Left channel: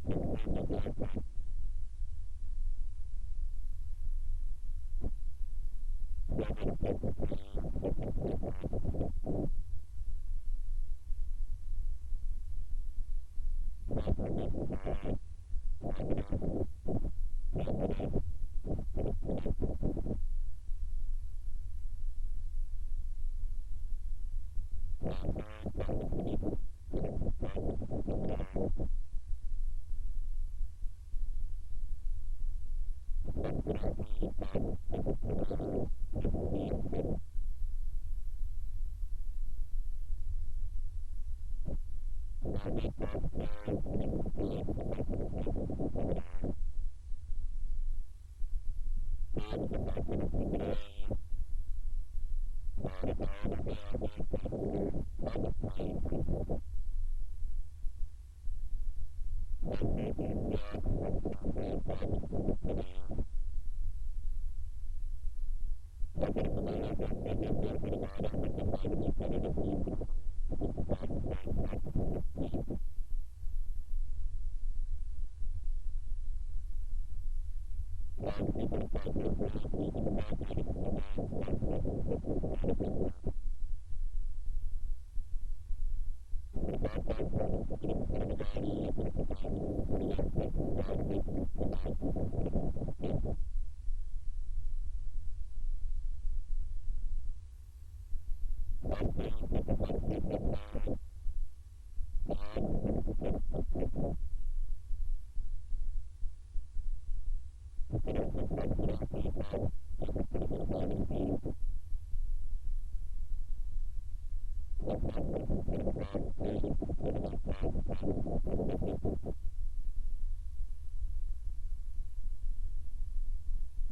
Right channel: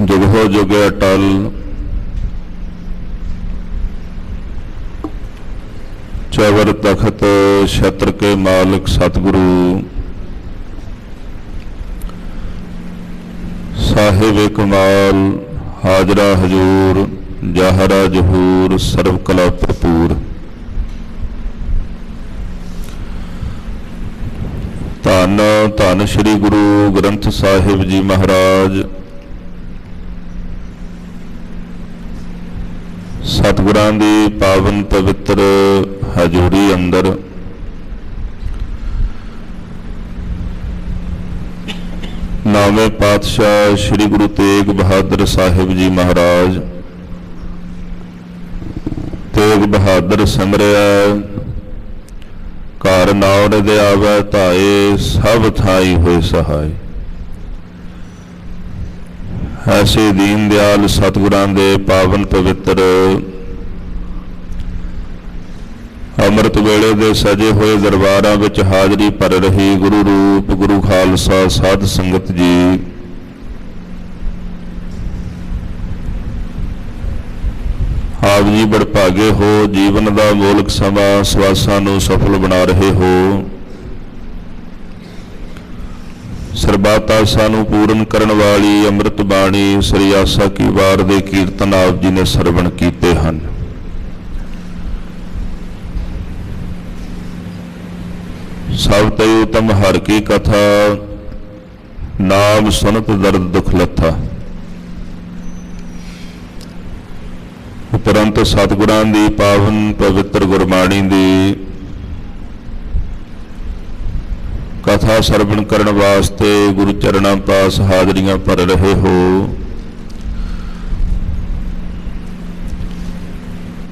जुगहो जुगे अटल चवर तखत छत्र के मालिक सतगुरु साहिब कमाल हाजरा हजूर जाहरा जहूर सर्व कला भरपूर। धन धन श्री गुरु ग्रंथ साहिब जी महाराज सतगुरां दी पावन पवित्र हजूरी अंदर नावे पातशाह श्री गुरु तेग बहादुर साहिब जी महाराज तेग बहादुर सिमरिया घर नावड़ दे आवे धाए सब थाई होए सहाय। ऐसे दीन दयाल सतगुरां दे पावन पवित्र अमृत वेले दे सजे हुए दरबारां विच हाजरी भर रही गुरु रूप गुरु खालसा साध संगत जी आप जी बड़भागे हो। जीवन का मोलक समा सवासां नूं सफल बना रहे हो। सरबत आसां नूं पूर्ण करन वाली अमृत बाणी श्री आसा की वार दे कीर्तन आप जी ने सरवण कीते हन। सब ते उत्तम हर की कथा नाम सुनत दर्द दुख लथा। उपरंत सतगुरां दी पावन पवित्र गुरबाणी दी कथा सरवण करन वास्ते गुरु चरणां पास हाजरियां भर रहे हो।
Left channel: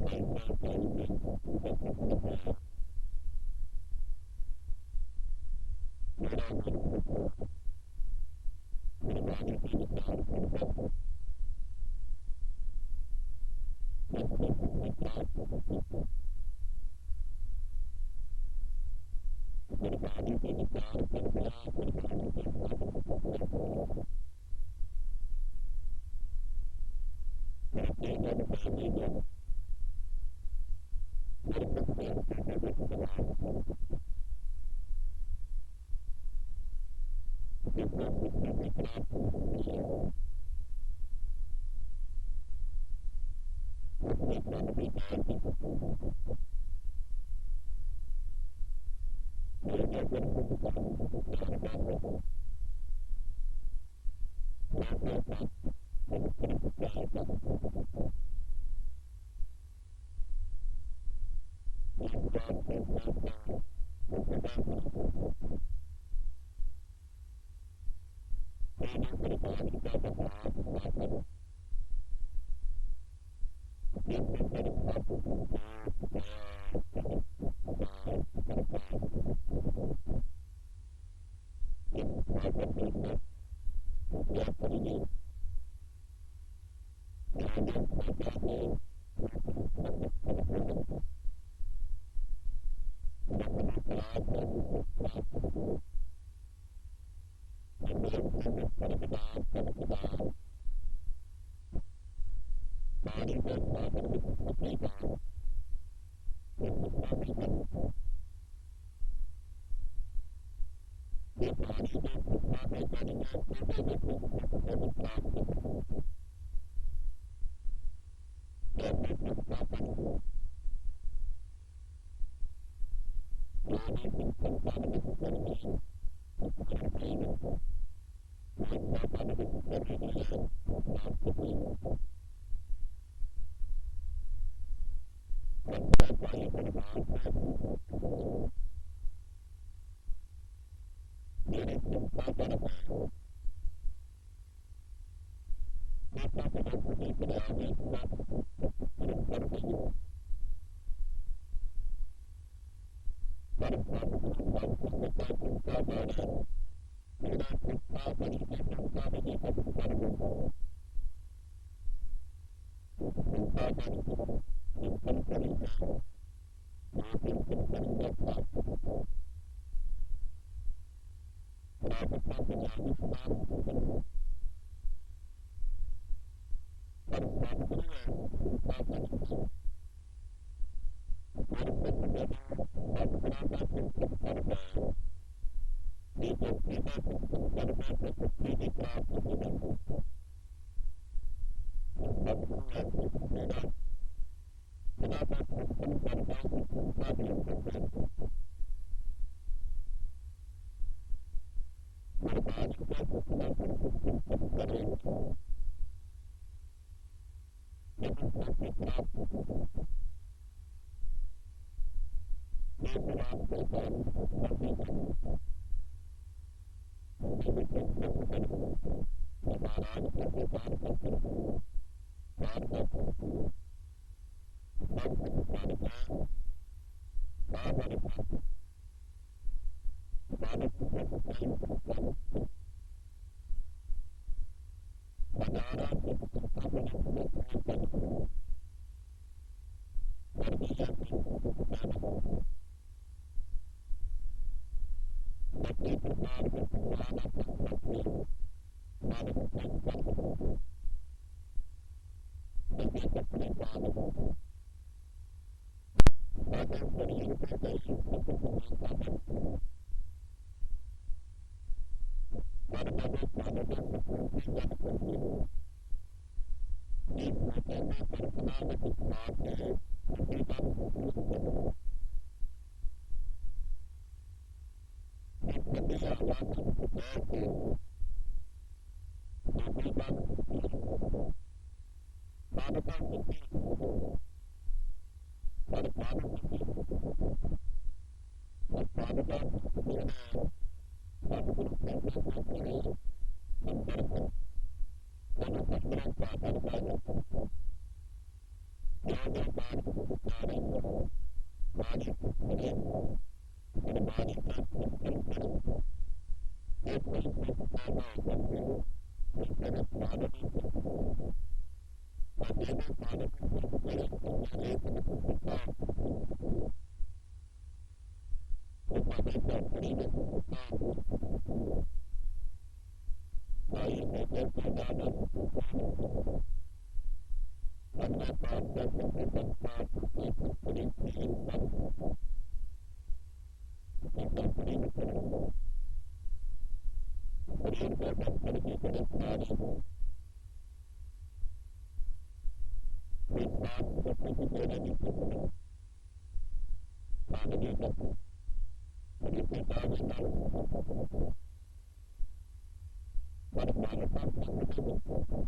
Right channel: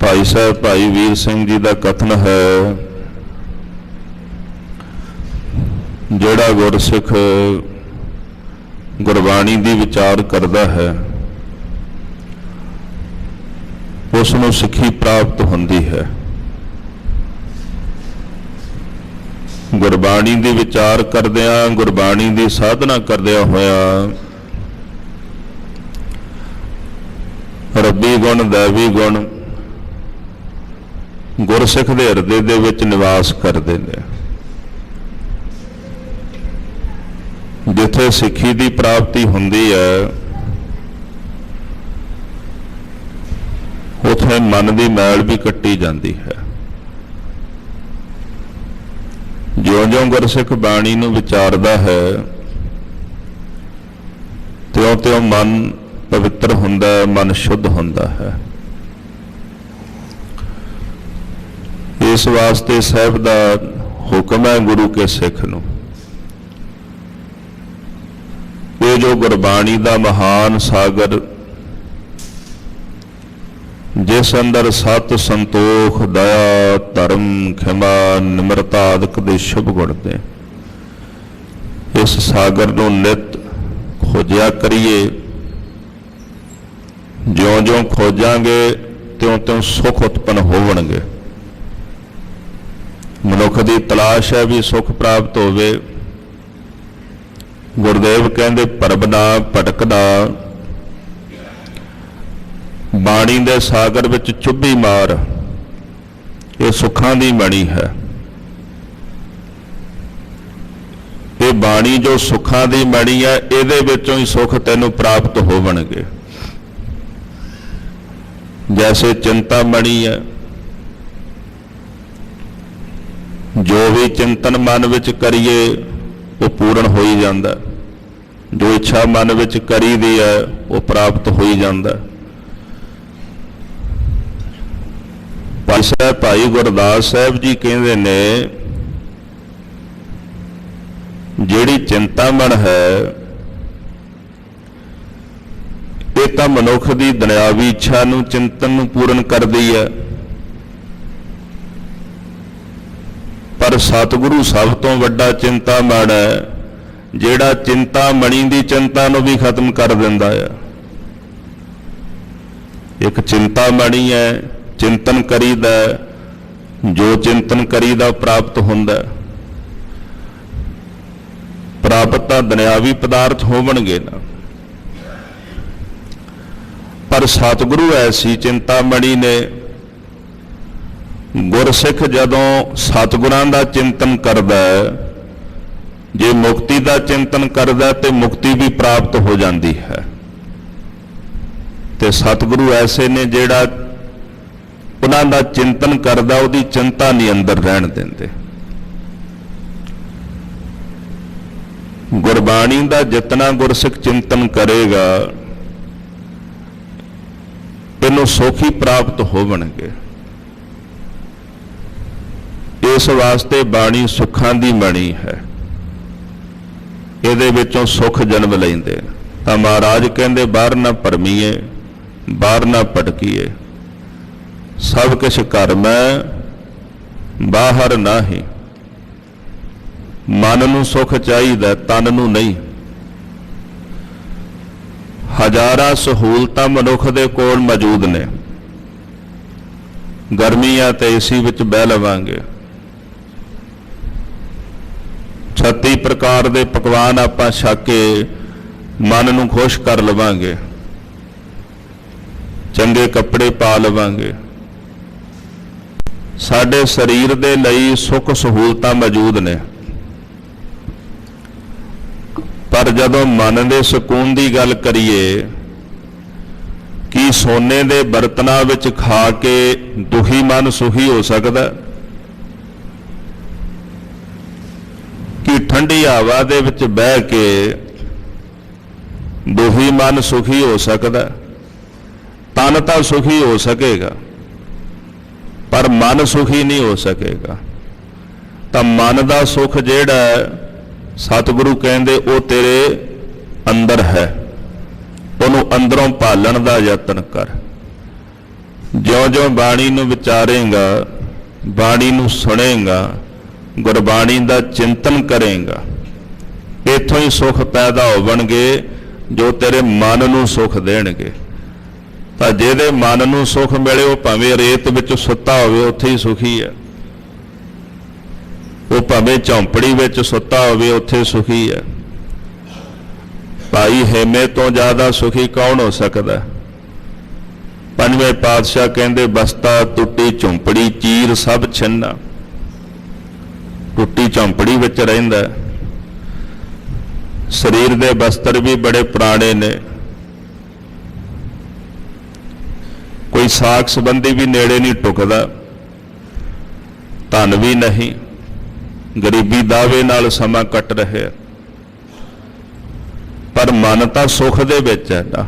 भाई साहब भाई वीर सिंह जी का कथन है, जिहड़ा गुरसिख गुरबाणी दी विचार करदा है उसनूं सिੱਖੀ प्राप्त हुंदी है। गुरबाणी दी विचार करदिआं गुरबाणी दी साधना करदिआं होइआं रब्बी गुण दैवी गुण गुरसिख दे हिरदे दे विच निवास करदे ने। जिथे सिੱਖੀ दी प्राप्ति हुंदी है उथे मन की मैल भी कट्टी जाती है। ज्यों-ज्यों गुरसिख बाणी नूं विचारदा है त्यों-त्यों मन पवित्र हुंदा है, मन शुद्ध हुंदा है। इस वास्ते साहिब दा हुक्म है गुरु के सिख नूं ये जो गुरबाणी दा महान सागर जिस अंदर सत संतोख दया धर्म खिमा निमरता आदि दे शुभ गुण ने, इस सागर नूं नित खोजिया करिए। ज्यों-ज्यों खोजांगे त्यों-त्यों सुख उत्पन्न होवणगे। मनुख की तलाश है भी सुख प्राप्त होवे। गुरदेव कहंदे परबना भटकना बाणी दे सागर विच चुब्भी मार, ये सुखां दी बणी है। ये बाणी जो सुखां दी बणी है इहदे विचों ही सुख तैनूं प्राप्त होवणगे। जैसे चिंता बणी है, जो भी चिंतन मन विच करिए वो पूर्ण हो ही जाता। जो इच्छा मन विच करी दी है वो प्राप्त हो ही जाता। भाई साहब भाई गुरदास साहब जी कहते ने जिहड़ी चिंता मन है ये तो मनुख की दुनियावी इच्छा नूं चिंतन नूं पूर्ण करदी है, पर सतगुरु सब तो वड्डा चिंता मन है जिहड़ा चिंता मणी दी चिंता नूं भी खत्म कर दिंदा है। एक चिंता मणी है, चिंतन करीदा, जो चिंतन करीदा प्राप्त हुंदा। प्राप्त तां दुनियावी पदार्थ होवणगे ना, पर सतगुरु ऐसी चिंतामणी ने गुरसिख जदों सतगुरां दा चिंतन करदा है, जे मुक्ति का चिंतन करदा तो मुक्ति भी प्राप्त हो जाती है। ते सतगुरु ऐसे ने जिहड़ा उन्हां दा चिंतन करदा उहदी चिंता नहीं अंदर रहन देंदे। गुरबाणी का जितना गुरसिख चिंतन करेगा इनू सुख ही प्राप्त होवणगे। इस वास्ते बाणी सुखां दी बणी है, इहदे विचों सुख जन्म लैंदे। तां महाराज कहंदे बाहर ना भरमीए, बाहर ना भटकीए, सब कुछ घर मैं बाहर ना ही। मन नूं सुख चाहिदा, तन नूं नहीं। हजारां सहूलतां मनुख दे कोल मौजूद ने, गर्मियां ते एसी विच बह लवांगे, 36 प्रकार दे पकवान आपां छक के मन नूं खुश कर लवांगे, चंगे कपड़े पा लवांगे। साडे शरीर दे लई सुख सहूलतां मौजूद ने, पर जदों मन दे सकून की गल करिए कि सोने दे बर्तनां विच खा के दुखी मन सुखी हो सकदा, कि ठंडी हवा दे विच बह के दुखी मन सुखी हो सकदा। तन तां सुखी हो सकेगा पर मन सुखी नहीं हो सकेगा। तां मन दा सुख जिहड़ा सतगुरु कहंदे वो तेरे अंदर है, उहनूं अंदरों भालण दा यतन कर। ज्यों-ज्यों बाणी नूं विचारेगा, बाणी नूं सुनेगा, गुरबाणी दा चिंतन करेगा, इत्थों ही सुख पैदा होवणगे जो तेरे मन नूं सुख देणगे। तां जिहदे मन नूं सुख मिले वो भावें रेत विच सुत्ता होवे उत्थे ही सुखी है, वो भावें झौंपड़ी विच सुत्ता होवे उत्थे सुखी है। भाई हेमे तो ज़्यादा सुखी कौन हो सकता? पंजवें पातशाह कहंदे बस्ता टुट्टी झौंपड़ी चीर सब छिन्ना। टुट्टी झौंपड़ी विच रहिंदा, शरीर दे बस्तर भी बड़े पुराने ने, कोई साख संबंधी भी नेड़े नहीं टुकदा, धन भी नहीं, गरीबी दावे नाल समा कट रहे, पर मन तां सुख दे विच है ना।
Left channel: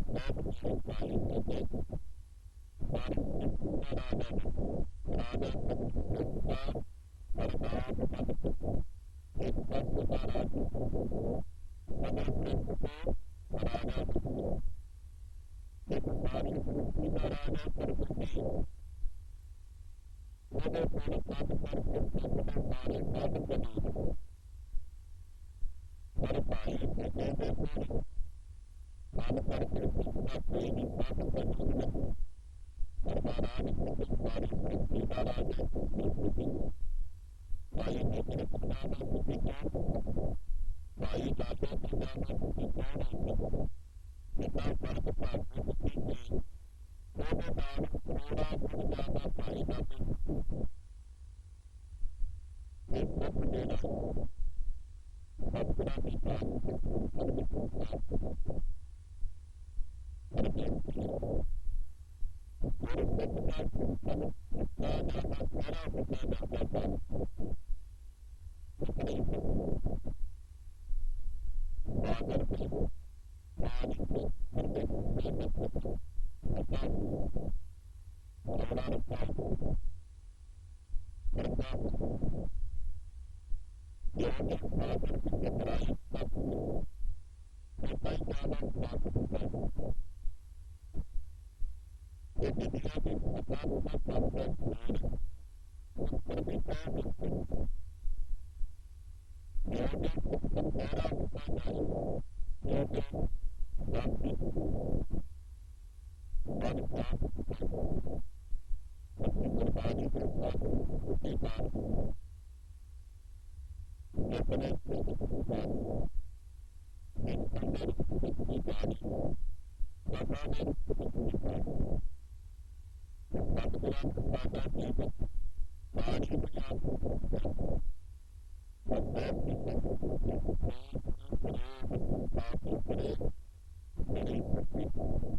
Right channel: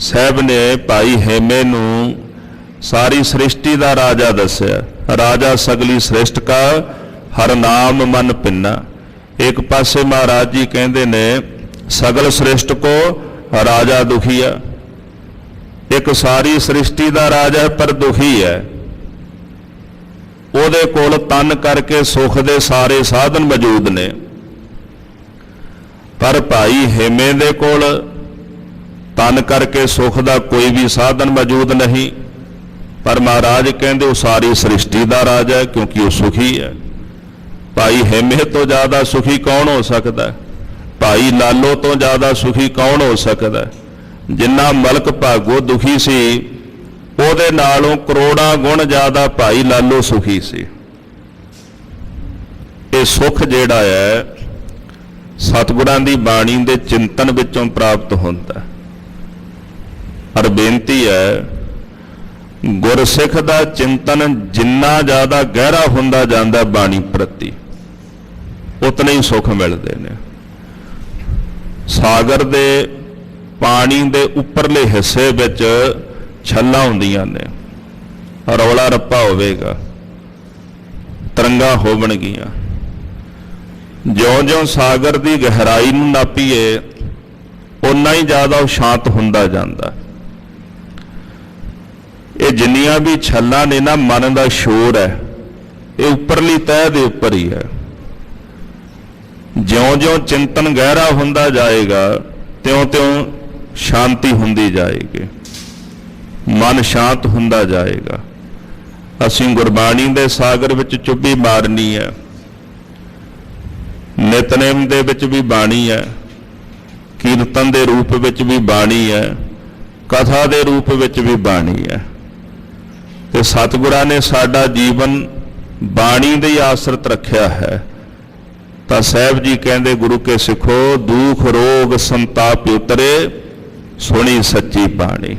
साहब ने भाई हेमे नूं सारी सृष्टि दा राजा दस्या, राजा सगली सृष्टि का हर नाम मन पिन्ना। एक पासे महाराज जी कहंदे ने सगल सृष्टि को राजा दुखिया, एक सारी सृष्टि दा राजा है पर दुखी है। ਉਹਦੇ ਕੋਲ तन करके सुख दे सारे साधन मौजूद ने, पर भाई हेमे दे कोल तन करके सुख का कोई भी साधन मौजूद नहीं। पर महाराज कहते वो सारी सृष्टि का राजा है क्योंकि वो सुखी है। भाई हेमे तो ज़्यादा सुखी कौन हो सकता है? भाई लालो तो ज़्यादा सुखी कौन हो सकता है? जिन्ना मलक भागो दुखी सी ਉਹਦੇ ਨਾਲੋਂ ਕਰੋੜਾਂ ਗੁਣ ਜ਼ਿਆਦਾ ਭਾਈ ਲਾਲੋ ਸੁਖੀ ਸੀ। ਇਹ ਸੁਖ ਜਿਹੜਾ ਹੈ ਸਤਿਗੁਰਾਂ ਦੀ ਬਾਣੀ ਦੇ ਚਿੰਤਨ ਵਿੱਚੋਂ ਪ੍ਰਾਪਤ ਹੁੰਦਾ। ਪਰ ਬੇਨਤੀ ਹੈ ਗੁਰਸਿੱਖ ਦਾ ਚਿੰਤਨ ਜਿੰਨਾ ਜ਼ਿਆਦਾ ਗਹਿਰਾ ਹੁੰਦਾ ਜਾਂਦਾ ਬਾਣੀ ਪ੍ਰਤੀ ਉਤਨੇ ਹੀ ਸੁਖ ਮਿਲਦੇ ਨੇ। ਸਾਗਰ ਦੇ ਪਾਣੀ ਦੇ ਉੱਪਰਲੇ ਹਿੱਸੇ ਵਿੱਚ ਛੱਲਾਂ ਹੁੰਦੀਆਂ ਨੇ, ਰੌਲਾ ਰੱਪਾ ਹੋਵੇਗਾ, ਤਰੰਗਾਂ ਹੋਵਣਗੀਆਂ। ਜਿਉਂ-ਜਿਉਂ ਸਾਗਰ ਦੀ ਗਹਿਰਾਈ ਨੂੰ ਨਾਪੀਏ ਓਨਾ ਹੀ ਜ਼ਿਆਦਾ ਉਹ ਸ਼ਾਂਤ ਹੁੰਦਾ ਜਾਂਦਾ। ਇਹ ਜਿੰਨੀਆਂ ਵੀ ਛੱਲਾਂ ਨੇ ਨਾ ਮਨ ਦਾ ਸ਼ੋਰ ਹੈ, ਇਹ ਉੱਪਰਲੀ ਤਹਿ ਦੇ ਉੱਪਰ ਹੀ ਹੈ। ਜਿਉਂ-ਜਿਉਂ ਚਿੰਤਨ ਗਹਿਰਾ ਹੁੰਦਾ ਜਾਏਗਾ ਤਿਉਂ-ਤਿਉਂ ਸ਼ਾਂਤੀ ਹੁੰਦੀ ਜਾਏਗੀ, मन शांत हुंदा जाएगा। असीं गुरबाणी दे सागर विच चुब्भी मारनी है, नितनेम दे विच भी बाणी है, कीर्तन दे रूप विच भी बाणी है, ਕਥਾ ਦੇ ਰੂਪ ਵਿੱਚ ਵੀ ਬਾਣੀ ਹੈ। ਤੇ ਸਤਿਗੁਰਾਂ ਨੇ ਸਾਡਾ ਜੀਵਨ ਬਾਣੀ ਦੇ ਹੀ ਆਸਰਤ ਰੱਖਿਆ ਹੈ। ਤਾਂ ਸਾਹਿਬ ਜੀ ਕਹਿੰਦੇ, ਗੁਰੂ ਕੇ ਸਿੱਖੋ ਦੁੱਖ ਰੋਗ ਸੰਤਾਪ ਉਤਰੇ ਸੁਣੀ ਸੱਚੀ ਬਾਣੀ।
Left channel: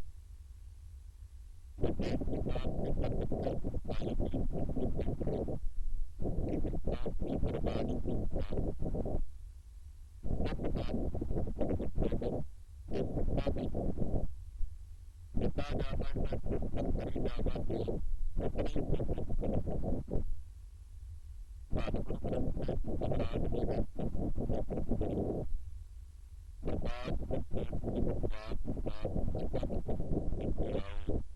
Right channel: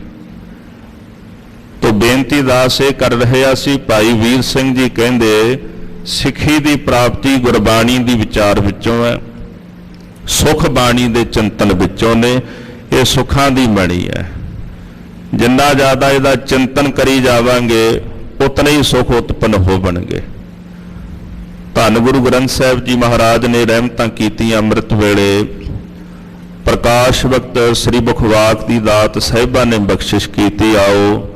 ਤੋ ਬੇਨਤੀ ਦਾਸ ਇਹ ਕਰ ਰਹੇ ਅਸੀਂ, ਭਾਈ ਵੀਰ ਸਿੰਘ ਜੀ ਕਹਿੰਦੇ ਸਿੱਖੀ ਦੀ ਪ੍ਰਾਪਤੀ ਗੁਰਬਾਣੀ ਦੀ ਵਿਚਾਰ ਵਿੱਚੋਂ ਹੈ, ਸੁਖ ਬਾਣੀ ਦੇ ਚਿੰਤਨ ਵਿੱਚੋਂ ਨੇ। ਇਹ ਸੁੱਖਾਂ ਦੀ ਮਣੀ ਹੈ। ਜਿੰਨਾ ਜ਼ਿਆਦਾ ਇਹਦਾ ਚਿੰਤਨ ਕਰੀ ਜਾਵਾਂਗੇ ਉਤਨੇ ਹੀ ਸੁਖ ਉਤਪੰਨ ਹੋਣਗੇ। ਧੰਨ ਗੁਰੂ ਗ੍ਰੰਥ ਸਾਹਿਬ ਜੀ ਮਹਾਰਾਜ ਨੇ ਰਹਿਮਤਾਂ ਕੀਤੀਆਂ। ਅੰਮ੍ਰਿਤ ਵੇਲੇ ਪ੍ਰਕਾਸ਼ ਵਕਤ ਸ੍ਰੀ ਮੁਖਵਾਕ ਦੀ ਦਾਤ ਸਾਹਿਬਾਂ ਨੇ ਬਖਸ਼ਿਸ਼ ਕੀਤੀ। ਆਓ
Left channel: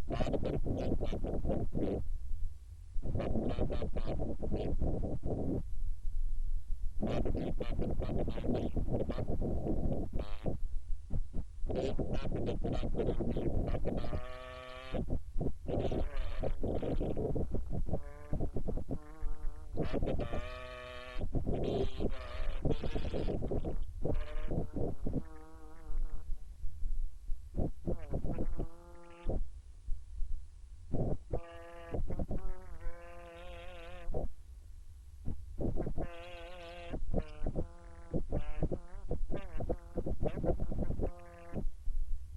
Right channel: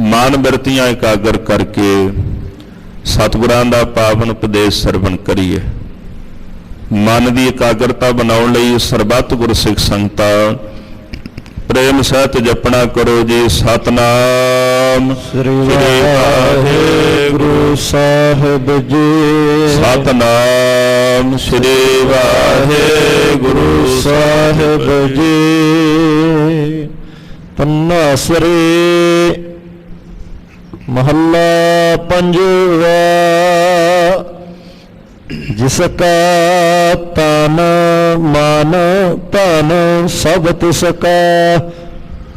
ਮਨ ਬਿਰਤੀਆਂ ਇਕਾਗਰ ਕਰਕੇ ਸਤਿਗੁਰਾਂ ਦਾ ਪਾਵਨ ਉਪਦੇਸ਼ ਸਰਵਣ ਕਰੀਏ। ਮਨ ਦੀ ਇਕਾਗਰਤਾ ਬਣਾਉਣ ਲਈ ਸਰਬੱਤ ਗੁਰਸਿੱਖ ਸੰਗਤਾਂ ਪ੍ਰੇਮ ਸਹਿਤ ਜਪਣਾ ਕਰੋ ਜੀ। ਸਤਨਾਮ ਸ੍ਰੀ ਵਾਹਿਗੁਰੂ ਸਾਹਿਬ ਜੀ। ਸਤਨਾਮ ਸ੍ਰੀ ਵਾਹਿਗੁਰੂ ਸਾਹਿਬ ਜੀ। ਪੰਨਾਸਰੀ ਮਹੱਲਾ ਪੰਜਵਾ। ਜਿਸ ਕਾ ਤਨ ਮਨ ਧਨ ਸਭ ਤਿਸ ਕਾ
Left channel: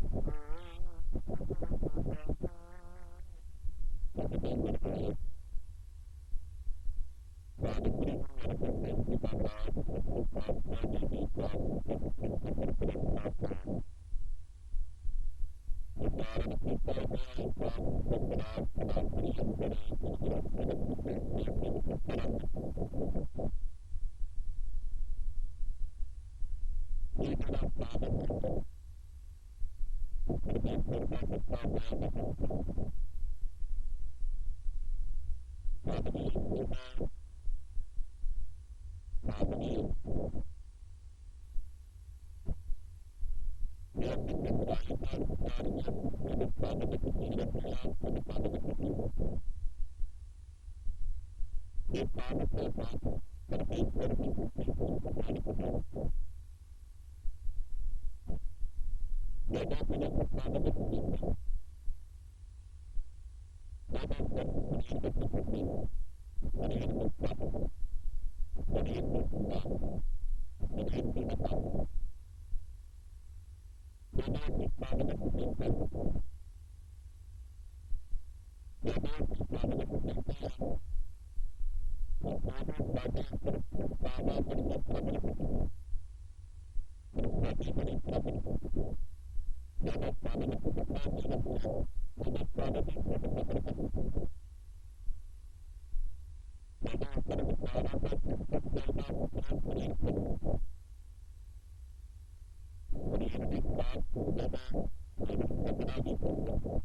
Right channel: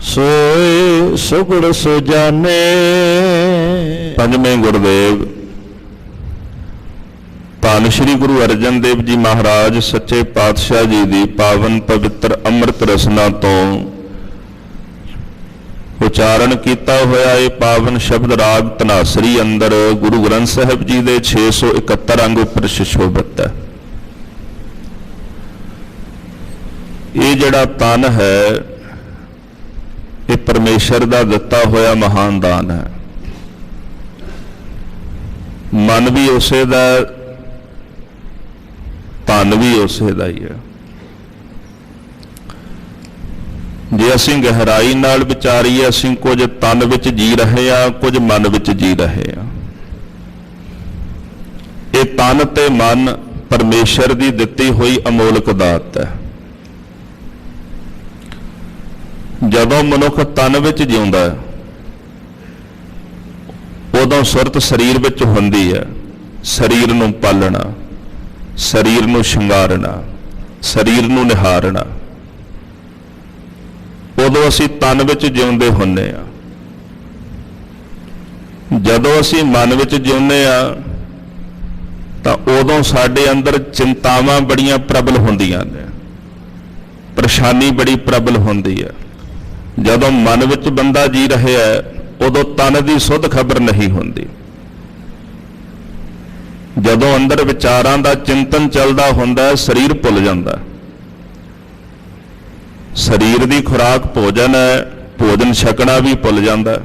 ਸੋਏ ਸੁਗੜ ਸੁਜਾਨੇ। ਪੰਜਵੇਂ ਗੁਰਦੇਵ ਧੰਨ ਸ਼੍ਰੀ ਗੁਰੂ ਅਰਜਨ ਦੇਵ ਜੀ ਮਹਾਰਾਜ ਸੱਚੇ ਪਾਤਸ਼ਾਹ ਜੀ ਦੀ ਪਾਵਨ ਪਵਿੱਤਰ ਅੰਮ੍ਰਿਤ ਰਸਨਾ ਤੋਂ ਉਚਾਰਨ ਕੀਤਾ ਹੋਇਆ ਇਹ ਪਾਵਨ ਸ਼ਬਦ ਰਾਗ ਧਨਾਸਰੀ ਅੰਦਰ ਗੁਰੂ ਗ੍ਰੰਥ ਸਾਹਿਬ ਜੀ ਦੇ 671 ਅੰਗ ਉੱਪਰ ਸੁਸ਼ੋਭਿਤ ਹੈ। ਇਹ ਜਿਹੜਾ ਤਨ ਹੈ ਇਹ ਪਰਮੇਸ਼ਰ ਦਾ ਦਿੱਤਾ ਹੋਇਆ ਮਹਾਨ ਦਾਨ ਹੈ। ਮਨ ਵੀ ਉਸੇ ਦਾ, ਤਨ ਵੀ ਉਸੇ ਦਾ ਹੀ ਹੈ। ਜੇ ਅਸੀਂ ਗਹਿਰਾਈ ਨਾਲ ਵਿਚਾਰੀਏ, ਅਸੀਂ ਕੁਝ ਤਨ ਵਿੱਚ ਜੀ ਰਹੇ ਹਾਂ, ਕੁਝ ਮਨ ਵਿੱਚ ਜੀ ਰਹੇ ਹਾਂ। ਇਹ ਤਨ ਤੇ ਮਨ ਪਰਮੇਸ਼ਰ ਦੀ ਦਿੱਤੀ ਹੋਈ ਅਮੋਲਕ ਦਾਤ ਹੈ। ਜਦੋਂ ਮਨੁੱਖ ਤਨ ਵਿੱਚ ਜਿਉਂਦਾ ਹੈ ਉਦੋਂ ਸੁਰਤ ਸਰੀਰ ਵਿੱਚ ਹੁੰਦੀ ਹੈ। ਸਰੀਰ ਨੂੰ ਪਾਲਣਾ, ਸਰੀਰ ਨੂੰ ਸ਼ਿੰਗਾਰਨਾ, ਸਰੀਰ ਨੂੰ ਨਿਹਾਰਨਾ। ਉਦੋਂ ਅਸੀਂ ਤਨ ਵਿੱਚ ਜਿਉਂਦੇ ਹੁੰਦੇ ਆ। ਜਦੋਂ ਅਸੀਂ ਮਨ ਵਿੱਚ ਜਿਉਂਦੇ ਆ ਤਾਂ ਉਦੋਂ ਸਾਡੇ ਅੰਦਰ ਚਿੰਤਾਵਾਂ ਬੜੀਆਂ ਪ੍ਰਬਲ ਹੁੰਦੀਆਂ ਨੇ, ਪਰੇਸ਼ਾਨੀ ਬੜੀ ਪ੍ਰਬਲ ਹੁੰਦੀ ਹੈ। ਜਦੋਂ ਮਨ ਵਿੱਚ ਬੰਦਾ ਜੀ ਰਿਹਾ ਉਦੋਂ ਤਨ ਦੀ ਸੁੱਧ ਖਬਰ ਨਹੀਂ ਹੁੰਦੀ। ਜਦੋਂ ਅੰਦਰ ਵਿਚਾਰਾਂ ਦਾ ਚਿੰਤਨ ਚੱਲਦਾ ਹੁੰਦਾ ਸਰੀਰ ਭੁੱਲ ਜਾਂਦਾ। ਸਰੀਰ ਦੀ ਖੁਰਾਕ ਭੋਜਨ ਹੈ, ਭੋਜਨ ਛਕਣਾ ਵੀ ਭੁੱਲ ਜਾਂਦਾ।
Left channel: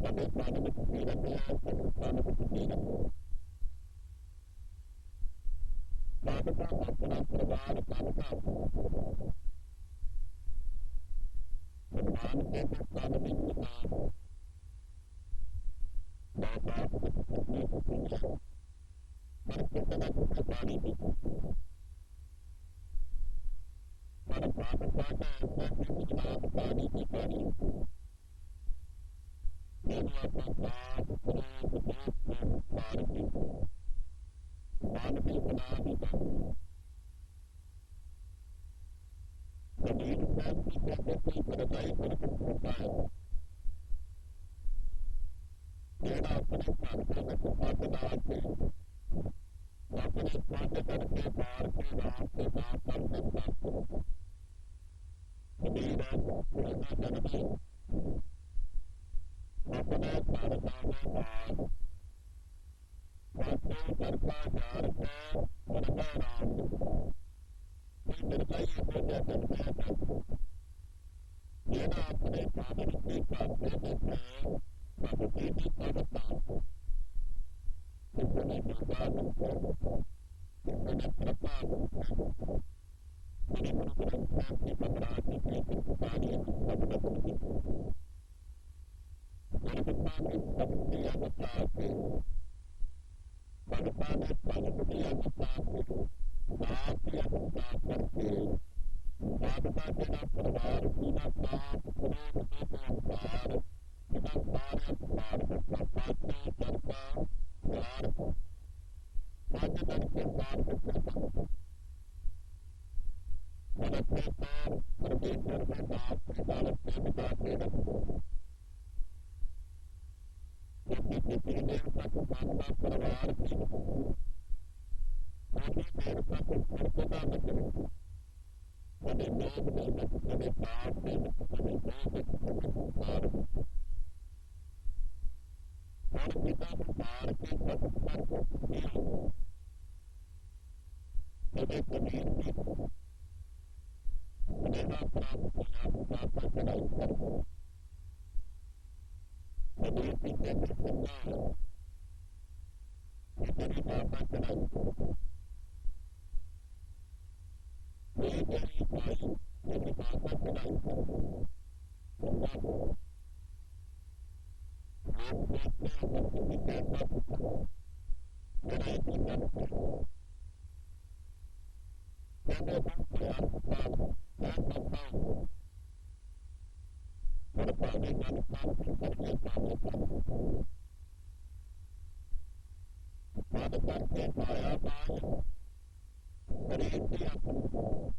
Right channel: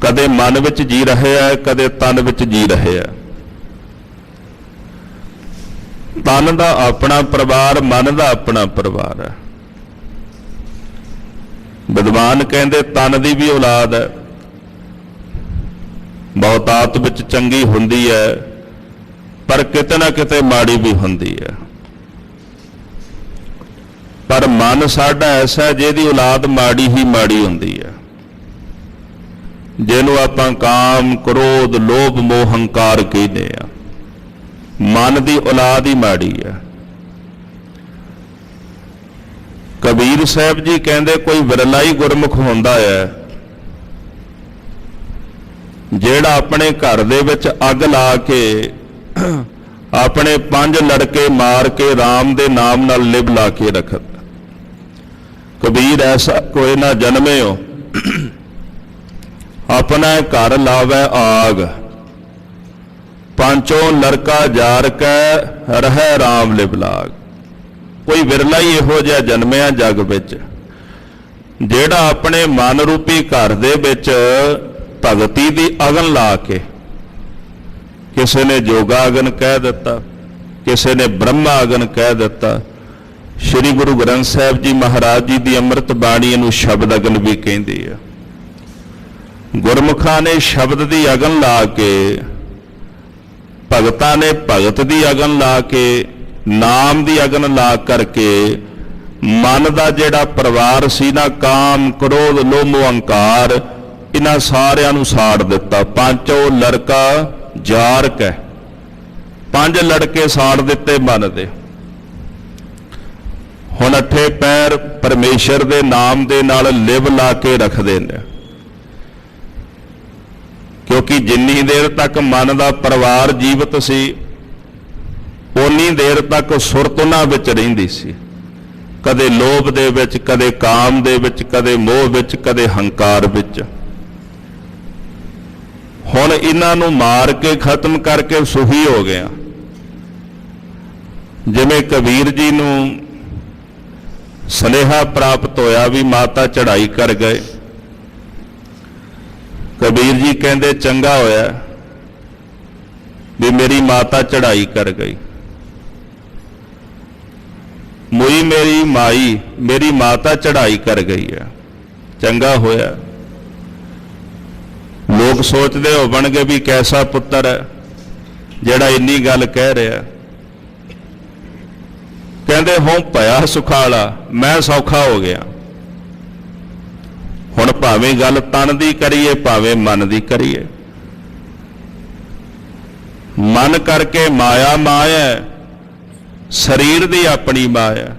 ਕਦੇ ਮਨ ਵਿੱਚ ਜੀ ਰਿਹਾ ਹੈ, ਕਦੇ ਤਨ ਵਿੱਚ ਜੀ ਰਿਹਾ ਹੈ। ਤਨ ਦਾ ਆਪਣਾ ਪਰਿਵਾਰ, ਮਨ ਦਾ ਆਪਣਾ ਪਰਿਵਾਰ ਹੈ। ਵਿਦਵਾਨ ਕਹਿੰਦੇ ਤਨ ਦੀ ਵੀ ਔਲਾਦ ਹੈ, ਬਹੁਤਾਤ ਵਿੱਚ ਚੰਗੀ ਹੁੰਦੀ ਹੈ ਪਰ ਕਿਤੇ ਨਾ ਕਿਤੇ ਮਾੜੀ ਵੀ ਹੁੰਦੀ ਹੈ। ਪਰ ਮਨ ਸਾਡਾ ਐਸਾ ਜਿਹਦੀ ਔਲਾਦ ਮਾੜੀ ਹੀ ਮਾੜੀ ਹੁੰਦੀ ਹੈ, ਜਿਹਨੂੰ ਆਪਾਂ ਕਾਮ, ਕ੍ਰੋਧ, ਲੋਭ, ਮੋਹ, ਹੰਕਾਰ ਕਹਿੰਦੇ ਆ। ਮਨ ਦੀ ਔਲਾਦ ਹੀ ਮਾੜੀ ਹੈ। ਕਬੀਰ ਸਾਹਿਬ ਜੀ ਕਹਿੰਦੇ ਕੋਈ ਵਿਰਲਾ ਹੀ ਗੁਰਮੁਖ ਹੁੰਦਾ ਹੈ ਜਿਹੜਾ ਆਪਣੇ ਘਰ ਦੇ ਵਿੱਚ ਅੱਗ ਲਾ ਕੇ ਆਪਣੇ 5 ਲੜਕੇ ਮਾਰ ਕੇ RAM ਦੇ ਨਾਮ ਨਾਲ ਲਿਵ ਲਾ ਕੇ ਰੱਖਦਾ। ਕਬੀਰ ਐਸਾ ਕੋਈ ਨਾ ਜਨਮਿਓ ਆਪਣਾ ਘਰ ਲਾਵੇ ਆਗ, ਪਾਂਚੋਂ ਲੜਕਾ ਜਾਰ ਕੇ ਰਹਿ RAM ਲਿਵ ਲਾਗ। ਕੋਈ ਵਿਰਲਾ ਹੀ ਇਹੋ ਜਿਹਾ ਜਨਮਿਆ ਜਗ ਵਿੱਚ ਜਿਹੜਾ ਆਪਣੇ ਮਨ ਰੂਪੀ ਘਰ ਦੇ ਵਿੱਚ ਭਗਤੀ ਦੀ ਅਗਨ ਲਾ ਕੇ, ਕਿਸੇ ਨੇ ਜੋਗਾ ਅਗਨ ਕਹਿ ਦਿੱਤਾ, ਕਿਸੇ ਨੇ ਬ੍ਰਹਮਾ ਅਗਨ ਕਹਿ ਦਿੱਤਾ। ਸ਼੍ਰੀ ਗੁਰੂ ਗ੍ਰੰਥ ਸਾਹਿਬ ਜੀ ਮਹਾਰਾਜ ਜੀ ਦੀ ਅੰਮ੍ਰਿਤ ਬਾਣੀ ਨੂੰ ਸ਼ਬਦ ਅਗਨ ਵੀ ਕਹਿੰਦੀ ਹੈ। ਗੁਰਮੁਖਾਂ ਨੇ ਸ਼ਬਦ ਦੀ ਅਗਨ ਲਾ ਕੇ, ਭਗਤਾਂ ਨੇ ਭਗਤ ਦੀ ਅਗਨ ਲਾ ਕੇ, ਨਾਮ ਦੀ ਅਗਨ ਲਾ ਕਰਕੇ ਮਨ ਦਾ ਜਿਹੜਾ ਪਰਿਵਾਰ ਸੀ ਨਾ, ਕਾਮ ਕ੍ਰੋਧ ਲੋਭ ਮੋਹ ਅਹੰਕਾਰ, ਇਹਨਾਂ ਸਾਰਿਆਂ ਨੂੰ ਸਾੜ ਦਿੱਤਾ। ਪੰਚੋ ਲੜਕਾ ਜਾਰ ਕੈ, 5 ਲੜਕੇ ਸਾੜ ਦਿੱਤੇ ਮਨ ਦੇ। ਹੁਣ 8 ਪੈਰ ਪਰਮੇਸ਼ਰ ਦੇ ਨਾਮ ਦੇ ਨਾਲ ਲਿਵ ਲਾ ਕੇ ਰੱਖਦੇ ਨੇ, ਕਿਉਂਕਿ ਜਿੰਨੀ ਦੇਰ ਤੱਕ ਮਨ ਦਾ ਪਰਿਵਾਰ ਜੀਵਤ ਸੀ ਉਨੀ ਦੇਰ ਤੱਕ ਸੁਰਤ ਉਹਨਾਂ ਵਿੱਚ ਰਹਿੰਦੀ ਸੀ, ਕਦੇ ਲੋਭ ਦੇ ਵਿੱਚ, ਕਦੇ ਕਾਮ ਦੇ ਵਿੱਚ, ਕਦੇ ਮੋਹ ਵਿੱਚ, ਕਦੇ ਹੰਕਾਰ ਵਿੱਚ। ਹੁਣ ਇਹਨਾਂ ਨੂੰ ਮਾਰ ਕੇ ਖਤਮ ਕਰਕੇ ਸੁਖੀ ਹੋ ਗਿਆ। ਜਿਵੇਂ ਕਬੀਰ ਜੀ ਨੂੰ ਸੁਨੇਹਾ ਪ੍ਰਾਪਤ ਹੋਇਆ ਵੀ ਮਾਤਾ ਚੜ੍ਹਾਈ ਕਰ ਗਏ, ਕਬੀਰ ਜੀ ਕਹਿੰਦੇ ਚੰਗਾ ਹੋਇਆ ਵੀ ਮੇਰੀ ਮਾਤਾ ਚੜ੍ਹਾਈ ਕਰ ਗਈ। ਮੁਈ ਮੇਰੀ ਮਾਈ, ਮੇਰੀ ਮਾਤਾ ਚੜ੍ਹਾਈ ਕਰ ਗਈ ਹੈ, ਚੰਗਾ ਹੋਇਆ। ਲੋਕ ਸੋਚਦੇ ਹੋਣਗੇ ਵੀ ਕੈਸਾ ਪੁੱਤਰ ਹੈ ਜਿਹੜਾ ਇੰਨੀ ਗੱਲ ਕਹਿ ਰਿਹਾ। ਕਹਿੰਦੇ ਹੋਂ ਭਇਆ ਸੁਖਾਲਾ, ਮੈਂ ਸੌਖਾ ਹੋ ਗਿਆ। ਹੁਣ ਭਾਵੇਂ ਗੱਲ ਤਨ ਦੀ ਕਰੀਏ ਭਾਵੇਂ ਮਨ ਦੀ ਕਰੀਏ, ਮਨ ਕਰਕੇ ਮਾਇਆ ਮਾਇਆ, ਸਰੀਰ ਦੀ ਆਪਣੀ ਮਾਇਆ।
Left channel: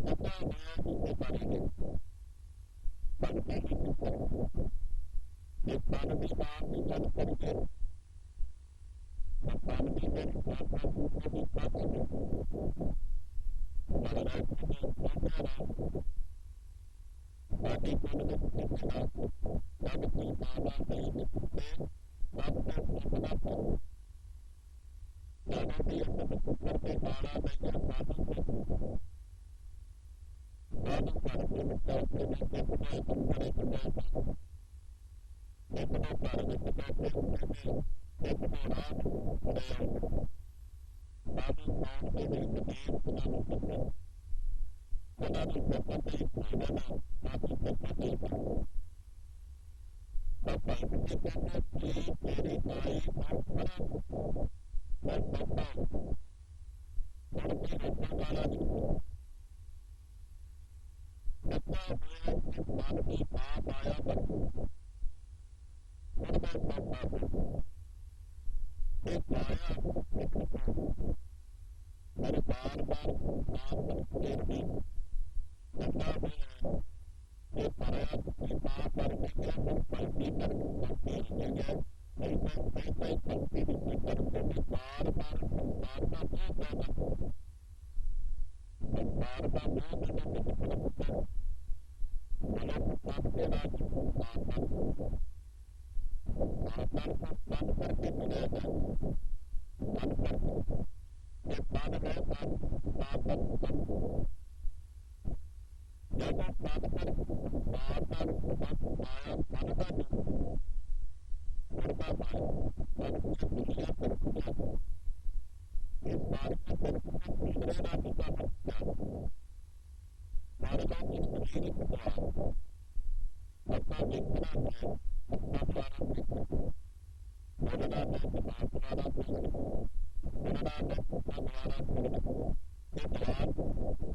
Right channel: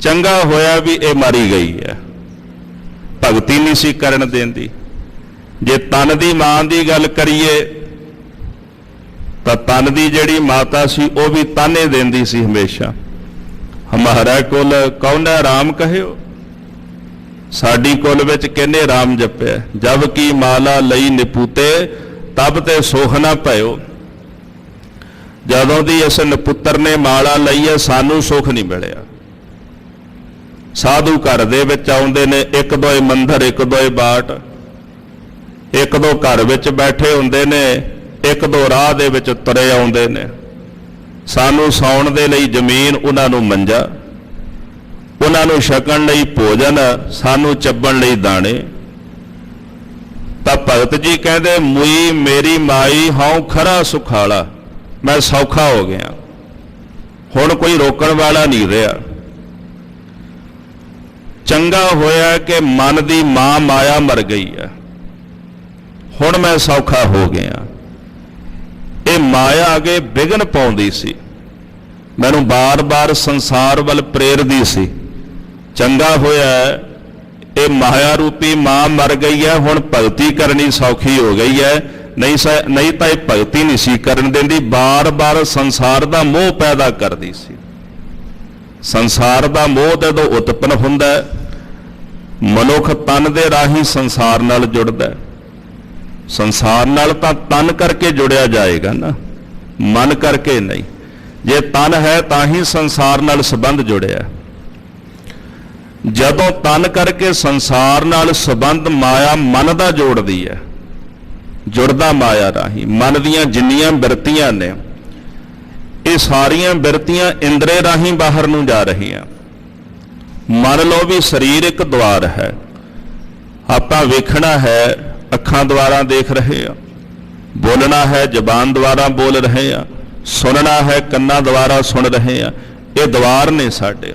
ਚੰਗਾ ਹੋਇਆ ਵੀ ਇਹ ਮਾਰੀ ਗਈ ਹੈ, ਭਗਤੀ ਨਹੀਂ ਸੀ ਕਰਨ ਦਿੰਦੀ। ਜੇ ਤਨ ਦੀ ਮਾਂ ਦੀ ਗੱਲ ਕਰੀਏ ਤਾਂ ਤਨ ਦੀ ਜਿਹੜੀ ਮਾਤਾ ਸੀ ਉਹ ਵੀ ਤਾਨੇ ਦਿੰਦੀ ਸੀ ਹਮੇਸ਼ਾ। ਹਮਾਰਾ ਕੁਲ ਕੌਣਾ ਰਾਮ ਕਹਿਓ, ਸਾਡੀ ਕੁਲ ਵਿੱਚ ਕਿਹਨੇ ਰਾਮ ਜਪਿਆ। ਜਬ ਕੀ ਮਾਲਾ ਲਈ ਨਿਪੂਤੇ ਤਬ ਤੇ ਸੁਖ ਨਾ ਭਇਓ। ਜਦੋਂ ਦੀ ਇਸ ਨਪੁੱਤਰ ਨੇ ਮਾਲਾ ਲਈ ਹੈ ਸਾਨੂੰ ਸੁਖ ਨਹੀਂ ਮਿਲਿਆ। ਸਾਧੂ ਘਰ ਦੇ ਵਿੱਚ ਆਉਂਦੇ ਨੇ, ਇੱਕ ਦੋਏ ਮੰਦਰ, ਇੱਕ ਦੋਏ ਬਾਟ, ਇੱਕ ਦੋ ਘਰ ਵਿੱਚ ਬੈਠੇ ਹੁੰਦੇ ਨੇ, ਇੱਕ ਦੋ ਰਾਹ ਦੇ ਵਿੱਚ ਤੁਰੇ ਆਉਂਦੇ ਨੇ। ਸਾਨੂੰ ਸੌਣ ਦੇ ਲਈ ਜ਼ਮੀਨ, ਉਹਨਾਂ ਨੂੰ ਮੰਜਾ, ਉਹਨਾਂ ਨੂੰ ਛਕਣ ਲਈ ਭੋਜਨ, ਸਾਨੂੰ ਚੱਬਣ ਲਈ ਦਾਣੇ। ਤਾਂ ਭਗਤ ਜੀ ਕਹਿੰਦੇ ਮੁਈ ਮੇਰੀ ਮਾਈ ਹਉ ਖਰਾ ਸੁਖਾਲਾ, ਮੈਂ ਸੌਖਾ ਹੋ ਗਿਆ। ਹੁਣ ਕੋਈ ਰੋਕਣ ਵਾਲਾ ਨਹੀਂ ਰਿਹਾ। ਚੰਗਾ ਹੋਇਆ ਕਿ ਮਨ ਦੀ ਮਾਂ ਮਾਇਆ ਮਰ ਗਈ ਹੈ, ਹੁਣ ਮੈਂ ਸੌਖਾ ਹੋ ਗਿਆ। ਇਹ ਮਾਇਆ ਅਗੇ ਵਿਘਨ ਪਾਉਂਦੀ ਸੀ, ਮੈਨੂੰ ਬਾਰ-ਬਾਰ ਸੰਸਾਰ ਵੱਲ ਪ੍ਰੇਰਦੀ ਸੀ। ਚੰਗਾ ਹੋਇਆ ਇਹ ਮਾਇਆ ਰੂਪੀ ਮਾਂ ਮਰ ਗਈ ਹੈ, ਹੁਣ ਭਗਤੀ ਕਰਨੀ ਸੌਖੀ ਹੋ ਗਈ ਹੈ। ਨਹੀਂ ਤਾਂ ਇਹ ਭਗਤੀ ਨਹੀਂ ਸੀ ਕਰਨ ਦਿੰਦੀ, ਬਾਰ-ਬਾਰ ਸੰਸਾਰ ਦਾ ਮੋਹ ਪੈਦਾ ਕਰਦੀ ਸੀ। ਸੰਸਾਰ ਦਾ ਮੋਹ ਜਦੋਂ ਉਤਪੰਨ ਹੁੰਦਾ ਹੈ, ਮਨੁੱਖ ਤਨ ਦੇ ਰਾਹੀਂ ਸੰਸਾਰ ਨਾਲ ਜੁੜਦਾ। ਸੰਸਾਰ ਨਾਲ ਤਾਂ ਤਨ ਕਰਕੇ ਜੁੜਿਆ ਜਾਏਗਾ ਨਾ, ਮਨ ਕਰਕੇ ਨਹੀਂ। ਜੇ ਤਨ ਹੈ ਤਾਂ ਹੀ ਸੰਸਾਰ ਨਾਲ ਸੰਬੰਧ ਜੁੜਿਆ। ਜਦੋਂ ਤਨ ਕਰਕੇ ਸੰਸਾਰ ਨਾਲ ਸੰਬੰਧ ਮਾਇਆ ਮਨ ਦਾ ਜੋੜਦੀ ਹੈ, ਜੁੜਦਾ ਮਾਇਆ ਰਾਹੀਂ। ਮਨ ਦੀਆਂ ਜਿੰਨੀਆਂ ਬਿਰਤੀਆਂ ਨੇ ਇਹ ਸਾਰੀਆਂ ਬਿਰਤੀਆਂ ਇੰਦਰੇ ਰਾਹੀਂ ਬਾਹਰ ਨੂੰ ਜਾ ਰਹੀਆਂ। ਮੰਨ ਲਓ ਵੀ ਸਰੀਰ ਇੱਕ ਦੁਆਰ ਹੈ, ਆਪਾਂ ਵੇਖਣਾ ਹੈ ਅੱਖਾਂ ਦੁਆਰਾ ਦੇਖ ਰਹੇ ਆ, ਬੋਲਣਾ ਹੈ ਜ਼ਬਾਨ ਦੁਆਰਾ ਬੋਲ ਰਹੇ ਆ, ਸੁਣਨਾ ਹੈ ਕੰਨਾਂ ਦੁਆਰਾ ਸੁਣ ਰਹੇ ਆ। ਇਹ ਦੁਆਰ ਨੇ ਸਾਡੇ।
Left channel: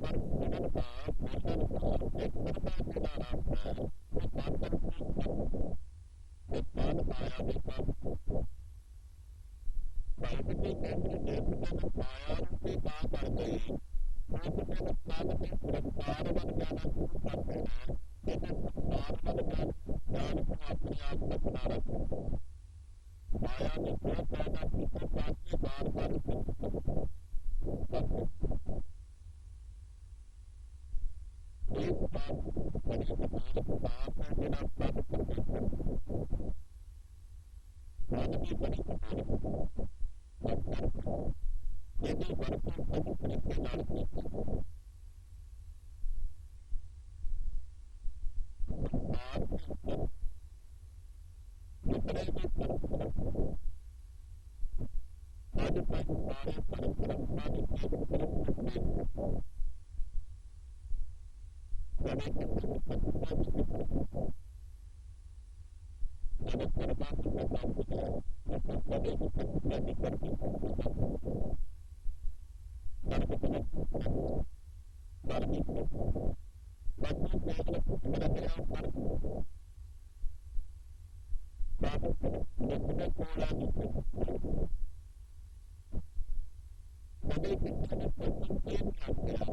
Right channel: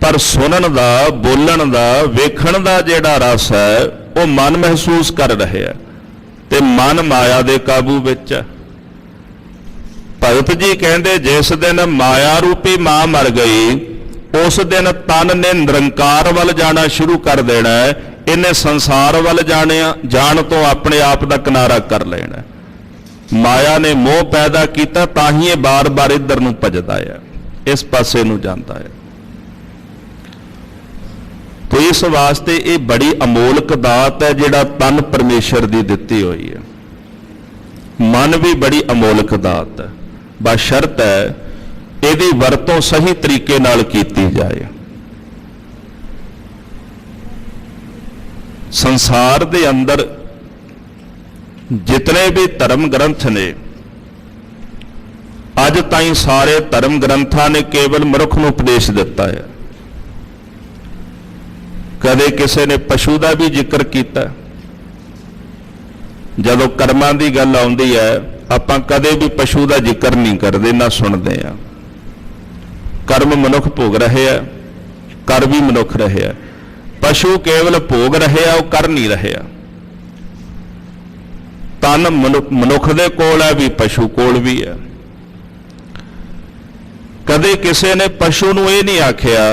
ਪਰ ਸੁਣਨ ਦਾ, ਬੋਲਣ ਦਾ, ਵੇਖਣ ਦਾ ਜਿਹੜਾ ਰਸ ਹੈ ਉਹ ਮਨ ਮਹਿਸੂਸ ਕਰ ਰਿਹਾ ਤੇ ਮਨ ਮਾਇਆ ਦੇ ਕਾਬੂ ਵਿੱਚ ਹੈ। ਭਗਤ ਜੀ ਕਹਿੰਦੇ ਜਿਸ ਦਿਨ ਮਾਇਆ ਰੂਪੀ ਮਾਂ ਮਰ ਗਈ ਉਸ ਦਿਨ ਤਨ ਨੇ ਨਿਰੰਕਾਰ ਵੱਲ ਜਾਣਾ ਸ਼ੁਰੂ ਕਰ ਦੇਣਾ ਹੈ। ਇਹਨੇ ਸੰਸਾਰ ਵੱਲ ਜਾਣ ਤੋਂ ਆਪਣੇ ਆਪ ਦਾ ਕਿਨਾਰਾ ਕਰ ਲੈਣਾ। ਮਾਇਆ ਨੇ ਮੋਹ ਪੈਦਾ ਕੀਤਾ ਤਾਂ ਹੀ ਇਹ ਬਾਰ-ਬਾਰ ਇੱਧਰ ਨੂੰ ਭੱਜਦਾ ਹੈ, ਇਸ ਪਾਸੇ ਨੂੰ ਜਾਂਦਾ ਹੈ। ਤੋ ਇਸ ਵਾਸਤੇ ਇਹ ਬੜੀ ਅਮੋਲਕ ਦਾਤ ਹੈ ਜਿਹੜਾ ਤਨ ਪਰਮੇਸ਼ਰ ਦੀ ਦਿੱਤੀ ਹੋਈ ਹੈ। ਮਨ ਵੀ ਬੜੀ ਅਮੋਲਕ ਦਾਤ ਹੈ, ਬਸ਼ਰਤ ਹੈ ਇਹਦੀ ਵਰਤੋਂ ਸਹੀ ਤਰੀਕੇ ਨਾਲ ਕੀਤੀ ਜਾਏ। ਸੰਸਾਰ ਦੇ ਅੰਦਰ ਜਿਤਨੇ ਵੀ ਧਰਮ ਗ੍ਰੰਥ ਨੇ, ਅੱਜ ਤਾਈਂ ਸਾਰੇ ਧਰਮ ਗ੍ਰੰਥਾਂ ਨੇ ਕੇਵਲ ਮਨੁੱਖ ਨੂੰ ਉਪਦੇਸ਼ ਦਿੱਤਾ ਹੈ। ਕਦੇ ਕਿਸੇ ਨੇ ਪਸ਼ੂ ਦਾ ਵੀ ਜ਼ਿਕਰ ਕੀਤਾ। ਜਦੋਂ ਕਰਮਾਂ ਦੀ ਗੱਲ ਆਉਂਦੀ ਹੈ ਆਪਾਂ ਕਦੇ ਵੀ ਪਸ਼ੂ ਦਾ ਜ਼ਿਕਰ ਨਹੀਂ ਕਰਦੇ, ਨਾ ਸੁਣਦੇ ਆ। ਕਰਮ ਮਨੁੱਖ ਭੋਗ ਰਹੇ ਆ, ਕਰ ਵੀ ਮਨੁੱਖ ਰਹੇ ਆ। ਪਸ਼ੂ ਕੇਵਲ ਭੋਗ ਰਹੇ ਆ, ਉਹ ਕਰ ਨਹੀਂ ਰਹੇ ਆ। ਤਨ ਮਨੁੱਖ ਦੇ ਕੋਲ ਹੈ ਵੀ, ਪਸ਼ੂ ਕੋਲ ਵੀ ਹੈ। ਕਦੇ ਕਿਸੇ ਨੇ ਪਸ਼ੂ ਨੂੰ ਇਹ ਨਹੀਂ ਆਖਿਆ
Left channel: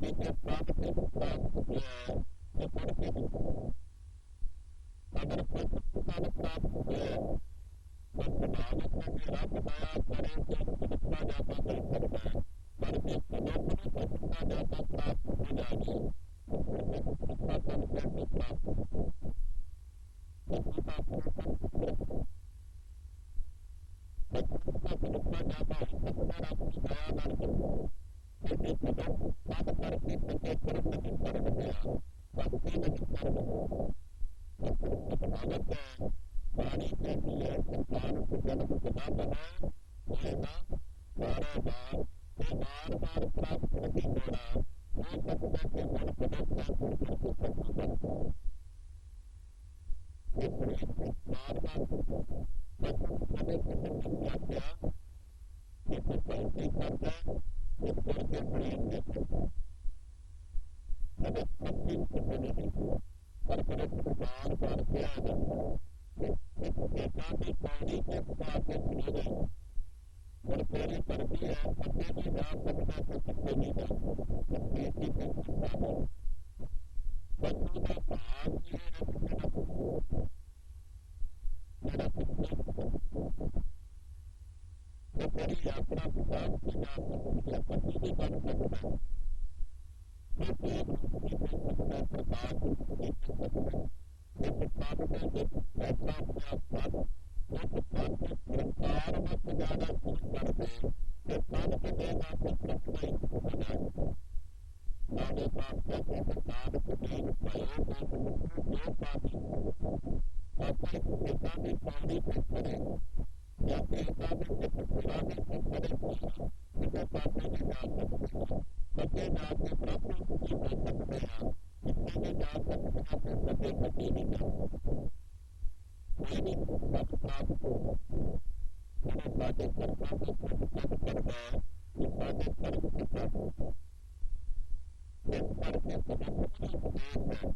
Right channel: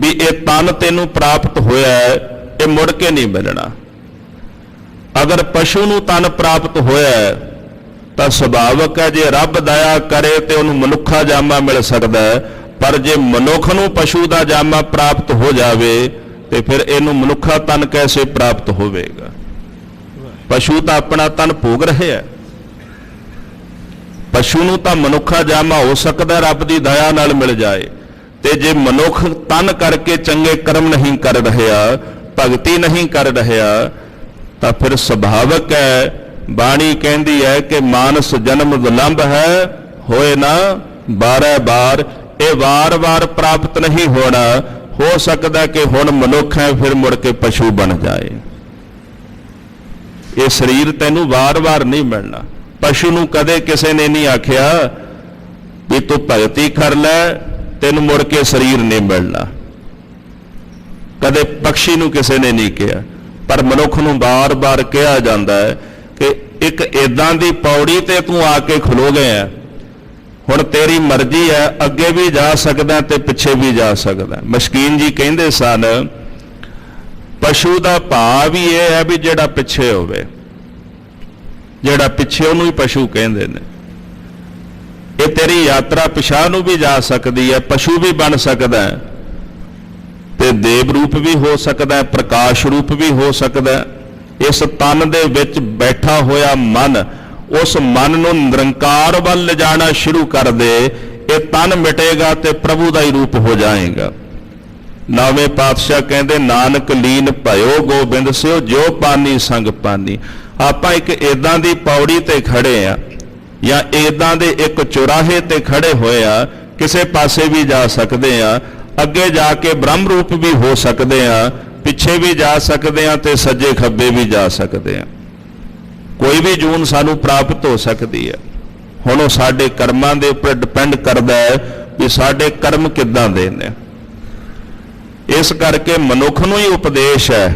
ਵੀ ਇਹ ਤਨ ਤੈਨੂੰ ਪ੍ਰਾਪਤ ਹੋਇਆ ਹੈ, ਇਹ ਮੁੜ ਕੇ ਨਹੀਂ ਮਿਲਣਾ। ਅਗਰ ਪਸ਼ੂ ਨੂੰ ਤਨ ਪ੍ਰਾਪਤ ਹੋਇਆ ਹੈ ਤਾਂ ਸੁਭਾਵਕ ਹੈ ਜੇ ਰੱਬ ਦਇਆ ਕਰੇ ਤੇ ਉਹਨੂੰ ਮਨੁੱਖਾ ਜਾਮਾ ਮਿਲ ਸਕਦਾ ਹੈ, ਪਰ ਜੇ ਮਨੁੱਖ ਨੂੰ ਪਸ਼ੂ ਦਾ ਜਾਮਾ ਪ੍ਰਾਪਤ ਹੋ ਜਾਵੇ ਤੇ ਫਿਰ ਇਹਨੂੰ ਮਨੁੱਖਾ ਤਨ ਕੈਸੇ ਪ੍ਰਾਪਤ ਹੋਵੇਗਾ। ਪਸ਼ੂ ਤਾਂ ਆਪਣਾ ਤਨ ਭੋਗ ਰਿਹਾ ਹੈ, ਪਸ਼ੂ ਨੂੰ ਤਾਂ ਮਨੁੱਖਾ ਜਾਮਾ ਹੋ ਸਕਦਾ ਰੱਬ ਦੀ ਦਇਆ ਨਾਲ ਮਿਲ ਜਾਏ। ਤੇ ਜੇ ਮਨੁੱਖ ਤਨ ਕਰਕੇ ਚੰਗੇ ਕਰਮ ਨਹੀਂ ਕਰ ਰਿਹਾ, ਭਗਤੀ ਨਹੀਂ ਕਰ ਰਿਹਾ, ਤਾਂ ਫਿਰ ਸੁਭਾਵਕ ਹੈ, ਬਾਣੀ ਕਹਿੰਦੀ ਹੈ ਕਿ ਮਾਨਸ ਜਨਮ ਵਿਲੰਬ ਹੈ, ਹੋਏ ਨਾ 12 ਬਾਰ। ਇਹ ਵਾਰ-ਵਾਰ ਪ੍ਰਾਪਤ ਨਹੀਂ ਹੋਣਾ। ਹੋ ਸਕਦਾ ਕਿ ਹੁਣ ਮਨੁੱਖ ਹੈ, ਫਿਰ ਮੁੜ ਕੇ ਪਸ਼ੂ ਬਣ ਜਾਏ। ਇਹ ਸਰੀਰ ਤੈਨੂੰ ਵਾਰ-ਵਾਰ ਨਹੀਂ ਮਿਲਣਾ। ਪਸ਼ੂ ਨੂੰ ਕਦੇ ਕਿਸੇ ਨੇ ਨਹੀਂ ਆਖਿਆ ਵੀ ਤੂੰ ਭਗਤੀ ਕਰ ਲੈ, ਤੈਨੂੰ ਮੁੜ ਕੇ ਸਰੀਰ ਨਹੀਂ ਮਿਲਣਾ। ਕਦੇ ਪਕਸ਼ੀ ਨੂੰ ਕਿਸੇ ਨੇ ਨਹੀਂ ਕਿਹਾ, ਪਰ ਮਨੁੱਖ ਨੂੰ ਬਾਰ-ਬਾਰ ਕਿਹਾ ਜਾਂਦਾ ਹੈ ਕਿ ਇੱਕ ਏਦਾਂ ਦੀ ਪੌੜੀ ਤੇ ਤੂੰ ਆ ਕੇ ਖਲੋ ਗਿਆ, ਹੁਣ ਤੇਰੀ ਮਰਜ਼ੀ ਹੈ, ਅੱਗੇ ਵੀ ਜਾ ਸਕਦਾ ਤੇ ਪਿੱਛੇ ਵੀ ਜਾ ਸਕਦਾ। ਮਸ਼ਕੀਨ ਜੀ ਕਹਿੰਦੇ ਸਨ, ਪਸ਼ੂ ਦਾ ਭਾਵ ਵੀ ਇਹ ਹੈ ਵੀ ਜਿਹੜਾ ਪਿੱਛੇ ਹੋਵੇ, ਜਿਹੜਾ ਪਿੱਛੇ ਉਹਨੂੰ ਹੀ ਪਸ਼ੂ ਕਹਿੰਦੇ ਨੇ। ਇਹ ਤੇਰੀ ਯਾਤਰਾ ਪਿਛਾਂਹ ਨੂੰ ਵੀ ਜਾ ਸਕਦੀ ਹੈ, ਪਸ਼ੂ ਵੀ ਬਣ ਸਕਦਾ ਹੈ ਤੇ ਦੇਵ ਰੂਪ ਵੀ ਹੋ ਸਕਦਾ ਹੈ, ਪ੍ਰਕਾਸ਼ ਰੂਪ ਵੀ ਹੋ ਸਕਦਾ ਹੈ। ਇਸ ਤਨ ਦੇ ਵਿੱਚ ਬੈਠਾ ਹੋਇਆ ਮਨ, ਉਸ ਮਨ ਨੂੰ ਨਿਰੰਕਾਰ ਵੱਲ ਲਿਜਾਣਾ ਸ਼ੁਰੂ ਕਰ ਦੇ, ਇਹ ਤਨ ਮਿਟੇਗਾ ਤੇ ਪ੍ਰਭੂ ਦਾ ਹੀ ਰੂਪ ਹੋ ਜਾਏਗਾ। ਨੌਵੇਂ ਪਾਤਸ਼ਾਹ ਕਹਿੰਦੇ, ਨਾਨਕ ਲੀਨ ਭਇਓ ਗੋਬਿੰਦ ਸਿਓ, ਜੋ ਪਾਨੀ ਸੰਗ ਪਾਨੀ। ਆਪਾਂ ਇੱਕ ਏਦਾਂ ਦੀ ਪੌੜੀ ਤੇ ਖੜੇ ਆ, ਜਾਂ ਏਦਾਂ ਦੇ ਇੱਕ ਚੁਰਾਹੇ ਤੇ ਖੜੇ ਹੋਏ ਆ, ਕਿਸੇ ਪਾਸੇ ਵੀ ਜਾ ਸਕਦੇ ਆ, ਅੱਗੇ ਜਾ ਕੇ ਬ੍ਰਹਮ ਰੂਪ ਵੀ ਹੋ ਸਕਦੇ ਆ, ਪਿੱਛੇ ਵੀ ਜਾ ਸਕਦੇ ਆ ਤੇ ਸੱਜੇ ਖੱਬੇ ਵੀ ਜਾ ਸਕਦੇ ਆ। ਕੋਈ ਵੀ ਜੂਨ ਸਾਨੂੰ ਪ੍ਰਾਪਤ ਹੋ ਸਕਦੀ ਹੈ। ਹੁਣ ਉਹ ਸਾਡੇ ਕਰਮਾਂ ਦੇ ਉੱਪਰ ਡਿਪੈਂਡ ਕਰਦਾ ਹੈ ਵੀ ਸਾਡੇ ਕਰਮ ਕਿੱਦਾਂ ਦੇ ਨੇ। ਇਸ ਕਰਕੇ ਮਨੁੱਖ ਨੂੰ ਹੀ ਉਪਦੇਸ਼ ਹੈ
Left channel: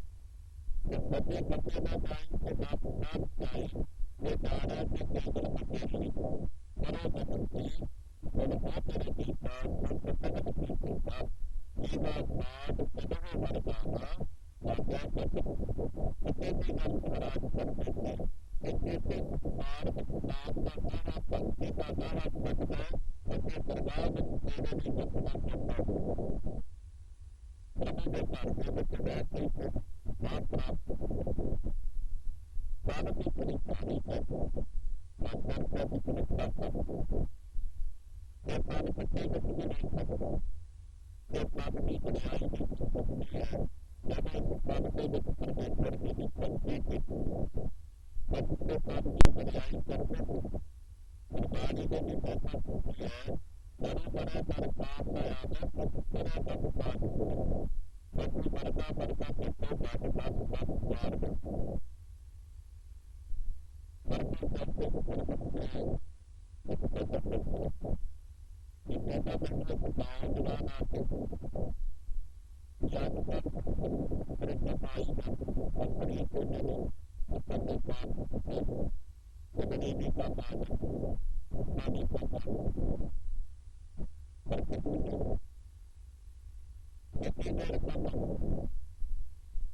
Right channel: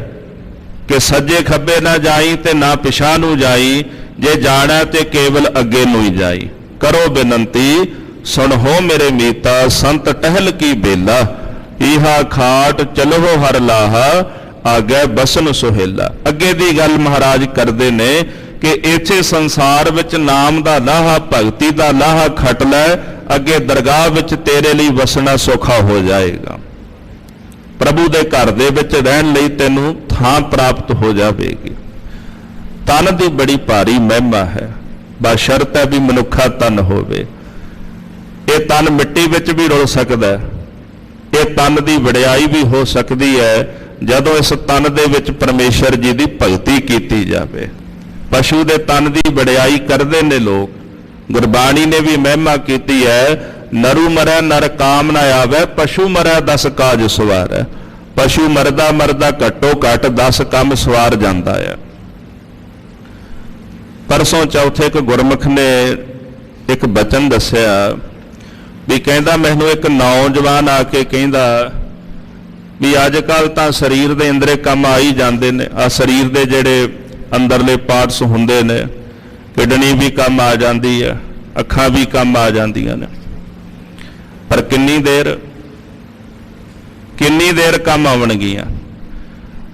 ਕਿ ਸੱਜੇ ਖੱਬੇ ਨਾ ਜਾਈ ਤੇ ਨਾ ਪਿਛਾਂਹ ਨੂੰ ਜਾਈ, ਜੇ ਜਾਣਾ ਤੇ ਕੇਵਲ ਅੱਗੇ ਨੂੰ ਹੀ ਜਾਈ। ਕਰੋ ਬੇਨੰਤੀ ਸੁਣੋ ਮੇਰੇ ਮੀਤਾ, ਸੰਤ ਟਹਿਲ ਕੀ ਬੇਲਾ, ਇਹਾ ਖਾਟ ਚਲੋ ਹਰ ਲਾਹਾ, ਆਗੇ ਬਸਨ ਸੁਹੇਲਾ। ਅੱਗੇ ਦੀ ਗੱਲ ਮਹਾਰਾਜ ਕਰਦੇ ਨੇ ਕਿ ਇੱਥੇ ਸੰਸਾਰ ਵਿੱਚ ਨਾਮ ਦਾ ਲਾਹਾ, ਭਗਤੀ ਦਾ ਲਾਹਾ ਖੱਟ ਲੈ, ਅੱਗੇ ਦਰਗਾਹ ਵਿੱਚ ਤੇਰੇ ਲਈ ਵਸਣਾ ਸੌਖਾ ਹੋ ਜਾਏਗਾ। ਪ੍ਰਭੂ ਦੇ ਘਰ ਦੇ ਵਿੱਚ ਰਹਿਣ ਲਈ ਤੈਨੂੰ ਥਾਂ ਪ੍ਰਾਪਤ ਹੋ ਜਾਵੇਗੀ। ਤਨ ਦੀ ਬੜੀ ਭਾਰੀ ਮਹਿਮਾ ਹੈ, ਬਸ਼ਰਤ ਹੈ ਵੀ ਮਨੁੱਖਾ ਤਨ ਹੋਵੇ। ਇਹ ਤਨ ਮਿੱਟੀ ਵਿੱਚ ਵੀ ਰੁਲ ਸਕਦਾ ਹੈ। ਇਹ ਤਨ ਦੀ ਵਡਿਆਈ ਵੀ ਹੋ ਸਕਦੀ ਹੈ ਜਦੋਂ ਇਸ ਤਨ ਦੇ ਵਿੱਚ ਪਰਮੇਸ਼ਰ ਜੀ ਦੀ ਭਗਤੀ ਕੀਤੀ ਜਾਵੇ। ਪਸ਼ੂ ਦੇ ਤਨ ਦੀ ਵਡਿਆਈ ਕਰਦੇ ਨੇ ਲੋਕ। ਗੁਰਬਾਣੀ ਨੇ ਵੀ ਮਹਿਮਾ ਕੀਤੀ ਹੈ, ਨਰੂ ਮਰੈ ਨਰ ਕਾਮ ਨਾ ਆਵੇ, ਪਸ਼ੂ ਮਰੈ 10 ਕਾਜ ਸਵਾਰੈ। ਪਸ਼ੂ ਮਰਦਾ ਮਰਦਾ ਘੱਟੋ ਘੱਟ 10 ਕੰਮ ਸਵਾਰ ਜਾਂਦਾ ਹੈ। ਪਰਸੋਂ ਚੌਥੇ ਇੱਕ ਗੁਰਮੁਖ ਨੇ ਇੱਕ ਬਚਨ ਦੱਸਿਆ ਵੀ ਕਹਿੰਦਾ, ਮੈਨੂੰ ਇੱਕ ਨੌਜਵਾਨ ਆ ਕੇ ਕਹਿੰਦਾ ਵੀ ਅੱਜ ਕੱਲ ਤਾਂ ਸਰੀਰ ਦੇ ਅੰਦਰੇ ਕੰਮ ਆ ਹੀ ਜਾਂਦੇ ਨੇ। ਆ ਸਰੀਰ ਦੇ ਜਿਹੜੇ ਅੰਦਰਲੇ ਪਾਰਟਸ ਹੁੰਦੇ ਨੇ, ਕਿਡਨੀ ਵੀ ਕੰਮ ਆ ਜਾਂਦੀ ਹੈ, ਅੱਖਾਂ ਵੀ ਕੰਮ ਆ ਜਾਂਦੀਆਂ ਨੇ, ਪਰ ਕਿੰਨੀ ਦੇਰ ਕੰਮ ਆਉਣਗੀਆਂ।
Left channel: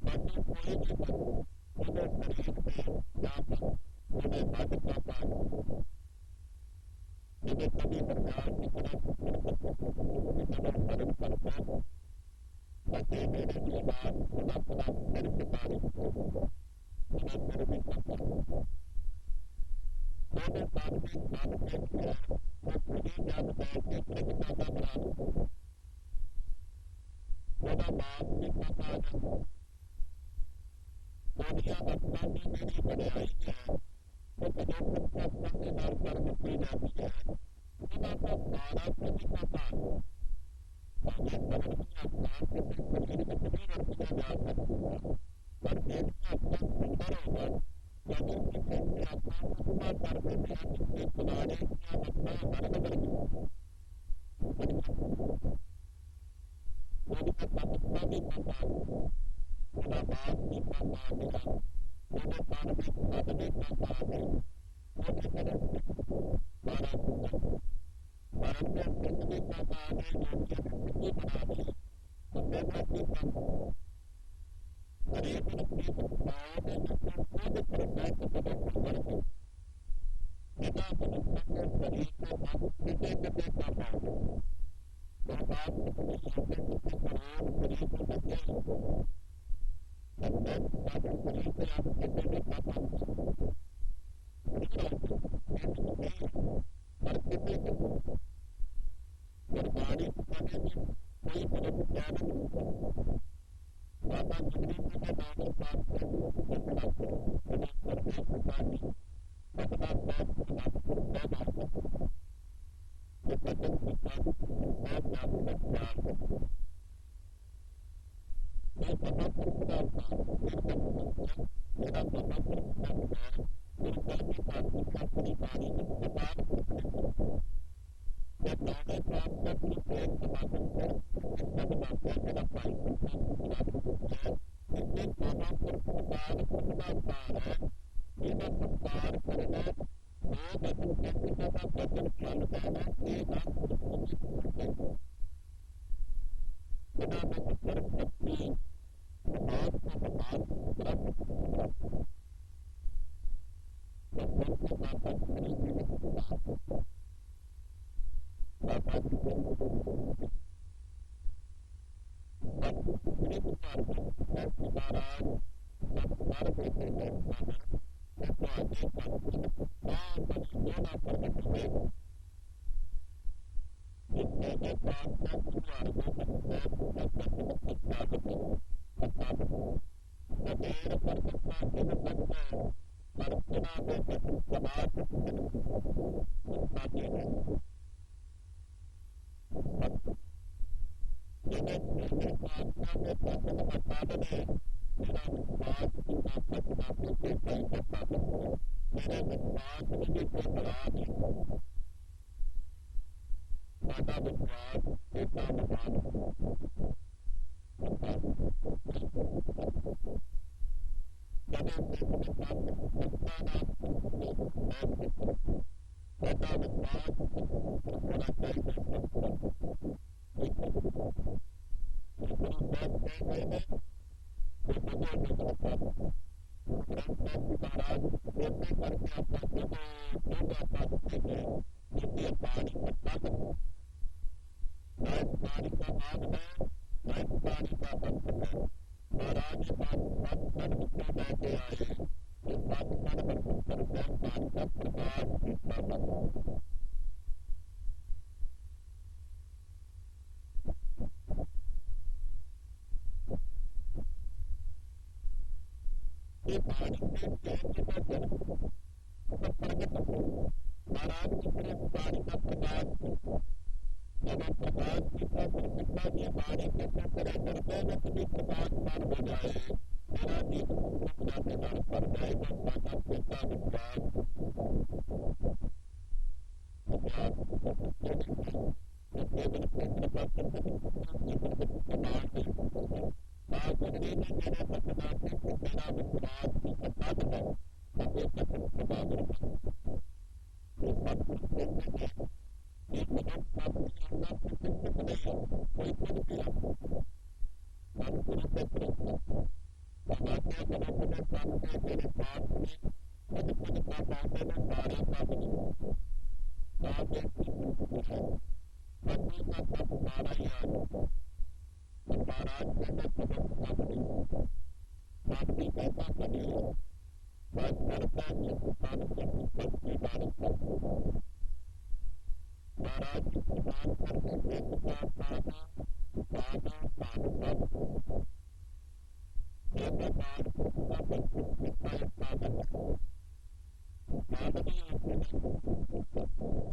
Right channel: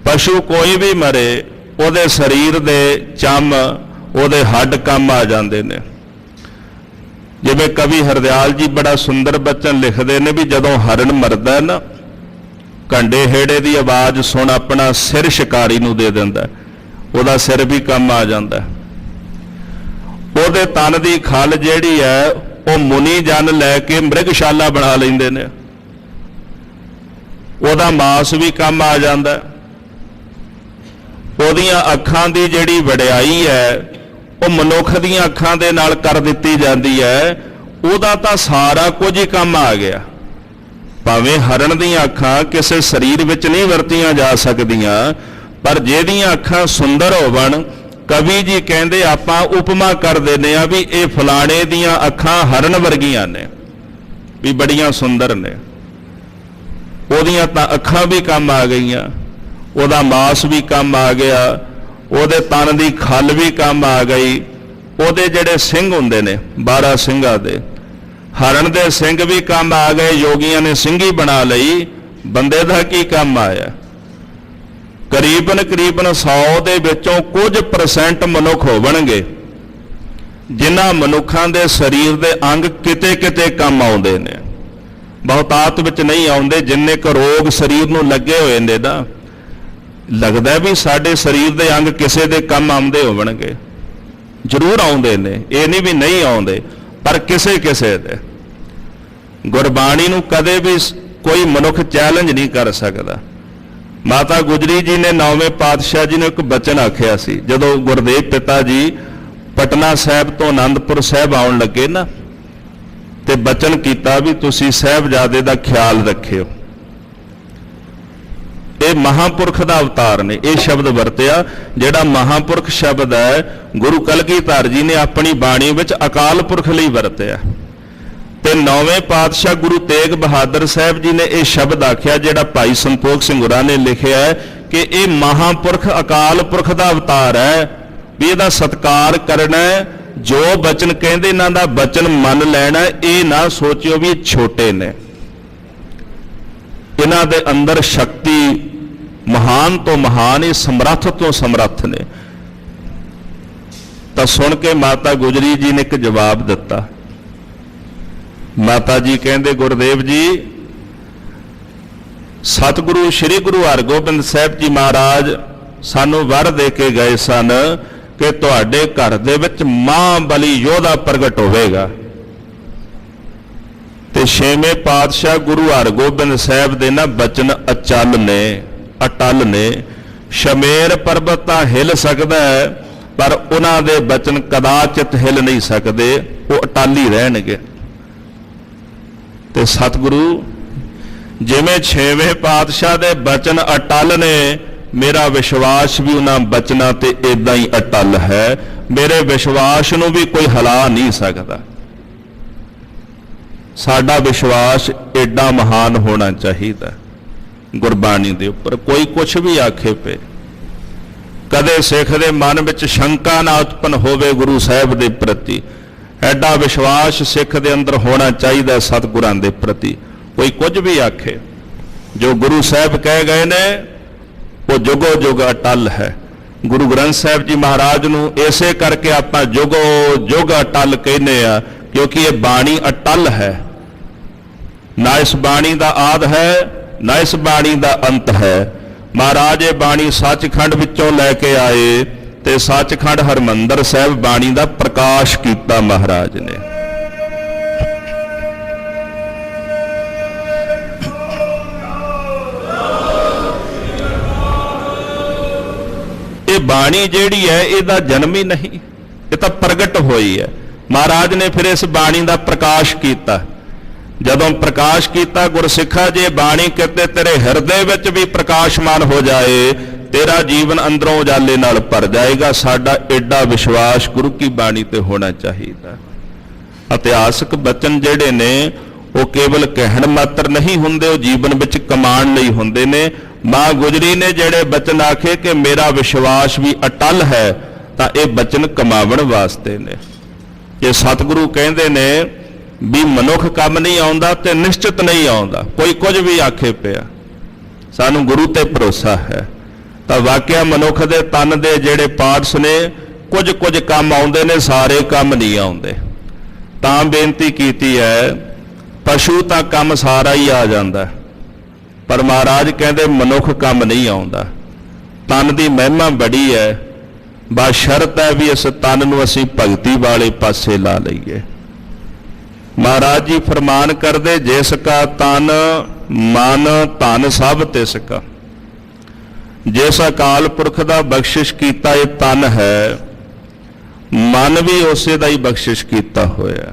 ਪਸ਼ੂ ਕੋਈ ਵੀ ਮਰੇ, ਉਹਦੇ ਸਰੀਰ ਦੇ ਚੰਮ, ਉਹਦੇ ਹੱਡ ਕੰਮ ਆ ਜਾਂਦੇ ਨੇ। ਜਿਵੇਂ ਕਵੀ ਹਰਦਿਆਲ ਜੀ ਬੜਾ ਸੁੰਦਰ ਬਚਨ ਲਿਖਦੇ ਨੇ ਵੀ ਜਦੋਂ ਹਰਨ ਮਰਦਾ ਨਾ, ਘੰਡੇ ਹੇੜੇ ਦੀ ਆਵਾਜ਼ ਸੁਣ ਆਪਣਾ ਸਿਰ ਸ਼ਿਕਾਰੀ ਨੂੰ ਦੇ ਦਿੰਦਾ, ਉਹਦਾ ਸਿਰ ਵੀ ਕੰਮ ਆ ਜਾਂਦਾ। ਉਹਦੇ ਤਨ ਦੀ ਖਲ ਜਿਹੜੀ ਹੈ ਉਹ ਮੁਨੀ ਜਨ ਲੈ ਕੇ ਮ੍ਰਿਗਸ਼ਾਲਾ ਬਣਾ ਲੈਂਦੇ ਨੇ, ਉਹਦਾ ਮਾਸ ਵੀ ਕੰਮ ਆ ਜਾਂਦਾ। ਉਹਦੀਆਂ ਅੱਖਾਂ ਦੀ ਜਿਹੜੀ ਵਡਿਆਈ ਹੈ ਉਹ ਮਨੁੱਖ ਦੀਆਂ ਅੱਖਾਂ ਦੇ ਨਾਲ ਕਰ ਦਿੱਤੀ ਜਾਂਦੀ ਹੈ। ਉਹਦਾ ਤਾਂ ਸਾਰਾ ਕੁਝ ਹੀ ਕੰਮ ਆ ਗਿਆ। ਭਾਵੇਂ ਹਰਨ ਦੀਆਂ ਅੱਖਾਂ ਕਿਸੇ ਸਰੀਰ ਵਿੱਚ ਨਹੀਂ ਵਰਤੀਆਂ ਜਾ ਸਕਦੀਆਂ, ਪਰ ਜਿਹਦੀਆਂ ਅੱਖਾਂ ਸੁੰਦਰ ਹੋਵਣ, ਕਵੀ ਜੀ ਕਹਿੰਦੇ ਆਪਾਂ ਉਪਮਾ ਕਰ ਦਿੰਦੇ ਆ ਵੀ ਇਹ ਫਲਾਣੇ ਦੀਆਂ ਅੱਖਾਂ ਹਰਨ ਵਰਗੀਆਂ ਨੇ। ਵੀ ਬੜੀਆਂ ਸੁੰਦਰ ਨੇ, ਉਹਦੀਆਂ ਤਾਂ ਅੱਖਾਂ ਵੀ ਕੰਮ ਆ ਗਈਆਂ, ਉਹਦਾ ਮਾਸ ਵੀ ਕੰਮ ਆ ਗਿਆ, ਉਹਦੇ ਤਨ ਦੀ ਖੱਲ ਵੀ ਕੰਮ ਆ ਗਈ, ਉਹਦੇ ਜਿਹੜੇ ਸਿੰਘ ਹੁੰਦੇ ਨੇ 12 ਸਿੰਘਾਂ ਦੇ, ਹਰਨ ਦੇ ਸਿੰਘ ਵੀ ਕੰਮ ਆ ਗਏ, ਯੋਗੀਆਂ ਨੇ ਸਿੰਘੀ ਬਣਾ ਲਈ। ਬੰਦੇ ਦਾ ਕੀ ਕੰਮ ਆਇਆ? ਕਰੀਬਨ 100 ਦੇ ਵਿੱਚੋਂ ਕੁਝ % ਮਨੁੱਖ ਹੋਣਗੇ ਜਿਨ੍ਹਾਂ ਮਨੁੱਖਾਂ ਦੇ ਸਰੀਰ ਦੇ ਅੰਗ ਕਿਤੇ ਕਿਤੇ ਕੰਮ ਆਉਂਦੇ ਨੇ, ਬਹੁਤਾਤ ਵਿੱਚ ਨਹੀਂ ਆਉਂਦੇ। ਜਿੰਨੇ ਕੁ ਰੋਗ ਸਰੀਰ ਨੂੰ ਲੱਗੇ ਹੋਏ ਨੇ ਨਾ, ਲੱਗਦਾ ਵੀ ਸਾਡੇ ਸਰੀਰ ਦੇ ਅੰਗ ਕਿਸੇ ਦੇ ਕੰਮ ਆਉਂਦੇ ਹੋਣਗੇ, ਜ਼ਰੂਰ ਆਉਂਦੇ ਨੇ, ਇਹ ਨਹੀਂ ਵੀ ਨਹੀਂ ਆਉਂਦੇ, ਪਰ ਕਿਸੇ ਕਿਸੇ ਦੇ। ਗੁਰਬਾਣੀ ਨੂੰ ਕਦੇ ਵੀ ਕੋਈ ਮਨੁੱਖ ਚੈਲੰਜ ਨਹੀਂ ਕਰ ਸਕਦਾ। ਮਾਤਾ ਗੁਜਰੀ ਜੀ ਨੇ 9ਵੇਂ ਪਾਤਸ਼ਾਹ ਜੀ ਨੂੰ ਇੱਕ ਬਚਨ ਆਖਿਆ ਸੀ, ਜਦੋਂ ਗੁਰਦੇਵ ਪਿਤਾ ਜੀ ਪਟਨਾ ਸਾਹਿਬ ਤੋਂ ਆਨੰਦਪੁਰ ਸਾਹਿਬ ਆਉਣ ਲੱਗੇ ਨਾ, ਤੇ ਬਚਨ ਕੀਤਾ ਵੀ ਤੁਸੀਂ ਸਾਹਿਬਜ਼ਾਦੇ ਦਾ ਖਿਆਲ ਰੱਖਿਓ। ਇਹ ਮਹਾਂਪੁਰਖ ਦਾ ਅਵਤਾਰ ਨੇ, ਇਹ ਸ਼ਬਦ ਵਰਤਿਆ ਜਿਹੜਾ ਮਹਾਂਪੁਰਖ ਸ਼ਬਦ ਹੈ ਗੁਰੂ ਕਲਗੀਧਰ ਜੀ ਨੇ ਆਪਣੀ ਬਾਣੀ ਵਿੱਚ ਅਕਾਲ ਪੁਰਖ ਲਈ ਵਰਤਿਆ। ਤੇ 9ਵੇਂ ਪਾਤਸ਼ਾਹ ਗੁਰੂ ਤੇਗ ਬਹਾਦਰ ਸਾਹਿਬ ਜੀ ਨੇ ਇਹ ਸ਼ਬਦ ਆਖਿਆ ਜਿਹੜਾ ਭਾਈ ਸੰਤੋਖ ਸਿੰਘ ਹੋਰਾਂ ਨੇ ਲਿਖਿਆ ਹੈ ਕਿ ਇਹ ਮਹਾਂਪੁਰਖ ਅਕਾਲ ਪੁਰਖ ਦਾ ਅਵਤਾਰ ਹੈ, ਵੀ ਇਹਦਾ ਸਤਿਕਾਰ ਕਰਨਾ, ਜੋ ਬਚਨ ਕਹਿੰਦੇ ਇਹਨਾਂ ਦਾ ਬਚਨ ਮੰਨ ਲੈਣਾ। ਇਹ ਨਾ ਸੋਚਿਓ ਵੀ ਇਹ ਛੋਟੇ ਨੇ, ਇਹਨਾਂ ਦੇ ਅੰਦਰ ਸ਼ਕਤੀ ਮਹਾਨ ਤੋਂ ਮਹਾਨ, ਇਹ ਸਮਰੱਥ ਤੋਂ ਸਮਰੱਥ ਨੇ। ਤਾਂ ਸੁਣ ਕੇ ਮਾਤਾ ਗੁਜਰੀ ਜੀ ਨੇ ਇੱਕ ਜਵਾਬ ਦਿੱਤਾ। ਮਾਤਾ ਜੀ ਕਹਿੰਦੇ, ਗੁਰਦੇਵ ਜੀ, ਸਤਿਗੁਰੂ ਸ੍ਰੀ ਗੁਰੂ ਹਰਗੋਬਿੰਦ ਸਾਹਿਬ ਜੀ ਮਹਾਰਾਜ ਸਾਨੂੰ ਵਰ ਦੇ ਕੇ ਗਏ ਸਨ ਕਿ ਤੁਹਾਡੇ ਘਰ ਦੇ ਵਿੱਚ ਮਹਾਂਬਲੀ ਯੋਧਾ ਪ੍ਰਗਟ ਹੋਵੇਗਾ। ਤੇ 6ਵੇਂ ਪਾਤਸ਼ਾਹ ਗੁਰੂ ਹਰਗੋਬਿੰਦ ਸਾਹਿਬ ਦੇ ਨਾ ਬਚਨ ਅਚਲ ਨੇ, ਅਟਲ ਨੇ। ਸ਼ਮੇਰ ਪਰਬਤ ਤਾਂ ਹਿੱਲ ਸਕਦਾ ਹੈ, ਪਰ ਉਹਨਾਂ ਦੇ ਬਚਨ ਕਦਾਚਿਤ ਹਿੱਲ ਨਹੀਂ ਸਕਦੇ, ਉਹ ਅਟਲ ਹੀ ਰਹਿਣਗੇ। ਤੇ ਸਤਿਗੁਰੂ ਜਿਵੇਂ 6ਵੇਂ ਪਾਤਸ਼ਾਹ ਦੇ ਬਚਨ ਅਟਲ ਨੇ, ਮੇਰਾ ਵਿਸ਼ਵਾਸ ਵੀ ਉਹਨਾਂ ਬਚਨਾਂ ਤੇ ਇਦਾਂ ਹੀ ਅਟਲ ਹੈ। ਮੇਰੇ ਵਿਸ਼ਵਾਸ ਨੂੰ ਵੀ ਕੋਈ ਹਿਲਾ ਨਹੀਂ ਸਕਦਾ। ਸਾਡਾ ਵਿਸ਼ਵਾਸ ਏਡਾ ਮਹਾਨ ਹੋਣਾ ਚਾਹੀਦਾ ਗੁਰਬਾਣੀ ਦੇ ਉੱਪਰ। ਕੋਈ ਕੁਛ ਵੀ ਆਖੇ ਪਏ, ਕਦੇ ਸਿੱਖ ਦੇ ਮਨ ਵਿੱਚ ਸ਼ੰਕਾ ਨਾ ਉਤਪਨ ਹੋਵੇ ਗੁਰੂ ਸਾਹਿਬ ਦੇ ਪ੍ਰਤੀ। ਐਡਾ ਵਿਸ਼ਵਾਸ ਸਿੱਖ ਦੇ ਅੰਦਰ ਹੋਣਾ ਚਾਹੀਦਾ ਸਤਿਗੁਰਾਂ ਦੇ ਪ੍ਰਤੀ। ਕੋਈ ਕੁਝ ਵੀ ਆਖੇ, ਜੋ ਗੁਰੂ ਸਾਹਿਬ ਕਹਿ ਗਏ ਨੇ ਉਹ ਜੁਗੋ ਜੁਗ ਅਟਲ ਹੈ। ਗੁਰੂ ਗ੍ਰੰਥ ਸਾਹਿਬ ਜੀ ਮਹਾਰਾਜ ਨੂੰ ਇਸੇ ਕਰਕੇ ਆਪਾਂ ਜੁਗੋ ਜੁਗ ਅਟਲ ਕਹਿੰਦੇ ਆ, ਕਿਉਂਕਿ ਇਹ ਬਾਣੀ ਅਟਲ ਹੈ। ਨਾ ਇਸ ਬਾਣੀ ਦਾ ਆਦ ਹੈ, ਨਾ ਇਸ ਬਾਣੀ ਦਾ ਅੰਤ ਹੈ। ਮਹਾਰਾਜ ਇਹ ਬਾਣੀ ਸੱਚਖੰਡ ਵਿੱਚੋਂ ਲੈ ਕੇ ਆਏ ਤੇ ਸੱਚਖੰਡ ਹਰਮੰਦਰ ਸਾਹਿਬ ਬਾਣੀ ਦਾ ਪ੍ਰਕਾਸ਼ ਕੀਤਾ ਮਹਾਰਾਜ ਨੇ। ਇਹ ਬਾਣੀ ਜਿਹੜੀ ਹੈ ਇਹਦਾ ਜਨਮ ਹੀ ਨਹੀਂ, ਇਹ ਤਾਂ ਪ੍ਰਗਟ ਹੋਈ ਹੈ। ਮਹਾਰਾਜ ਨੇ ਫਿਰ ਇਸ ਬਾਣੀ ਦਾ ਪ੍ਰਕਾਸ਼ ਕੀਤਾ। ਜਦੋਂ ਪ੍ਰਕਾਸ਼ ਕੀਤਾ, ਗੁਰਸਿੱਖਾ ਜੇ ਬਾਣੀ ਕਿਤੇ ਤੇਰੇ ਹਿਰਦੇ ਵਿੱਚ ਵੀ ਪ੍ਰਕਾਸ਼ਮਾਨ ਹੋ ਜਾਏ, ਤੇਰਾ ਜੀਵਨ ਅੰਦਰੋਂ ਉਜਾਲੇ ਨਾਲ ਭਰ ਜਾਏਗਾ। ਸਾਡਾ ਐਡਾ ਵਿਸ਼ਵਾਸ ਗੁਰੂ ਕੀ ਬਾਣੀ ਤੇ ਹੋਣਾ ਚਾਹੀਦਾ। ਇਤਿਹਾਸਕ ਬਚਨ ਜਿਹੜੇ ਨੇ ਉਹ ਕੇਵਲ ਕਹਿਣ ਮਾਤਰ ਨਹੀਂ ਹੁੰਦੇ, ਉਹ ਜੀਵਨ ਵਿੱਚ ਕਮਾਉਣ ਲਈ ਹੁੰਦੇ ਨੇ। ਮਾਂ ਗੁਜਰੀ ਨੇ ਜਿਹੜੇ ਬਚਨ ਆਖੇ ਕਿ ਮੇਰਾ ਵਿਸ਼ਵਾਸ ਵੀ ਅਟਲ ਹੈ, ਤਾਂ ਇਹ ਬਚਨ ਕਮਾਵਣ ਵਾਸਤੇ ਨੇ। ਜੇ ਸਤਿਗੁਰੂ ਕਹਿੰਦੇ ਨੇ ਵੀ ਮਨੁੱਖ ਕੰਮ ਨਹੀਂ ਆਉਂਦਾ ਤੇ ਨਿਸ਼ਚਿਤ ਨਹੀਂ ਆਉਂਦਾ, ਕੋਈ ਕੁਝ ਵੀ ਆਖੇ ਪਿਆ, ਸਾਨੂੰ ਗੁਰੂ ਤੇ ਭਰੋਸਾ ਹੈ। ਤਾਂ ਵਾਕਿਆ ਮਨੁੱਖ ਦੇ ਤਨ ਦੇ ਜਿਹੜੇ ਪਾਰਟਸ ਨੇ ਕੁਝ ਕੁਝ ਕੰਮ ਆਉਂਦੇ ਨੇ, ਸਾਰੇ ਕੰਮ ਨਹੀਂ ਆਉਂਦੇ। ਤਾਂ ਬੇਨਤੀ ਕੀਤੀ ਹੈ, ਪਸ਼ੂ ਤਾਂ ਕੰਮ ਸਾਰਾ ਹੀ ਆ ਜਾਂਦਾ, ਪਰ ਮਹਾਰਾਜ ਕਹਿੰਦੇ ਮਨੁੱਖ ਕੰਮ ਨਹੀਂ ਆਉਂਦਾ। ਤਨ ਦੀ ਮਹਿਮਾ ਬੜੀ ਹੈ, ਬਸ ਸ਼ਰਤ ਹੈ ਵੀ ਇਸ ਤਨ ਨੂੰ ਅਸੀਂ ਭਗਤੀ ਵਾਲੇ ਪਾਸੇ ਲਾ ਲਈਏ। ਮਹਾਰਾਜ ਜੀ ਫਰਮਾਨ ਕਰਦੇ, ਜਿਸ ਕਾ ਤਨ ਮਨ ਧਨ ਸਭ ਤਿਸ ਕਾ। ਜਿਸ ਅਕਾਲ ਪੁਰਖ ਦਾ ਬਖਸ਼ਿਸ਼ ਕੀਤਾ ਇਹ ਤਨ ਹੈ, ਮਨ ਵੀ ਉਸੇ ਦਾ ਹੀ ਬਖਸ਼ਿਸ਼ ਕੀਤਾ ਹੋਇਆ।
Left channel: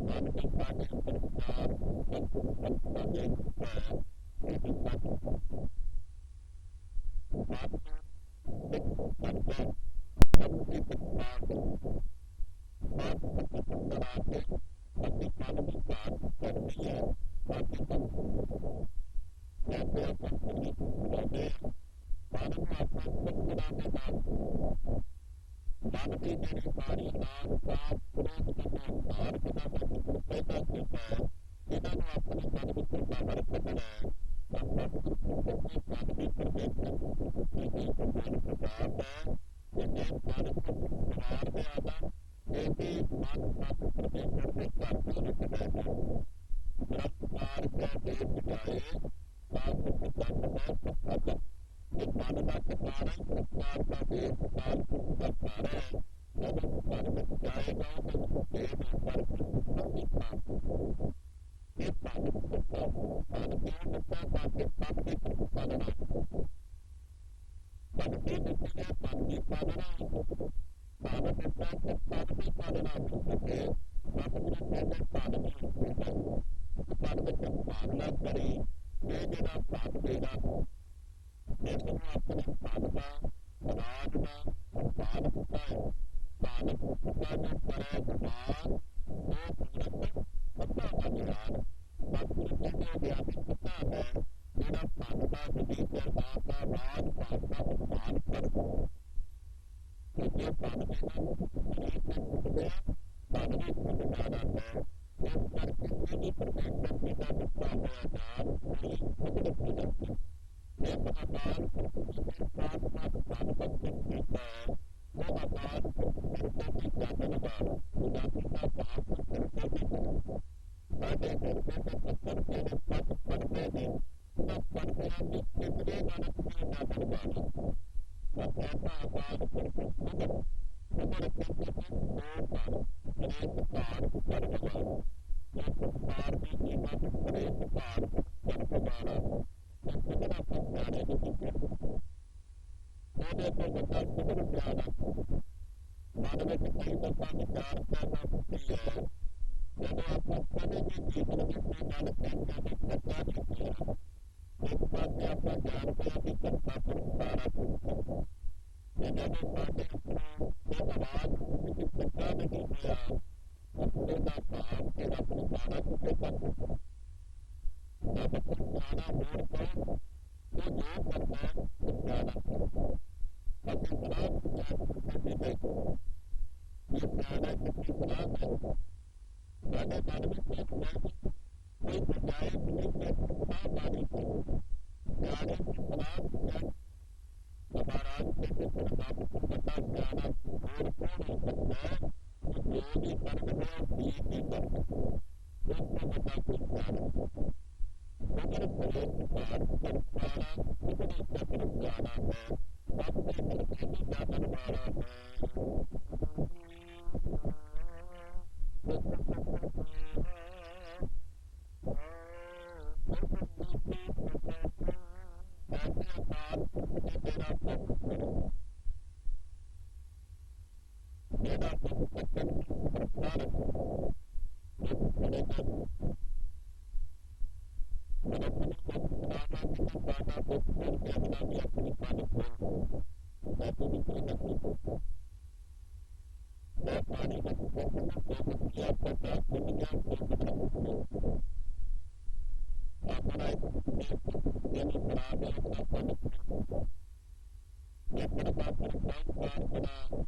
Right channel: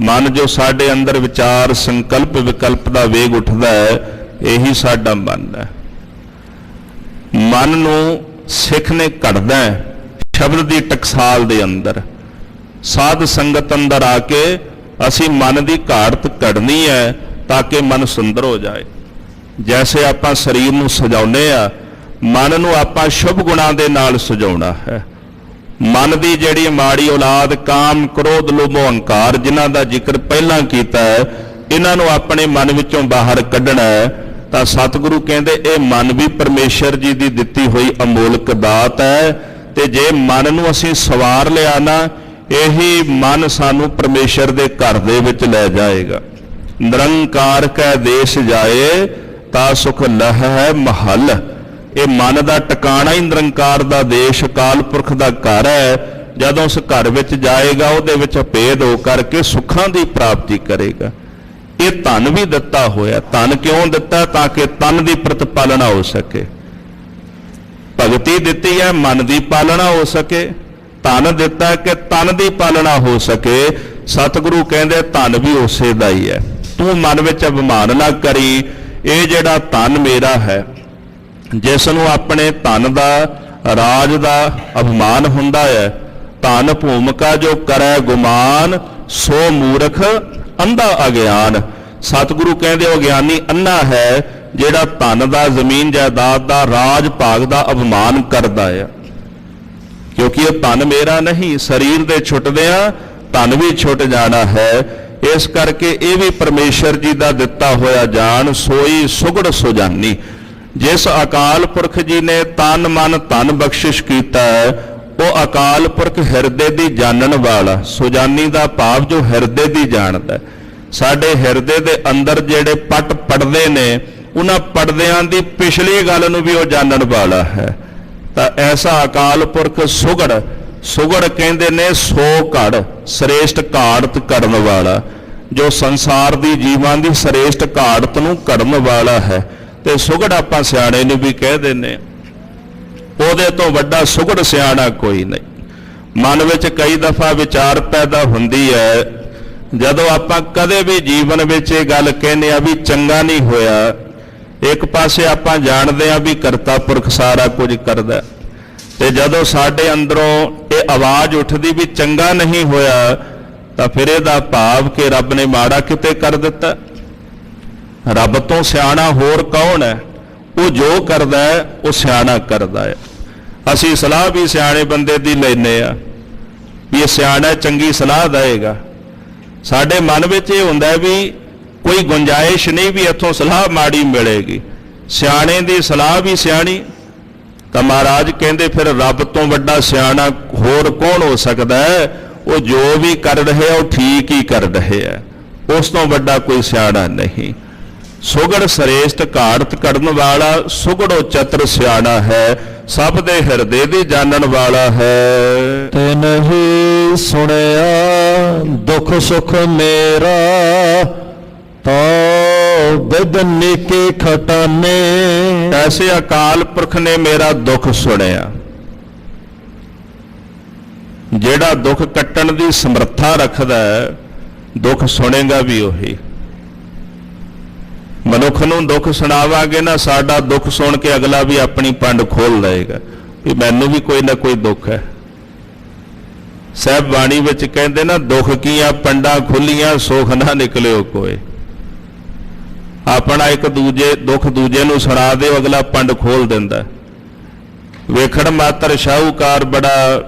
ਮਨ ਜੋ ਸਾਡੇ ਅੰਦਰ ਵਿਚਾਰ ਸੰਕਲਪ ਵਿਕਲਪ ਦਾ ਵੇਗ ਉੱਠਦਾ ਹੈ, ਇਹੀ ਸਾਡਾ ਮਨ ਹੈ। ਮਨ ਨੂੰ ਸਿੱਖ ਨੇ ਘੜਦਾ ਸ਼ਬਦ ਦੀ ਟਕਸਾਲ ਦੇ ਅੰਦਰ। ਸਾਧ ਸੰਗਤ ਅੰਦਰ ਆ ਕੇ ਅਸੀਂ ਮਨ ਦੀ ਘਾੜਤ ਕੱਢਣੀ ਹੈ ਤਾਂ ਕਿ ਮਨ ਸੁੰਦਰ ਹੋ ਜਾਏ। ਜੈਸੇ ਆਪਾਂ ਸਰੀਰ ਨੂੰ ਸਜਾਉਂਦੇ ਆ, ਮਨ ਨੂੰ ਆਪਾਂ ਸ਼ੁਭ ਗੁਣਾਂ ਦੇ ਨਾਲ ਸਜਾਉਣਾ ਹੈ। ਮਨ ਦੀ ਜਿਹੜੀ ਮਾੜੀ ਔਲਾਦ ਕਾਮ, ਕ੍ਰੋਧ, ਲੋਭ, ਹੰਕਾਰ ਜਿਨ੍ਹਾਂ ਦਾ ਜ਼ਿਕਰ ਪਹਿਲਾਂ ਕੀਤਾ ਹੈ, ਇਹਨਾਂ ਨੂੰ ਆਪਣੇ ਮਨ ਵਿੱਚੋਂ ਬਾਹਰ ਕੱਢਣਾ ਹੈ। ਤਾਂ ਸਤਿਗੁਰੂ ਕਹਿੰਦੇ ਇਹ ਮਨ ਵੀ ਪਰਮੇਸ਼ਰ ਜੀ ਦੀ ਦਿੱਤੀ ਹੋਈ ਅਮੋਲਕ ਦਾਤ ਹੈ, ਤੇ ਜੇ ਮਨ ਨੂੰ ਅਸੀਂ ਸਵਾਰ ਲਿਆ ਨਾ, ਇਹੀ ਮਨ ਸਾਨੂੰ ਪਰਮੇਸ਼ਰ ਦੇ ਘਰ ਦੇ ਵਿੱਚ ਲੈ ਜਾਏਗਾ। ਨਿਰੰਕਾਰ ਕੈ ਦੇਸ਼ ਜਾਏ ਤਾਂ ਸੁਖ ਲਹ ਹੈ ਮਹਲ। ਇਹ ਮਨ ਦਾ ਟਿਕਾਣਾ ਹੀ ਨਿਰੰਕਾਰ ਦਾ ਦੇਸ਼, ਅਕਾਲ ਪੁਰਖ ਦਾ ਘਰ ਹੈ। ਜਦੋਂ ਉਸ ਘਰ ਵਿੱਚ ਜਾਏਗਾ, ਉਹਦੇ ਵਿੱਚ ਭੇਦ ਹੋ ਕਰਕੇ ਸੁੱਖਾਂ ਦੀ ਪ੍ਰਾਪਤੀ ਕਰੇਗਾ। ਇਹ ਧਨ ਵੀ ਦਿੱਤਾ ਹੋਇਆ। ਧਨ ਕਿਉਂ ਦਿੱਤਾ? ਤਾਂ ਕਿ ਤਨ ਦੀ ਪ੍ਰਤਪਾਲਣਾ ਹੋ ਸਕੇ। ਭਗਤੀ ਦਿੱਤੀ ਹੈ ਮਨ ਦੀ ਪਾਲਣਾ ਹੋ ਸਕੇ। ਧਨ ਦਿੱਤਾ ਕਿ ਤਨ ਦੀ ਪਾਲਣਾ ਹੋ ਸਕੇ। ਸਤਿਗੁਰੂ ਕਹਿੰਦੇ ਧਨ ਵੀ ਉਸੇ ਦਾ ਹੀ ਹੈ। ਤੂੰ ਮਨ ਵਿੱਚ ਅਭਿਮਾਨ ਨਾ ਕਰੀ, ਇਹ ਜਿਹੜਾ ਧਨ ਮੇਰਾ ਹੈ, ਜਿਸ ਨੂੰ ਆਪਣੇ ਧਨ ਦਾ, ਰਾਜ ਦਾ ਅਭਿਮਾਨ ਹੁੰਦਾ ਹੈ। ਧਨ ਭੂਮਿਕਾ ਜੋ ਕਰੈ ਗੁਮਾਨ, ਸੋ ਮੂਰਖ ਅੰਧਾ ਅਗਿਆਨ। ਸਤਿਗੁਰੂ ਕਹਿੰਦੇ ਉਹ ਗਿਆਨੀ ਅੰਨਾ ਹੈ ਜਿਹੜਾ ਧਨ ਦਾ, ਜ਼ਮੀਨ ਜਾਇਦਾਦ ਦਾ, ਰਾਜ ਭਾਗ ਦਾ ਅਭਿਮਾਨ ਕਰਦਾ ਹੈ। ਕਿਉਂਕਿ ਇਹ ਧਨ ਮੇਰਾ ਨਹੀਂ, ਸਰੀਰ ਦੇ ਛੁੱਟਦਿਆਂ ਧਨ ਵੀ ਛੁੱਟ ਜਾਣਾ ਹੈ। ਇਸ ਕਰਕੇ ਇਹ ਵੀ ਪਰਮੇਸ਼ਰ ਜੀ ਦਾ ਦਿੱਤਾ ਹੋਇਆ ਜਾਣ, ਸੋਈ ਸੁਗੜ ਸੁਜਾਨੀ। ਜਿਸ ਅਕਾਲ ਪੁਰਖ ਜੀ ਨੇ ਤਨ ਮਨ ਧਨ ਬਖਸ਼ਿਸ਼ ਕੀਤਾ ਹੈ, ਉਹ ਅਕਾਲ ਪੁਰਖ ਹਿਰਦੇ ਦੀ ਜਾਣਨ ਵਾਲਾ। ਸੁਜਾਨੀ ਦਾ ਭਾਵ ਜੋ ਹਿਰਦੇ ਦੀ ਜਾਣਦਾ। ਸਾਡੇ ਹਿਰਦੇ ਦੇ ਅੰਦਰ ਜਿਹੜੇ ਪਟ ਪੜਦੇ ਨੇ, ਉਹਨਾਂ ਪੜਦਿਆਂ ਦੀ ਪਿਛਲੀ ਗੱਲ ਨੂੰ ਵੀ ਉਹ ਜਾਣਨ ਵਾਲਾ ਹੈ। ਤਾਂ ਐਸਾ ਅਕਾਲ ਪੁਰਖ ਸੁਗੜ, ਸੁਗੜ ਕਹਿੰਦੇ ਨੇ ਸੋ ਘੜ, ਸ੍ਰੇਸ਼ਟ ਘਾੜਤ ਕਰਨ ਵਾਲਾ, ਜੋ ਸੰਸਾਰ ਦੀ ਜੀਵਾਂ ਦੀ ਸ੍ਰੇਸ਼ਟ ਘਾੜਤ ਨੂੰ ਕੱਢਣ ਵਾਲਾ ਹੈ। ਤੇ ਸੁਗੜ ਆਪਾਂ ਸਿਆਣੇ ਨੂੰ ਵੀ ਕਹਿ ਦਿੰਦੇ, ਉਹਦੇ ਤੋਂ ਵੱਡਾ ਸੁਗੜ ਸਿਆਣਾ ਕੋਈ ਨਹੀਂ। ਮਨ ਵਿੱਚ ਕਈ ਦਫਾ ਵਿਚਾਰ ਪੈਦਾ ਹੁੰਦੀ ਹੈ, ਜਦੋਂ ਆਪਾਂ ਕਦੇ ਵੀ ਜੀਵਨ ਵਿੱਚ ਇਹ ਗੱਲ ਕਹਿੰਦੇ ਆ ਵੀ ਚੰਗਾ ਨਹੀਂ ਹੋਇਆ। ਇੱਕ ਪਾਸੇ ਆਪਾਂ ਜਾਣਦੇ ਆ ਵੀ ਕਰਤਾ ਪੁਰਖ ਸਾਰਾ ਕੁਝ ਕਰਦਾ, ਤੇ ਜਦੋਂ ਸਾਡੇ ਅੰਦਰੋਂ ਇਹ ਆਵਾਜ਼ ਉੱਠਦੀ ਵੀ ਚੰਗਾ ਨਹੀਂ ਹੋਇਆ, ਤਾਂ ਫਿਰ ਇਹਦਾ ਭਾਵ ਕਿ ਰੱਬ ਨੇ ਮਾੜਾ ਕਿਤੇ ਕਰ ਦਿੱਤਾ। ਰੱਬ ਤੋਂ ਸਿਆਣਾ ਹੋਰ ਕੌਣ ਹੈ? ਉਹ ਜੋ ਕਰਦਾ ਹੈ ਉਹ ਸਿਆਣਾ ਕਰਦਾ ਹੈ। ਅਸੀਂ ਸਲਾਹ ਵੀ ਸਿਆਣੇ ਬੰਦੇ ਦੀ ਲੈਂਦੇ ਆ ਵੀ ਇਹ ਸਿਆਣਾ ਚੰਗੀ ਸਲਾਹ ਦੇਗਾ। ਸਾਡੇ ਮਨ ਵਿੱਚ ਇਹ ਹੁੰਦਾ ਵੀ ਕੋਈ ਗੁੰਜਾਇਸ਼ ਨਹੀਂ ਵੀ ਇੱਥੋਂ ਸਲਾਹ ਮਾੜੀ ਮਿਲੇਗੀ। ਸਿਆਣੇ ਦੀ ਸਲਾਹ ਵੀ ਸਿਆਣੀ। ਤਾਂ ਮਹਾਰਾਜ ਕਹਿੰਦੇ ਫਿਰ ਰੱਬ ਤੋਂ ਵੱਡਾ ਸਿਆਣਾ ਹੋਰ ਕੌਣ ਹੋ ਸਕਦਾ ਹੈ? ਉਹ ਜੋ ਵੀ ਕਰ ਰਹੇ ਉਹ ਠੀਕ ਹੀ ਕਰ ਰਹੇ ਹੈ, ਉਸ ਤੋਂ ਵੱਡਾ ਕੋਈ ਸਿਆਣਾ ਨਹੀਂ। ਸੁਗੜ ਸ੍ਰੇਸ਼ਟ ਘਾੜਤ ਕੱਢਣ ਵਾਲਾ, ਸੁਗੜੋ ਚਤਰ ਸਿਆਣਾ ਹੈ, ਸਭ ਦੇ ਹਿਰਦੇ ਦੀ ਜਾਣਨ ਵਾਲਾ ਹੈ। ਤੇ ਨਹੀਂ ਸੁਣਿਆ ਦੁੱਖ ਸੁਖ ਮੇਰਾ, ਤਾਂ ਬਿਦਨੀ ਕੇ ਖਟਾਨੇ। ਐਸੇ ਅਕਾਲ ਪੁਰਖ ਨੇ ਮੇਰਾ ਦੁੱਖ ਸੁਣਿਆ। ਜਿਹੜਾ ਦੁੱਖ ਕੱਟਣ ਦੀ ਸਮਰੱਥਾ ਰੱਖਦਾ ਹੈ, ਦੁੱਖ ਸੁਣੇਗਾ ਵੀ ਉਹੀ। ਮਨੁੱਖ ਨੂੰ ਦੁੱਖ ਸੁਣਾਵਾਂਗੇ ਨਾ, ਸਾਡਾ ਦੁੱਖ ਸੁਣ ਕੇ ਅਗਲਾ ਵੀ ਆਪਣੀ ਪੰਡ ਖੋਲ ਲਏਗਾ ਵੀ ਮੈਨੂੰ ਵੀ ਕੋਈ ਨਾ ਕੋਈ ਦੁੱਖ ਹੈ। ਸਾਹਿਬ ਬਾਣੀ ਵਿੱਚ ਕਹਿੰਦੇ ਨਾ, ਦੁੱਖ ਕੀਆਂ ਪੰਡਾਂ ਖੁੱਲੀਆਂ, ਸੁਖ ਨਾ ਨਿਕਲਿਓ ਕੋਏ। ਆਪਣਾ ਇੱਕ ਦੂਜੇ ਦੁੱਖ ਦੂਜੇ ਨੂੰ ਸੁਣਾ ਦਿਓ, ਅਗਲਾ ਪੰਡ ਖੋਲ ਦਿੰਦਾ। ਵੇਖਣ ਮਾਤਰ ਸ਼ਾਹੂਕਾਰ ਬੜਾ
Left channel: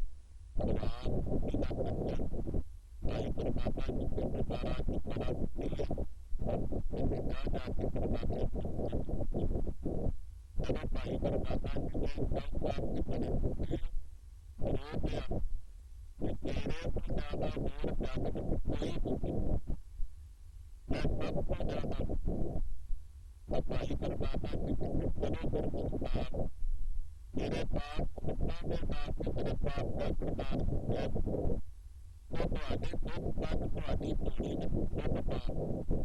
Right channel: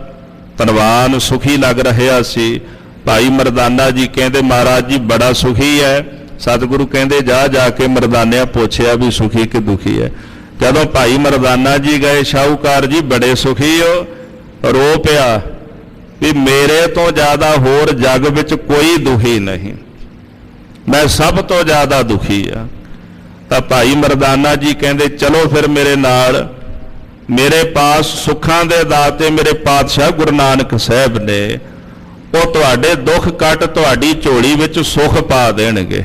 ਧਨਵਾਨ ਸੁਖੀ ਲੱਗ ਰਿਹਾ ਸੀ। ਭਾਈ ਮਰਦਾਨਾ ਜੀ ਕਹਿੰਦੇ ਮਹਾਰਾਜ ਜੀ ਬੜਾ ਸੁਖੀ ਹੈ। ਸਤਿਗੁਰੂ ਕਹਿੰਦੇ ਜਾ ਜਾ ਕੇ ਮਰਦਾਨਿਆਂ ਪੁੱਛਿਆ ਵੀ ਸੁਖੀ ਕਿ ਦੁਖੀ ਹੈ। ਜਦੋਂ ਭਾਈ ਮਰਦਾਨਾ ਜੀ ਗਏ, ਸ਼ਾਹੂਕਾਰ ਜੀ ਬੜੇ ਸੁਖੀ ਹੋ, ਰੋ ਪਿਆ ਵੀ ਮੇਰੇ ਤੋਂ ਜ਼ਿਆਦਾ ਹੋਰ ਜੱਗ ਵਿੱਚ ਕੋਈ ਦੁਖੀ ਨਹੀਂ, ਮੈਂ ਸਭ ਤੋਂ ਜ਼ਿਆਦਾ ਦੁਖੀ ਆ। ਤਾਂ ਭਾਈ ਮਰਦਾਨਾ ਜੀ ਕਹਿੰਦੇ ਚਲੋ ਫਿਰ ਮੇਰੇ ਨਾਲ, ਮੇਰੇ ਪਾਸ ਸੁੱਖਾਂ ਦੇ ਦਾਤੇ ਮੇਰੇ ਪਾਤਸ਼ਾਹ ਗੁਰੂ ਨਾਨਕ ਸਾਹਿਬ ਨੇ, ਉਹ ਤੁਹਾਡੇ ਦੁੱਖ ਕੱਟ ਤੁਹਾਡੀ ਝੋਲੀ ਵਿੱਚ ਸੁੱਖ ਪਾ ਦੇਣਗੇ।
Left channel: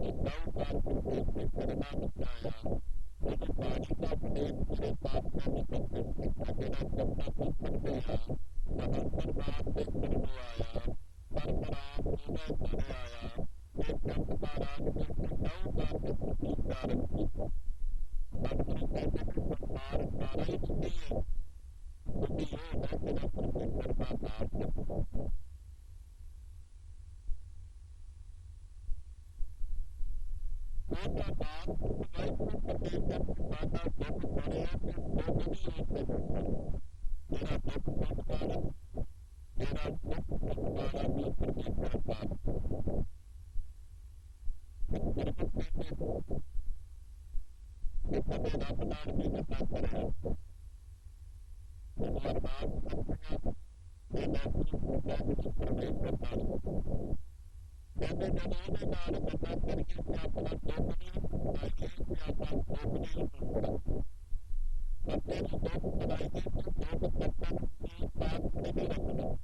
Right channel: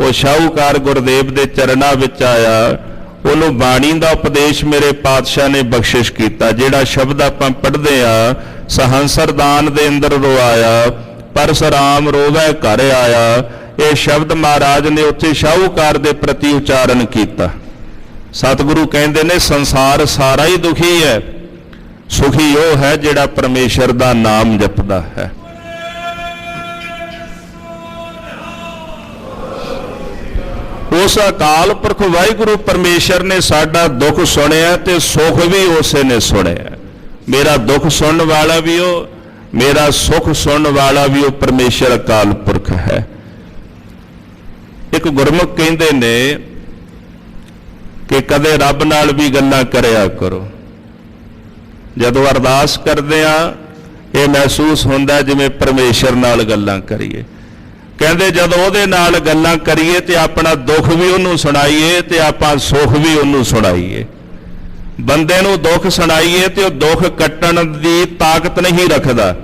ਉਹ ਸ਼ਾਹੂਕਾਰ ਗੁਰਦੇਵ ਦੇ ਚਰਨਾਂ ਵਿੱਚ ਆਇਆ, ਉਹਨੂੰ ਬਾਣੀ ਦਾ ਉਪਦੇਸ਼ ਮੇਰੇ ਪਾਤਸ਼ਾਹ ਨੇ ਬਖਸ਼ਿਸ਼ ਕੀਤਾ। ਜਿਹੜਾ ਸ਼ਬਦ ਆਪਾਂ ਪੜ੍ਹਦੇ ਆ, ਸਹੰਸਰਦਾਨ ਦੇ ਅੰਦਰ ਰੋਆਇਆ, ਪਰਸਰਾਮ ਰੋਵੈ ਘਰ ਆਇਆ। ਇਹ ਸ਼ਬਦ ਮਹਾਰਾਜ ਨੇ ਉੱਥੇ ਸ਼ਾਹੂਕਾਰ ਦੇ ਪ੍ਰਤੀ ਉਚਾਰਨ ਕੀਤਾ। ਸਤਿਗੁਰੂ ਕਹਿੰਦੇ ਨੇ ਸੰਸਾਰ ਸਾਰਾ ਹੀ ਦੁਖੀ ਹੈ, ਸੁਖੀ ਉਹ ਹੈ ਜਿਹੜਾ ਪਰਮੇਸ਼ਰ ਦਾ ਨਾਮ ਜਪਦਾ ਹੈ। ਉਸ ਅਕਾਲ ਪੁਰਖ ਵਾਹਿਗੁਰੂ ਪਰਮੇਸ਼ਰ ਨੇ ਸਾਡਾ ਦੁੱਖ ਸੁਣਿਆ ਤੇ ਸੁਖ ਵੀ ਉਸੇ ਨੇ ਸੁਣਿਆ। ਮੇਰਾ ਦੁੱਖ ਸੁਣਨ ਵਾਲਾ ਵੀ ਉਹ, ਮੇਰਾ ਸੁਖ ਸੁਣਨ ਵਾਲਾ ਵੀ ਉਹ ਪਰਮੇਸ਼ਰ ਅਕਾਲ ਪੁਰਖ ਹੈ। ਇੱਕ ਗੁਰਮੁਖ ਕਹਿੰਦੇ ਨੇ ਕਿ ਕਦੇ ਰੱਬ ਨਾਲ ਵੀ ਗੱਲਾਂ ਕਰਿਆ ਕਰੋ। ਜਦੋਂ ਅਰਦਾਸ ਕਰਦੇ ਆ ਇਹ ਮਹਿਸੂਸ ਹੁੰਦਾ ਜਿਵੇਂ ਪਰਮੇਸ਼ਰ ਨਾਲ ਗੱਲਾਂ ਕਰੀਏ। ਕਹਿੰਦੇ ਜਦੋਂ ਉਹਦੇ ਨਾਲ ਗੱਲਾਂ ਕਰੀਏ ਤੇ ਆਪਣਾ ਦੁੱਖ ਵੀ ਉਹਨੂੰ ਸੁਣਾਈਏ ਤੇ ਆਪਾਂ ਸੁੱਖ ਵੀ ਉਹਨੂੰ ਸੁਣਾਈਏ। ਬੰਦੇ ਨੂੰ ਦੁੱਖ ਸੁਣਾਈਏ ਤੇ ਉਹ ਦੁੱਖ ਕੱਟਣ ਦੀ ਤਾਕਤ ਨਹੀਂ ਰੱਖਦਾ।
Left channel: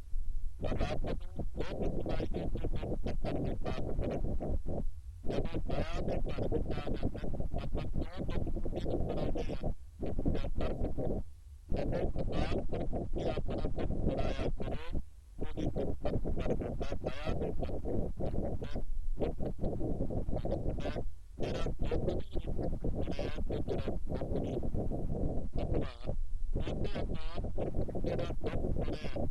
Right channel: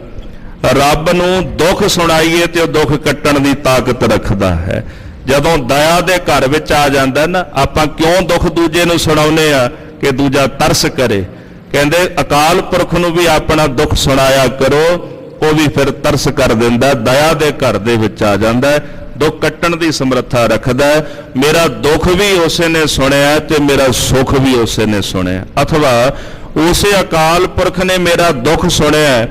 ਰੱਬ ਨੂੰ ਦੁੱਖ ਸੁਣਾਈਏ ਤੇ ਉਹ ਦੁੱਖ ਕੱਟਣ ਦੀ ਤਾਕਤ ਰੱਖਦਾ ਹੈ। ਜਦੋਂ ਦਇਆ ਦੇ ਘਰ ਵਿੱਚ ਆ ਜਾਂਦਾ ਨਾ, ਆਪਾਂ ਕਿਉਂ ਦੁੱਖ ਦੂਜੇ ਨੂੰ ਸੁਣਾਉਂਦੇ ਆ ਕਿ ਦੂਜਾ ਤਰਸ ਕਰੇ। ਕਹਿੰਦੇ ਅਕਾਲ ਪੁਰਖ ਨੂੰ ਵੀ ਆਪਣਾ ਦੁੱਖ ਸੁਣਾਇਆ ਕਰੋ, ਉਹ ਵੀ ਫਿਰ ਤਰਸ ਕਰ ਦਿੰਦਾ, ਦਇਆ ਦੇ ਘਰ ਦੇ ਵਿੱਚ ਆ ਜਾਂਦਾ, ਦੁੱਖ ਕੱਟਣ ਦੀ ਸਮਰੱਥਾ ਰੱਖਦਾ। ਮੇਰਾ ਦੁੱਖ ਵੀ ਉਸੇ ਨੇ ਸੁਣਿਆ ਤੇ ਮੇਰਾ ਸੁੱਖ ਵੀ ਉਸੇ ਨੇ ਸੁਣਿਆ। ਅਥਵਾ ਉਸੇ ਅਕਾਲ ਪੁਰਖ ਨੇ ਮੇਰਾ ਦੁੱਖ ਸੁਣਿਆ,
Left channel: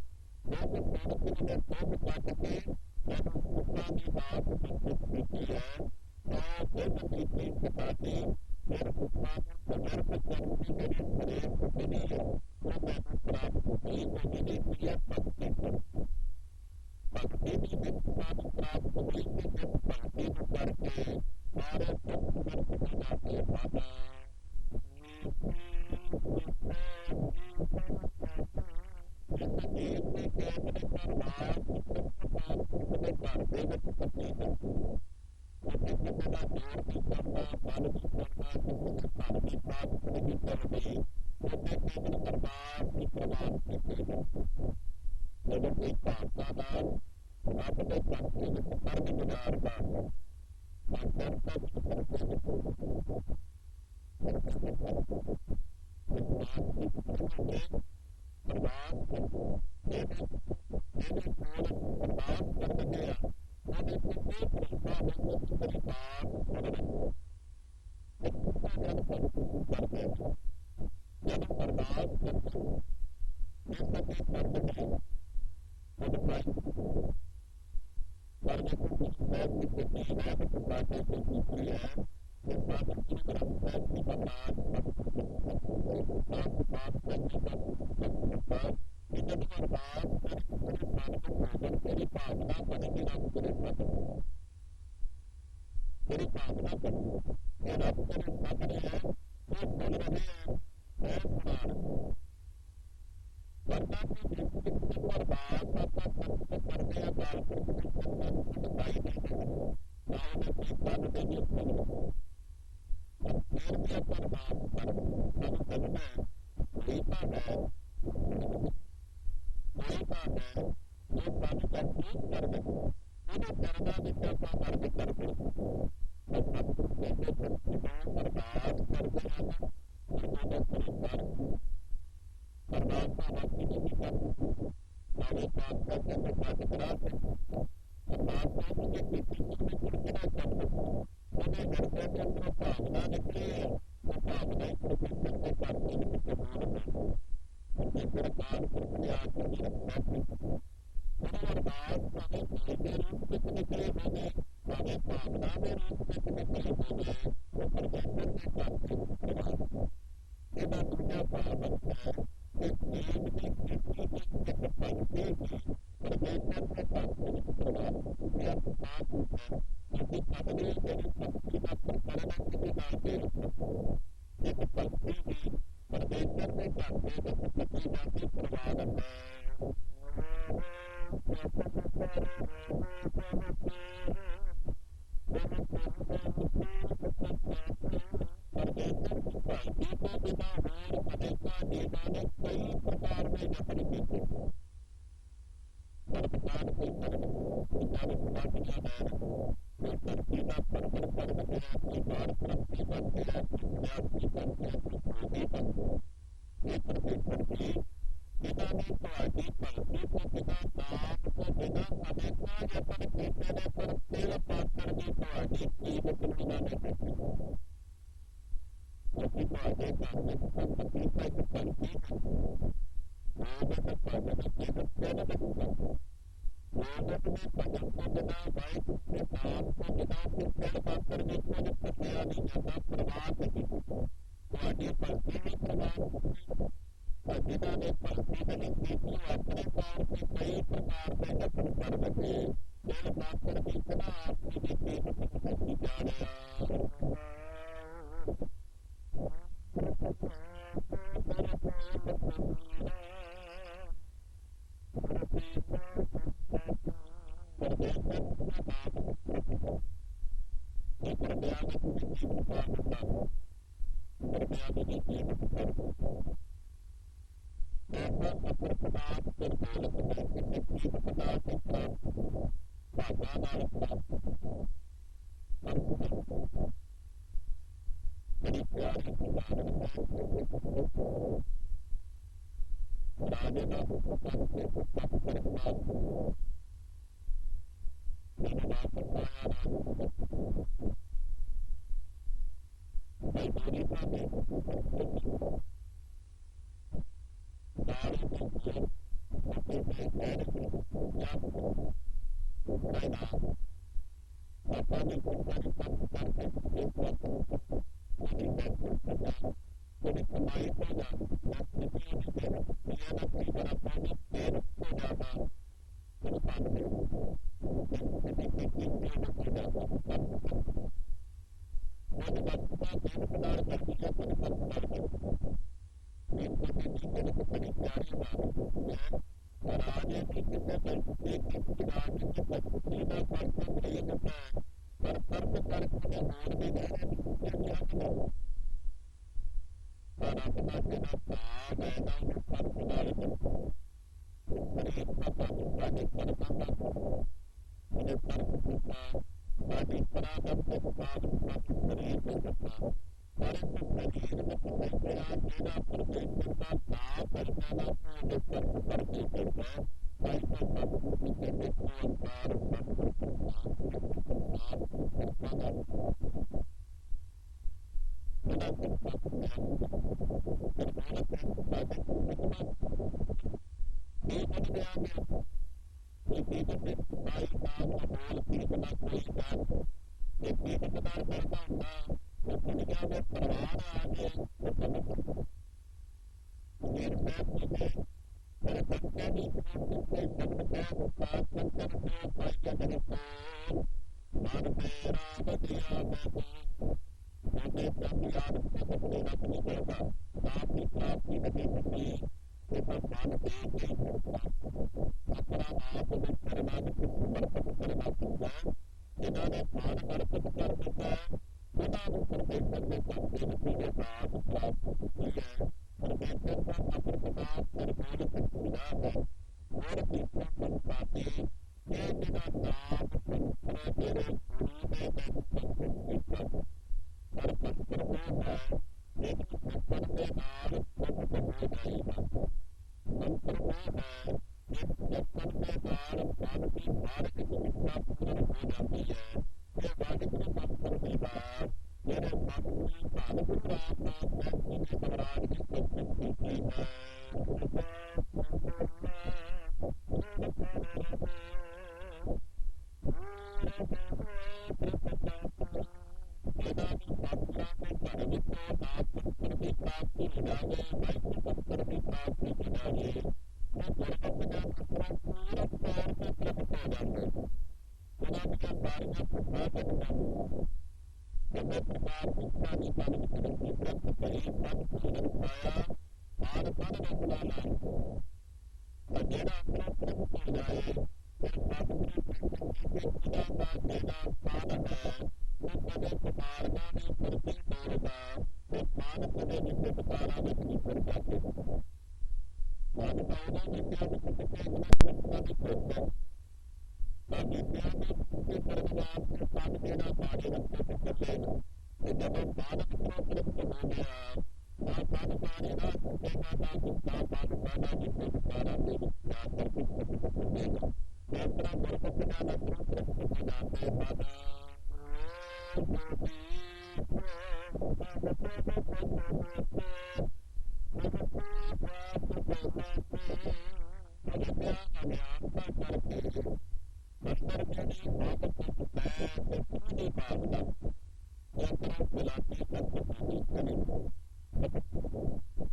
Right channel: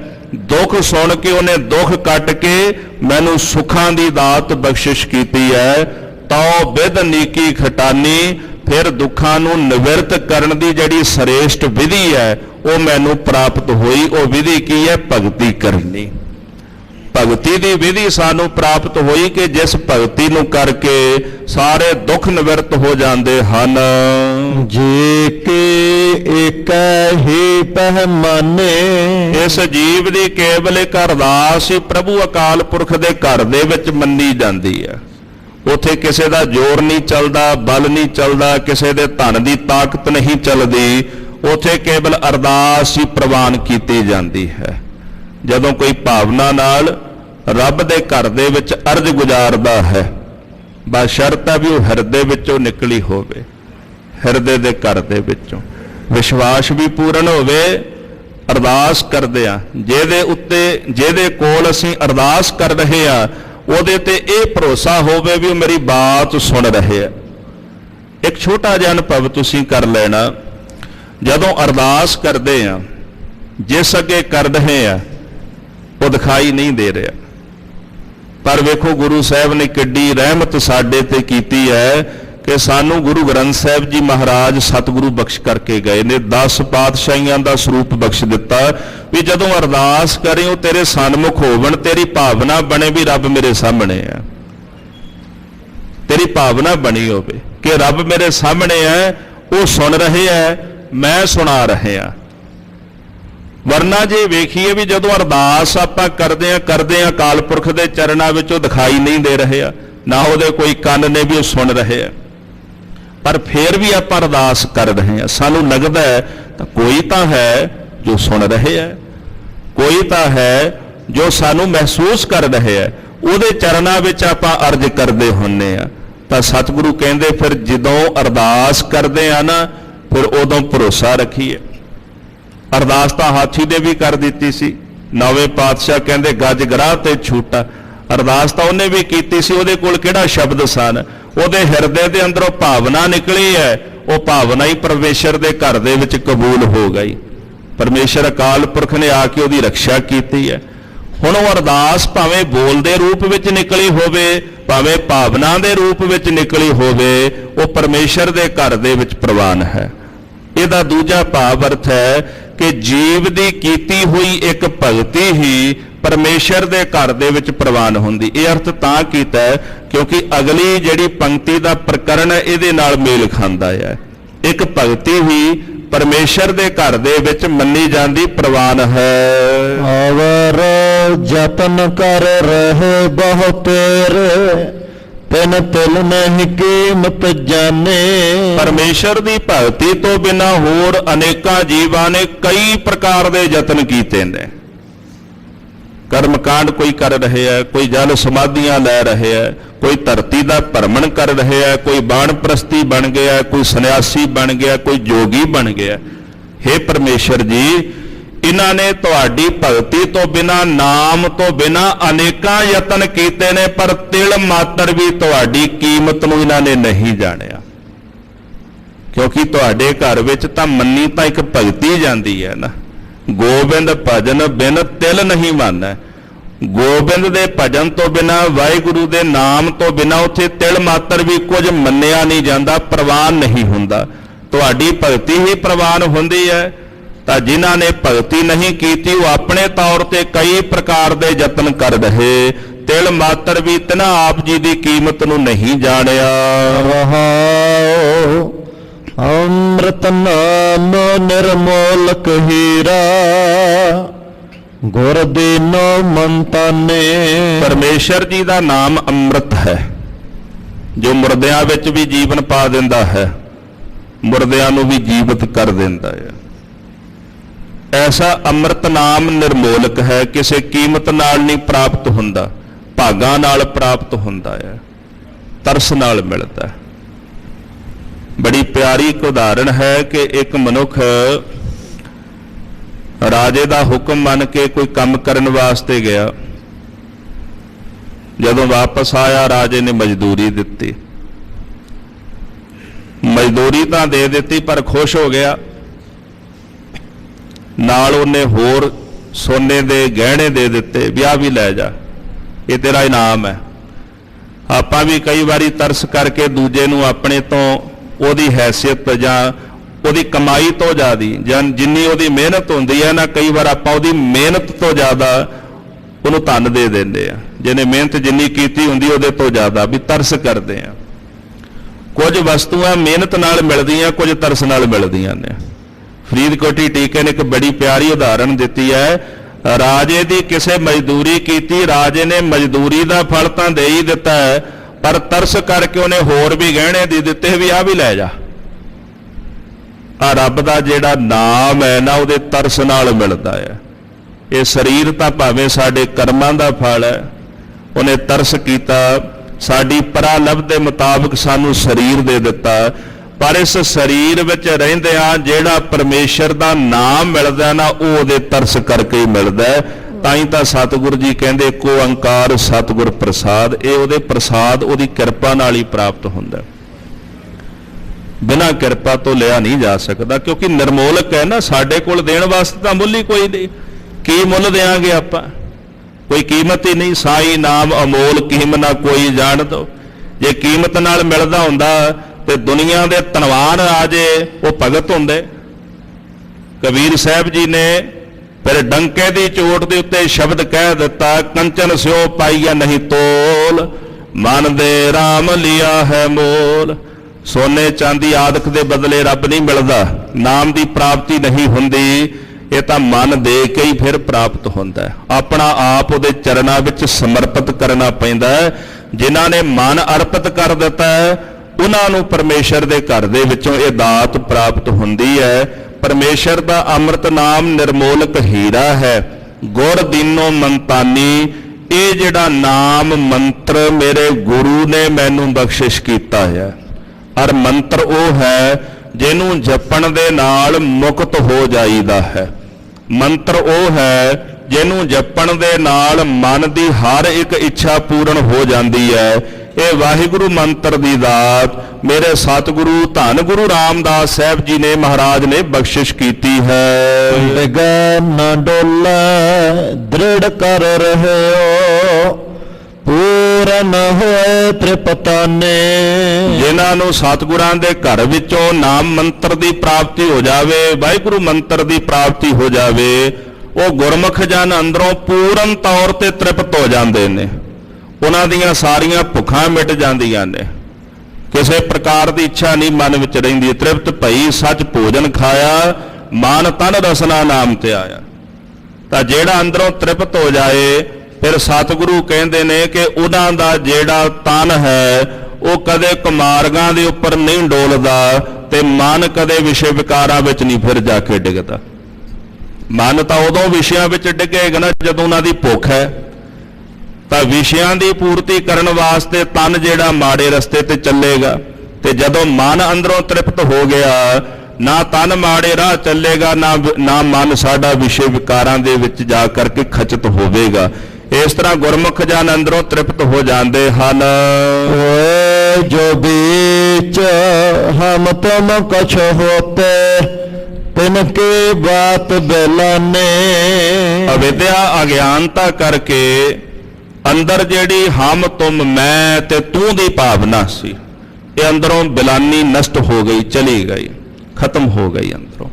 ਦੁੱਖ ਸੁਣ ਕੇ ਉਹਨੇ ਦੁੱਖ ਕੱਟ ਕੇ ਮੈਨੂੰ ਸੁੱਖਾਂ ਦੀ ਦਾਤ ਬਖਸ਼ਿਸ਼ ਕੀਤੀ ਹੈ। ਤਉ ਬਿਧ ਨੀਕੀ ਖਟਾਨੀ, ਫਿਰ ਦੁੱਖਾਂ ਨੂੰ ਨਿਵਰਤ ਕਰਨ ਦੀ ਜਿਹੜੀ ਸ੍ਰੇਸ਼ਟ ਵਿਧੀ ਹੈ ਉਹ ਮੈਨੂੰ ਪ੍ਰਾਪਤ ਹੋਈ। ਉਹ ਵਿਧੀ ਕੀ ਹੈ? ਭਗਤੀ ਕਰਨੀ। ਭਗਤੀ ਦੀ ਵਿਧੀ ਸਾਨੂੰ ਪ੍ਰਾਪਤ ਹੋਈ ਕਿ ਜਿਸ ਭਗਤੀ ਨੂੰ ਕਰਕੇ ਸਾਰੇ ਦੁੱਖ ਨਿਵਰਤ ਹੋ ਜਾਂਦੇ ਹਨ। ਜੇ ਕੇ ਏਕੈ ਹੀ ਪਹਿਮਾਨੇ, ਇਸ ਜੀਵ ਦੀ ਕੇਵਲ ਇੱਕ ਅਰਦਾਸ ਹੀ ਪ੍ਰਭੂ ਅਕਾਲ ਪੁਰਖ ਦੇ ਘਰ ਦੇ ਵਿੱਚ ਮੰਨੀ ਜਾਂਦੀ ਹੈ। ਉੱਥੇ ਕਿਸੇ ਦਾ ਜ਼ੋਰ ਨਹੀਂ ਚੱਲਦਾ, ਬਲ ਨਹੀਂ ਚੱਲਦਾ, ਕਿਸੇ ਦੇ ਧਨ ਦੀ ਤਾਕਤ ਨਹੀਂ ਚੱਲਦੀ। ਉੱਥੇ ਕੇਵਲ ਅਰਦਾਸ ਹੀ ਪ੍ਰਵਾਨ ਕੀਤੀ ਜਾਂਦੀ ਹੈ। ਜਦੋਂ ਕੋਈ ਭਾਵਨਾ ਨਾਲ ਰੱਬ ਦੇ ਘਰ ਦੇ ਵਿੱਚ ਅਰਜ਼ ਗੁਜ਼ਾਰਦਾ ਹੈ, ਬਸ਼ਰਤ ਹੈ ਵੀ ਉਹ ਹਿਰਦੇ ਵਿੱਚੋਂ ਨਿਕਲੀ ਹੋਵੇ, ਹਿਰਦੇ ਦੇ ਘਰ ਦੇ ਵਿੱਚੋਂ ਵਿਸ਼ਵਾਸ ਵੀ ਪੂਰਨ ਹੋਵੇ। ਅਰਦਾਸ ਕਰਦੇ ਆ ਜਿਹਦੇ ਉੱਤੇ, ਜਿਹਦੇ ਕੋਲ ਅਸੀਂ ਅਰਦਾਸ ਕਰ ਰਹੇ ਆ, ਉਹਦੇ ਤੇ ਇਹ ਭਰੋਸਾ ਹੋਵੇ ਵੀ ਉਹ ਮੇਰੀ ਬਾਤ ਸੁਣ ਰਹੇ ਆ। ਇੱਕ ਛੋਟਾ ਜਿਹਾ ਅਨੁਭਵ ਤੁਸੀਂ ਕਰ ਲੈਣਾ। ਜਦੋਂ ਅਰਦਾਸ ਕਰਦੇ ਆ, ਜਿਸ ਅੱਗੇ ਕਰ ਰਹੇ ਆ ਉਹ ਦਿਖਾਈ ਨਹੀਂ ਦੇ ਰਿਹਾ, ਪਰ ਵੇਖੋ ਗੁਰੂ ਸਾਹਿਬ ਨੇ ਕਿੱਡੀ ਰਹਿਮਤ ਸਾਡੇ ਤੇ ਕੀਤੀ ਹੈ ਕਿ ਸਾਨੂੰ ਗੁਰੂ ਗ੍ਰੰਥ ਸਾਹਿਬ ਜੀ ਮਹਾਰਾਜ ਸਤਿਗੁਰੂ ਬਖਸ਼ ਕਰਕੇ ਗਏ ਨੇ। 10 ਪਾਤਸ਼ਾਹੀਆਂ ਦਾ ਸਰੂਪ ਬਖਸ਼ ਦਿੱਤਾ ਵੀ ਜਦੋਂ ਅਰਦਾਸ ਕਰੇ ਉਹ ਤੇਰੇ ਸਨਮੁਖ ਹੋਵਣ, ਤੇਰੀ ਭਾਵਨਾ ਬਣੇ ਵੀ ਰੱਬ ਮੇਰੇ ਸਾਹਮਣੇ ਆ, ਤੇਰੀ ਭਾਵਨਾ ਬਣੀ ਹੋਵੇ ਕਿ ਰੱਬ ਮੇਰੇ ਸਾਹਮਣੇ ਹੈ, ਉਹ ਸੁਣ ਰਹੇ ਹੈ, ਮੈਂ ਸੁਣਾ ਰਿਹਾ। ਵਰਨਾ ਜੇ ਵੇਖੀਏ ਵੀ ਜਦੋਂ ਅਰਦਾਸ ਆਪਾਂ ਕਰਦੇ ਆ ਅਕਾਲ ਪੁਰਖ ਦੇ ਚਰਨਾਂ ਵਿੱਚ ਉਹ ਦਿਖਾਈ ਨਹੀਂ ਦੇ ਰਹੇ ਆ, ਨਾ ਉਹਦੇ ਕੋਈ ਕੰਨ ਨੇ ਵੀ ਉਹ ਸੁਣ ਰਹੇ ਆ, ਪਰ ਫਿਰ ਵੀ ਆਪਾਂ ਅਰਦਾਸ ਕਰ ਰਹੇ ਆ। ਸਾਨੂੰ ਲੱਗਦਾ ਹੈ ਤਾਂ ਕੋਈ ਤਾਂ ਹੈ ਜੋ ਸੁਣ ਰਹੇ ਆ, ਕੋਈ ਤਾਂ ਹੈ ਜੋ ਸਾਨੂੰ ਮਹਿਸੂਸ ਕਰ ਰਹੇ ਆ, ਉਹਦੇ ਚਰਨਾਂ ਵਿੱਚ ਆਪਾਂ ਅਰਜ਼ ਕਰਦੇ ਹੁੰਨੇ ਆ। ਤਾਂ ਸਤਿਗੁਰੂ ਕਹਿੰਦੇ ਫਿਰ ਜਦੋਂ ਅਰਦਾਸ ਕਰਦੇ ਆ ਨਾ, ਫਿਰ ਉਦੋਂ ਭਰੋਸਾ ਰੱਖੀਏ। ਅਰਦਾਸ ਤਾਂ ਹਾਥੀ ਦੇ ਵੀ ਕਰ ਦਿੱਤੀ ਸੀ। 9ਵੇਂ ਪਾਤਸ਼ਾਹ ਕਹਿੰਦੇ ਗੱਜ ਗਰਾਹ ਤੇ ਛੂਟਾ। ਅਰਦਾਸ ਤਾਂ ਉਹਨੇ ਵੀ ਕੀਤੀ ਸੀ, ਉਹਦੇ ਕੋਲ ਕਿਹੜਾ ਸ਼ਬਦ ਸਨ, ਉਹਦੇ ਹਿਰਦੇ ਦੇ ਅੰਦਰੋਂ ਭਾਵਨਾ ਨਿਕਲੀ ਹੈ, ਉਹ ਭਾਵਨਾ ਹੀ ਪਰਮੇਸ਼ਰ ਦੇ ਘਰ ਦੇ ਵਿੱਚ ਕਬੂਲ ਹੋ ਗਈ। ਪਰਮੇਸ਼ਰ ਅਕਾਲ ਪੁਰਖ ਨੇ ਆ ਕੇ ਉਹਦੀ ਰੱਖਿਆ ਕੀਤੀ ਹੈ। ਹੁਣ ਉਹ ਅਰਦਾਸ ਭਾਵੇਂ ਬੋਲ ਦੇ ਰੂਪ ਵਿੱਚ ਨਿਕਲੀ ਹੋਵੇ, ਭਾਵੇਂ ਭਾਵਨਾ ਦੇ ਰੂਪ ਵਿੱਚ ਨਿਕਲੀ ਹੋਵੇ, ਉਹ ਪਰਮੇਸ਼ਰ ਦੇ ਘਰ ਦੇ ਵਿੱਚ ਪ੍ਰਵਾਨ ਹੈ। ਇਹਦਾ ਦੂਜਾ ਭਾਵ ਅਰਥ ਹੈ ਕਿ ਜੀਵ ਦੀ ਕੀਤੀ ਹੋਈ ਇੱਕ ਭਗਤੀ ਹੀ ਪਰਮੇਸ਼ਰ ਦੇ ਘਰ ਦੇ ਵਿੱਚ ਪ੍ਰਵਾਨ ਹੁੰਦੀ। ਇਹ ਅਰਥ ਤਾਂ ਕੀਤਾ ਹੈ ਕਿਉਂਕਿ ਅਗਲੀ ਜਿਹੜੀ ਪੰਕਤੀ ਦਾ ਪ੍ਰਕਰਨ ਹੈ ਇਹਦੇ ਨਾਲ ਮੇਲ ਖਾਂਦਾ ਹੈ। ਇੱਕ ਭਗਤੀ ਹੀ ਪਰਮੇਸ਼ਰ ਦੇ ਘਰ ਦੇ ਵਿੱਚ ਮੰਨੀ ਜਾਂਦੀ ਪ੍ਰਵਾਨ ਹੈ। ਅਵਰ ਜਤਨ ਕਰ ਰਹੇ ਬਹੁ ਤੇਰੇ, ਤਿਨ ਤਿਲ ਨਹੀਂ ਕੀਮਤ ਜਾਣੇ। ਪਰਮੇਸ਼ਰ ਦੀ ਭਗਤੀ ਤੋਂ ਬਿਨਾਂ ਹੋਰ ਅਨੇਕਾਂ ਜੀਵਾਂ ਨੇ ਕਈ ਪ੍ਰਕਾਰ ਦੇ ਯਤਨ ਕੀਤੇ ਨੇ। ਕਰਮਕਾਂਡ ਕੋਈ ਕਰ ਰਹੇ ਹੈ, ਕੋਈ ਜਲ ਸਮਾਧੀਆਂ ਲੈ ਰਹੇ ਹੈ, ਕੋਈ ਧਰਤੀ ਦਾ ਭਰਮਣ ਕਰ ਰਹੇ ਹੈ, ਕੋਈ ਬਾਣਪ੍ਰਸਤੀ ਬਣ ਗਿਆ, ਕੋਈ ਸੰਨਿਆਸੀ ਬਣ ਗਿਆ, ਕੋਈ ਜੋਗੀ ਬਣ ਗਿਆ। ਹੇ ਪਰਮੇਸ਼ਰ ਜੀ, ਇਹਨਾਂ ਨੇ ਤੁਹਾਡੀ ਭਗਤੀ ਤੋਂ ਬਿਨਾਂ, ਨਾਮ ਤੋਂ ਬਿਨਾਂ ਅਨੇਕਾਂ ਯਤਨ ਕੀਤੇ ਨੇ, ਪਰ ਤਿਲ ਮਾਤਰ ਵੀ ਤੁਹਾਡੀ ਕੀਮਤ ਨੂੰ ਇਹਨਾਂ ਨੇ ਨਹੀਂ ਜਾਣਿਆ। ਕਿਉਂਕਿ ਤੁਹਾਡੇ ਘਰ ਵਿੱਚ ਤਾਂ ਮੰਨੀ ਤਾਂ ਇੱਕ ਭਗਤੀ ਜਾਂਦੀ ਹੈ ਨਾ, ਗੋਬਿੰਦ ਭਜਨ ਬਿਨ ਤਿਲ ਨਹੀਂ ਮੰਨੈ। ਗੋਬਿੰਦ ਦੇ ਭਜਨ ਤੋਂ ਬਿਨਾ, ਵਾਹਿਗੁਰੂ ਦੇ ਨਾਮ ਤੋਂ ਬਿਨਾ ਉੱਥੇ ਤਿਲ ਮਾਤਰ ਵੀ ਕੁਝ ਮੰਨਿਆ ਨਹੀਂ ਜਾਂਦਾ, ਪ੍ਰਵਾਨ ਨਹੀਂ ਹੁੰਦਾ। ਤੁਹਾਡੀ ਭਗਤੀ ਹੀ ਪ੍ਰਵਾਨ ਹੁੰਦੀ ਹੈ। ਤਾਂ ਜਿਨ੍ਹਾਂ ਨੇ ਭਗਤੀ ਨਹੀਂ ਕੀਤੀ ਉਹ ਆਪਣੇ ਤੌਰ ਤੇ ਕਈ ਪ੍ਰਕਾਰ ਦੇ ਯਤਨ ਕਰ ਰਹੇ, ਤਿਲ ਮਾਤਰ ਵੀ ਤਿਨਾਂ ਆਪ ਜੀ ਦੀ ਕੀਮਤ ਨੂੰ ਨਹੀਂ ਜਾਣਿਆ। ਰਹਾਉ ਅੰਮ੍ਰਿਤ ਨਾਮ ਨਿਰਮੋਲਕ ਹੀਰਾ, ਗੁਰ ਦੀਨੋ ਮੰਤਾਨੇ। ਪਰਮੇਸ਼ਰ ਜੀ ਦਾ ਨਾਮ ਅੰਮ੍ਰਿਤ ਹੈ, ਜੋ ਮੁਰਦਿਆਂ ਵਿੱਚ ਵੀ ਜੀਵਨ ਪਾ ਦਿੰਦਾ ਹੈ, ਮੁਰਦਿਆਂ ਨੂੰ ਵੀ ਜੀਵਤ ਕਰ ਦਿੰਦਾ ਹੈ। ਐਸਾ ਅੰਮ੍ਰਿਤ ਨਾਮ ਨਿਰਮੋਲਕ ਹੈ, ਕਿਸੇ ਕੀਮਤ ਨਾਲ ਨਹੀਂ ਪ੍ਰਾਪਤ ਹੁੰਦਾ, ਭਾਗਾਂ ਨਾਲ ਪ੍ਰਾਪਤ ਹੁੰਦਾ ਹੈ, ਤਰਸ ਨਾਲ ਮਿਲਦਾ ਹੈ। ਬੜੀ ਪਿਆਰੀ ਇੱਕ ਉਦਾਹਰਣ ਹੈ ਕਿ ਇੱਕ ਮਨੁੱਖ ਰਾਜੇ ਦਾ ਹੁਕਮ ਮੰਨ ਕੇ ਕੋਈ ਕੰਮ ਕਰਨ ਵਾਸਤੇ ਗਿਆ। ਜਦੋਂ ਵਾਪਸ ਆਇਆ ਰਾਜੇ ਨੇ ਮਜ਼ਦੂਰੀ ਦਿੱਤੀ, ਮਜ਼ਦੂਰੀ ਤਾਂ ਦੇ ਦਿੱਤੀ ਪਰ ਖੁਸ਼ ਹੋ ਗਿਆ, ਨਾਲ ਉਹਨੇ ਹੋਰ ਸੋਨੇ ਦੇ ਗਹਿਣੇ ਦੇ ਦਿੱਤੇ, ਵਿਆਹ ਵੀ ਲੈ ਜਾ, ਇਹ ਤੇਰਾ ਇਨਾਮ ਹੈ। ਆਪਾਂ ਵੀ ਕਈ ਵਾਰੀ ਤਰਸ ਕਰਕੇ ਦੂਜੇ ਨੂੰ ਆਪਣੇ ਤੋਂ ਉਹਦੀ ਹੈਸੀਅਤ ਜਾਂ ਉਹਦੀ ਕਮਾਈ ਤੋਂ ਜ਼ਿਆਦਾ, ਜਾਂ ਜਿੰਨੀ ਉਹਦੀ ਮਿਹਨਤ ਹੁੰਦੀ ਹੈ ਨਾ, ਕਈ ਵਾਰ ਆਪਾਂ ਉਹਦੀ ਮਿਹਨਤ ਤੋਂ ਜ਼ਿਆਦਾ ਉਹਨੂੰ ਧਨ ਦੇ ਦਿੰਦੇ ਆ। ਜਿਹਨੇ ਮਿਹਨਤ ਜਿੰਨੀ ਕੀਤੀ ਹੁੰਦੀ ਉਹਦੇ ਤੋਂ ਜ਼ਿਆਦਾ ਵੀ ਤਰਸ ਕਰਦੇ ਆ। ਕੁਝ ਵਸਤੂਆਂ ਮਿਹਨਤ ਨਾਲ ਮਿਲਦੀਆਂ, ਕੁਝ ਤਰਸ ਨਾਲ ਮਿਲਦੀਆਂ ਨੇ। ਫਰੀਦਕੋਟੀ ਟੀਕੇ ਨੇ ਇੱਕ ਬੜੀ ਪਿਆਰੀ ਉਦਾਹਰਣ ਦਿੱਤੀ ਹੈ। ਰਾਜੇ ਦੀ ਕਿਸੇ ਮਜ਼ਦੂਰੀ ਕੀਤੀ, ਰਾਜੇ ਨੇ ਮਜ਼ਦੂਰੀ ਦਾ ਫਲ ਤਾਂ ਦੇ ਹੀ ਦਿੱਤਾ ਹੈ, ਪਰ ਤਰਸ ਕਰਕੇ ਉਹਨੇ ਹੋਰ ਵੀ ਗਹਿਣੇ ਦੇ ਦਿੱਤੇ ਵੀ ਆਹ ਵੀ ਲੈ ਜਾ। ਆ ਰੱਬ ਦਾ ਜਿਹੜਾ ਨਾਮ ਹੈ ਨਾ, ਉਹਦੇ ਤਰਸ ਨਾਲ ਮਿਲਦਾ ਹੈ। ਇਹ ਸਰੀਰ ਤਾਂ ਭਾਵੇਂ ਸਾਡੇ ਕਰਮਾਂ ਦਾ ਫਲ ਹੈ, ਉਹਨੇ ਤਰਸ ਕੀਤਾ, ਸਾਡੀ ਪਰਾਲਭ ਦੇ ਮੁਤਾਬਕ ਸਾਨੂੰ ਸਰੀਰ ਦੇ ਦਿੱਤਾ, ਪਰ ਇਸ ਸਰੀਰ ਵਿੱਚ ਰਹਿੰਦਿਆਂ ਜਿਹੜਾ ਪਰਮੇਸ਼ਰ ਦਾ ਨਾਮ ਮਿਲਦਾ ਨਾ, ਉਹ ਉਹਦੇ ਤਰਸ ਕਰਕੇ ਹੀ ਮਿਲਦਾ। ਤਾਂ ਹੀ ਤਾਂ ਸਤਿਗੁਰੂ ਜੀ ਕਹਿੰਦੇ ਕੋ ਓੰਕਾਰ ਸਤਿਗੁਰ ਪ੍ਰਸਾਦ, ਇਹ ਉਹਦੇ ਪ੍ਰਸਾਦ, ਉਹਦੀ ਕਿਰਪਾ ਨਾਲ ਹੀ ਪ੍ਰਾਪਤ ਹੁੰਦਾ, ਬਿਨਾਂ ਕਿਰਪਾ ਤੋਂ ਲਿਆ ਨਹੀਂ ਜਾ ਸਕਦਾ। ਕਿਉਂਕਿ ਨਿਰਮੋਲਕ ਹੈ ਨਾ, ਸਾਡੇ ਕੋਲ ਦੇਣ ਵਾਸਤੇ ਤਾਂ ਮੁੱਲ ਹੀ ਕੋਈ ਨਹੀਂ, ਕੀ ਮੁੱਲ ਦੇਾਂਗੇ ਆਪਾਂ, ਕੋਈ ਕੀਮਤ ਹੀ ਨਹੀਂ। ਸਾਈ ਨਾਮ ਅਮੋਲ ਕੀਮ ਨਾ ਕੋਈ ਜਾਣ ਦੋ। ਜੇ ਕੀਮਤ ਨਾਲ ਮਿਲਦਾ ਹੁੰਦਾ ਤੇ ਦੁਨੀਆ ਦੇ ਧਨਵਾਨ ਰਾਜੇ ਉਹ ਭਗਤ ਹੁੰਦੇ। ਕਬੀਰ ਸਾਹਿਬ ਜੀ ਨੇ ਫਿਰ ਡੰਕੇ ਦੀ ਚੋਟ ਦੇ ਉੱਤੇ ਸ਼ਬਦ ਕਹਿ ਦਿੱਤਾ, ਕੰਚਨ ਸਿਓ ਪਾਈਆ ਨਹੀਂ ਤੋਲ, ਮਨ ਦੇ ਰਾਮ ਲਿਆ ਹੈ ਮੋਲ। ਸੋਨੇ ਚਾਂਦੀ ਆਦਿਕ ਦੇ ਬਦਲੇ ਰੱਬ ਨਹੀਂ ਮਿਲਦਾ, ਨਾਮ ਦੀ ਪ੍ਰਾਪਤੀ ਨਹੀਂ ਹੁੰਦੀ, ਇਹ ਤਾਂ ਮਨ ਦੇ ਕੇ ਹੀ ਫਿਰ ਪ੍ਰਾਪਤ ਹੁੰਦਾ ਹੈ। ਆਪਣਾ ਆਪ ਉਹਦੇ ਚਰਨਾਂ ਵਿੱਚ ਸਮਰਪਿਤ ਕਰਨਾ ਪੈਂਦਾ ਹੈ। ਜਿਨ੍ਹਾਂ ਨੇ ਮਨ ਅਰਪਿਤ ਕਰ ਦਿੱਤਾ ਹੈ, ਉਹਨਾਂ ਨੂੰ ਪਰਮੇਸ਼ਰ ਦੇ ਘਰ ਦੇ ਵਿੱਚੋਂ ਇਹ ਦਾਤ ਪ੍ਰਾਪਤ ਹੁੰਦੀ ਹੈ। ਪਰਮੇਸ਼ਰ ਦਾ ਅੰਮ੍ਰਿਤ ਨਾਮ ਨਿਰਮੋਲਕ ਹੀਰਾ ਹੈ, ਗੁਰ ਦੀਨੋ ਮੰਤਾਨੀ। ਇਹ ਜਿਹੜਾ ਨਾਮ ਮੰਤਰ ਮੇਰੇ ਗੁਰੂ ਨੇ ਮੈਨੂੰ ਬਖਸ਼ਿਸ਼ ਕੀਤਾ ਹੈ, ਔਰ ਮੰਤਰ ਉਹ ਹੈ ਜਿਹਨੂੰ ਜਪਣ ਦੇ ਨਾਲ ਮੁਕਤ ਹੋ ਜਾਈਦਾ ਹੈ। ਮੰਤਰ ਉਹ ਹੈ ਜਿਹਨੂੰ ਜਪਣ ਦੇ ਨਾਲ ਮਨ ਦੀ ਹਰ ਇੱਕ ਇੱਛਾ ਪੂਰਨ ਹੋ ਜਾਂਦੀ ਹੈ। ਇਹ ਵਾਹਿਗੁਰੂ ਮੰਤਰ ਦੀ ਦਾਤ ਮੇਰੇ ਸਤਿਗੁਰੂ ਧੰਨ ਗੁਰੂ ਰਾਮਦਾਸ ਸਾਹਿਬ ਜੀ ਨੇ ਮਹਾਰਾਜ ਨੇ ਬਖਸ਼ਿਸ਼ ਕੀਤੀ ਹੈ। ਲਿਗੈ ਨਾ ਡੋਲੇ ਦ੍ਰਿੜ ਕਰ ਰਹਿਓ, ਪੂਰਨ ਹੋਏ ਤ੍ਰਿਪਤਾਨੇ। ਜਿਨ੍ਹਾਂ ਨੂੰ ਸਤਿਗੁਰਾਂ ਦੇ ਘਰ ਵਿੱਚੋਂ ਨਾਮ ਮੰਤਰ ਦੀ ਪ੍ਰਾਪਤੀ ਹੋ ਜਾਵੇ, ਵਾਹਿਗੁਰੂ ਮੰਤਰ ਦੀ ਪ੍ਰਾਪਤੀ ਹੋ ਜਾਵੇ, ਉਹ ਗੁਰਮੁਖ ਜਨ ਅੰਦਰੋਂ ਪੂਰਨ ਤੌਰ ਤੇ ਤ੍ਰਿਪਤ ਹੋ ਜਾਂਦੇ ਨੇ। ਉਹਨਾਂ ਦੀਆਂ ਸਾਰੀਆਂ ਭੁੱਖਾਂ ਮਿਟ ਜਾਂਦੀਆਂ ਨੇ, ਕਿਸੇ ਪ੍ਰਕਾਰ ਦੀ ਇੱਛਾ ਨਹੀਂ ਮਨ ਵਿੱਚ ਰਹਿੰਦੀ। ਤ੍ਰਿਪਤ ਭਈ ਸੱਚ ਭੋਜਨ ਖਾਇਆ, ਮਨ ਤਨ ਰਸਨਾ ਨਾਮ ਤੇ ਆਇਆ। ਤਾਂ ਜਿਹੜਾ ਅੰਦਰੋਂ ਤ੍ਰਿਪਤ ਹੋ ਜਾਏ, ਫਿਰ ਸਤਿਗੁਰੂ ਕਹਿੰਦੇ ਨੇ ਕਿ ਉਹਨਾਂ ਦਾ ਜਿਹੜਾ ਤਨ ਹੈ ਉਹ ਕਦੇ ਕੁਮਾਰਗਾਂ ਦੇ ਉੱਪਰ ਨਹੀਂ ਡੋਲਦਾ, ਤੇ ਮਨ ਕਦੇ ਵਿਸ਼ੇ ਵਿਕਾਰਾਂ ਵਿੱਚ ਨਹੀਂ ਫਿਰ ਜਾ ਕੇ ਡਿੱਗਦਾ। ਮਨ ਤਾਂ ਉਦੋਂ ਵਿਸ਼ਿਆਂ ਵਿੱਚ ਡਿੱਗੇਗਾ ਨਾ ਜਦੋਂ ਉਹਨਾਂ ਦੀ ਭੁੱਖ ਹੈ। ਤਾਂ ਵਿਸ਼ਿਆਂ ਦੀ ਪੂਰਤੀ ਕਰਨ ਵਾਸਤੇ ਤਨ ਜਿਹੜਾ ਮਾੜੇ ਰਸਤੇ ਤੇ ਚੱਲੇਗਾ, ਤੇ ਜਦੋਂ ਮਨ ਅੰਦਰੋਂ ਤ੍ਰਿਪਤ ਹੋ ਗਿਆ, ਨਾ ਤਨ ਮਾੜੇ ਰਾਹ ਚੱਲੇਗਾ, ਨਾ ਮਨ ਸਾਡਾ ਵਿਸ਼ੇ ਵਿਕਾਰਾਂ ਦੇ ਵਿੱਚ ਜਾ ਕਰਕੇ ਖਚਿਤ ਹੋਵੇਗਾ। ਇਸ ਤਰ੍ਹਾਂ ਗੁਰਮੁਖ ਜਨ ਅੰਦਰੋਂ ਤ੍ਰਿਪਤ ਹੋ ਜਾਂਦੇ ਹਨ। ਓਏ ਜੋ बीच हम तुम कछ होते, तिनके बात बेलाने। ਅਵਿਦਿਆ ਅਗਿਆਨਤਾ ਕਰਕੇ ਅੰਦਰ ਜਿਹੜੀ ਹਮ ਤੁਮ ਮੈਂ ਤੇ ਤੂੰ ਦੀ ਭਾਵਨਾ ਸੀ, ਇਹ ਅੰਦਰੋਂ ਬਿਲਾਨੀ ਨਸ਼ਟ ਹੋ ਗਈ, ਚਲੀ ਗਈ, ਖਤਮ ਹੋ ਗਈ ਅੰਦਰੋਂ।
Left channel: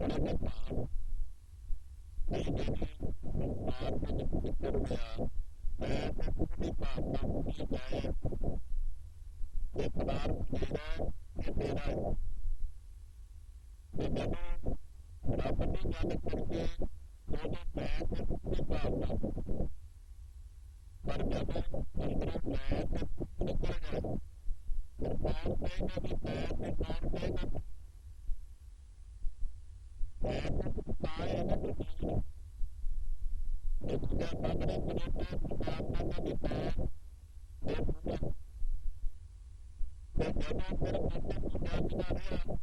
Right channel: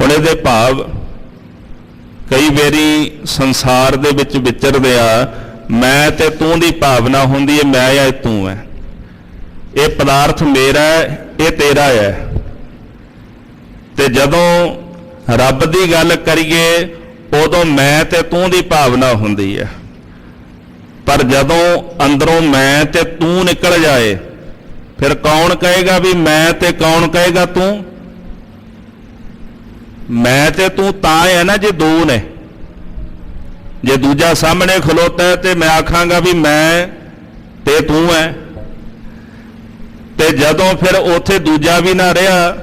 ਹੁਣ ਇਹਦੇ ਭਾਵ ਕਈ ਵਾਰੀ ਸੰਸਾਰ ਦੇ ਵਿੱਚ ਵਿਚਰਦੇ ਆ, ਮੈਂ ਤੇ ਤੂੰ ਦੀ ਭਾਵਨਾ ਹੁੰਦੀ ਹੈ, ਮੈਂ ਜਾਂ ਤੂੰ ਹੈ, ਇਹ ਪਦਾਰਥ ਮੇਰਾ ਹੈ, ਇਹ ਤੇਰਾ ਹੈ। ਤੇ ਜਦੋਂ ਰੱਬ ਦੀ ਗੱਲ ਕਰੀਏ ਉਦੋਂ ਮੈਂ ਤੇ ਤੂੰ ਦੀ ਭਾਵਨਾ ਹੁੰਦੀ ਹੈ, ਪਰ ਜਦੋਂ ਅੰਦਰੋਂ ਮੈਂ ਤੇ ਤੂੰ ਨਿਕਲ ਜਾਏ ਫਿਰ ਕੌਣ ਕਹੇਗਾ ਵੀ ਮੈਂ ਤੇ ਕੌਣ ਕਹੇਗਾ ਤੂੰ? ਮੈਂ ਤੇ ਤੂੰ ਤਾਂ ਹੈ ਨਾ ਜੇ ਦੋ ਨੇ। ਜੇ ਦੂਜਾ ਸਾਹਮਣੇ ਖਲੋਤਾ ਹੈ ਤੇ ਮੈਂ ਆਖਾਂਗਾ ਵੀ ਮੈਂ ਤੇ ਤੂੰ ਹੈ, ਤੇ ਜਦੋਂ ਫਿਰ ਉੱਥੇ ਦੂਜਾ ਵੀ ਨਾ ਰਿਹਾ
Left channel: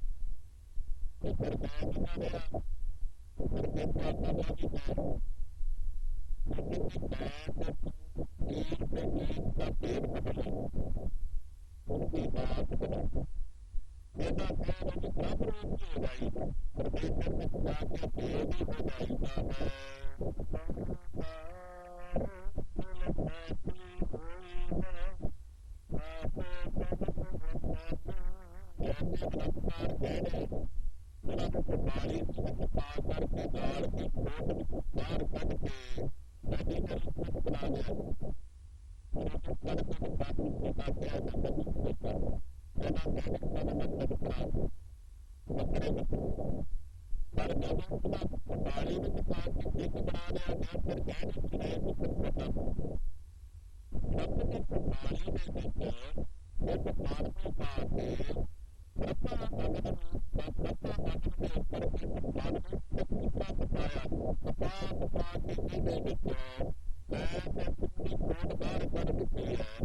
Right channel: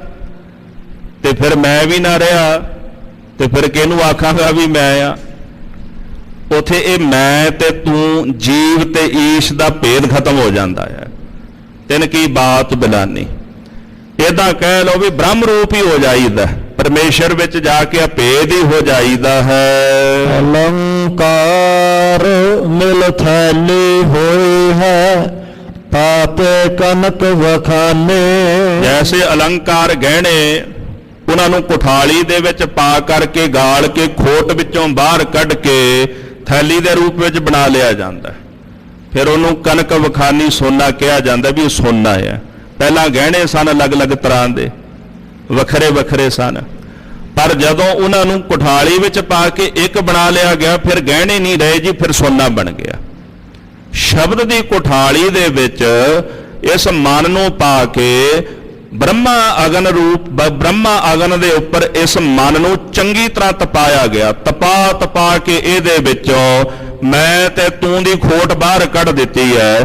ਤੇ ਫਿਰ ਮੈਂ ਵੀ ਨਾ ਰਿਹਾ ਤੇ ਫਿਰ ਕਿਹਨੂੰ ਆਖਾਂਗਾ ਵੀ ਮੈਂ ਆ? ਉਥੇ ਇਹ ਮੈਂ ਤੇ ਤੂੰ, ਜੀਵ ਤੇ ਈਸ਼ ਦਾ ਭੇਦ ਖਤਮ ਹੋ ਜਾਂਦਾ ਹੈ। ਤਿਨ ਕੀ ਬਾਤ ਬਿਲਾਨੀ, ਇਹਦਾ ਕਹਿ ਲਓ ਵੀ ਬ੍ਰਹਮ ਰੂਪ ਹੀ ਹੋ ਜਾਈਦਾ, ਪਰਮੇਸ਼ਰ ਵਿੱਚ ਜਾ ਕੇ ਅਭੇਦ ਹੀ ਹੋ ਜਾਈਦਾ ਹੈ। अलंकार मिल थैली होई है पापे कनक वखाने। ਜੈਸੇ ਅਲੰਕਾਰ ਗਹਿਣੇ ਉਹਨਾਂ ਨੂੰ ਕੁਠਾਲੀ ਦੇ ਵਿੱਚ ਪਾ ਕਰਕੇ ਗਾਲ ਕੇ ਖੋਟ ਵਿੱਚੋਂ ਬਾਹਰ ਕੱਢ ਕੇ ਥੈਲੀ ਦੇ ਰੂਪ ਵਿੱਚ ਬਣਾ ਲਿਆ ਜਾਂਦਾ, ਫਿਰ ਉਹਨੂੰ ਕਨਕ ਵਖਾਨੀ ਸੋਨਾ ਕਿਹਾ ਜਾਂਦਾ ਵੀ ਉਹ ਸੋਨਾ ਹੈ। ਪਹਿਲਾਂ ਗਹਿਣੇ ਸਨ ਅਲੱਗ-ਅਲੱਗ ਤਰ੍ਹਾਂ ਦੇ, ਵੱਖਰੇ ਵੱਖਰੇ ਸਨ, ਪਰ ਜਦੋਂ ਉਹਨਾਂ ਨੂੰ ਕੁਠਾਲੀ ਵਿੱਚ ਪਾ ਕੇ ਇੱਕ ਬਣਾ ਲਿਆ ਗਿਆ ਫਿਰ ਗਹਿਣੇ ਨਹੀਂ ਰਹੇ ਜੀ, ਫਿਰ ਸੋਨਾ ਬਣ ਗਿਆ। ਸ਼ਬਦ ਦੀ ਕੁਠਾਲੀ ਦੇ ਵਿੱਚ ਇਸ ਮਨ ਨੂੰ ਪਾ ਕੇ ਬ੍ਰਹਮਾ ਅਗਨ ਰੂਪ, ਬ੍ਰਹਮਾ ਅਗਨ ਦੇ ਉੱਪਰ ਇਸ ਮਨ ਨੂੰ ਚੰਗੀ ਤਰ੍ਹਾਂ ਤਪਾਇਆ ਗਿਆ। ਤਪਾ ਕੇ ਇਹਦੇ ਵਿੱਚੋਂ ਮੈਂ ਤੇ ਤੂੰ ਦੀ ਖੋਟ ਬਾਹਰ ਕੱਢ ਦਿੱਤੀ ਹੈ।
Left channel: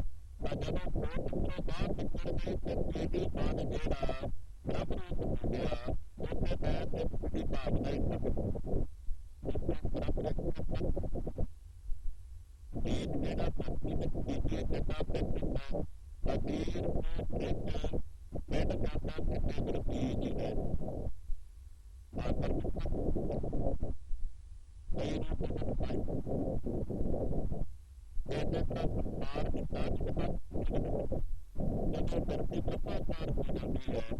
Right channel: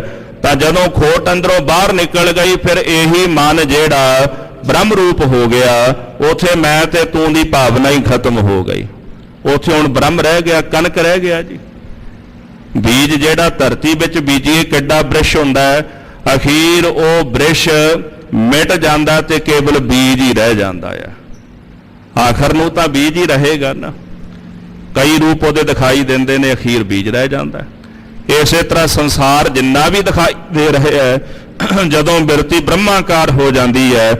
ਤਾਂ ਜਦੋਂ ਖੋਟ ਅੰਦਰੋਂ ਬਾਹਰ ਨਿਕਲ ਗਈ ਫਿਰ ਇਹੀ ਮਨ ਜਿਹੜਾ ਬ੍ਰਹਮ ਰੂਪ ਹੋ ਗਿਆ, ਉਥੇ ਮੈਂ ਤੇ ਤੂੰ ਦੀ ਭਾਵਨਾ ਹੀ ਖਤਮ ਹੋ ਗਈ। ਉਥੇ ਹੁਣ ਬ੍ਰਹਮ ਰਹਿ ਗਿਆ, ਕਣਕ ਰਹਿ ਗਿਆ ਜੀ। ਬੀਜ ਜਿਹੜਾ ਧਰਤੀ ਵਿੱਚ ਬੀਜੀਏ ਕਿੱਡਾ ਬ੍ਰਿਸ਼ ਹੁੰਦਾ ਹੈ, ਅਖੀਰ ਉਹ ਬ੍ਰਿਸ਼ ਮਿਟ ਜਾਂਦਾ ਤੇ ਕੇਵਲ ਬੀਜ ਹੀ ਰਹਿ ਜਾਂਦਾ ਹੈ। ਆਖਰ ਨੂੰ ਤਾਂ ਬੀਜ ਹੀ ਰਹੇਗਾ ਨਾ, ਕਈ ਰੂਪ ਉਹਦੇ ਦਿਖਾਈ ਦਿੰਦੇ ਨੇ, ਅਖੀਰ ਬੀਜ ਰਹਿ ਜਾਂਦਾ। ਇਸੇ ਤਰ੍ਹਾਂ ਸੰਸਾਰ ਜਿੰਨਾ ਵੀ ਦਿਖਾਈ ਦੇ ਰਿਹਾ ਹੈ, ਜਦੋਂ ਬਿਰਤੀ ਬ੍ਰਹਮਾਕਾਰ ਹੋ ਜਾਂਦੀ ਹੈ,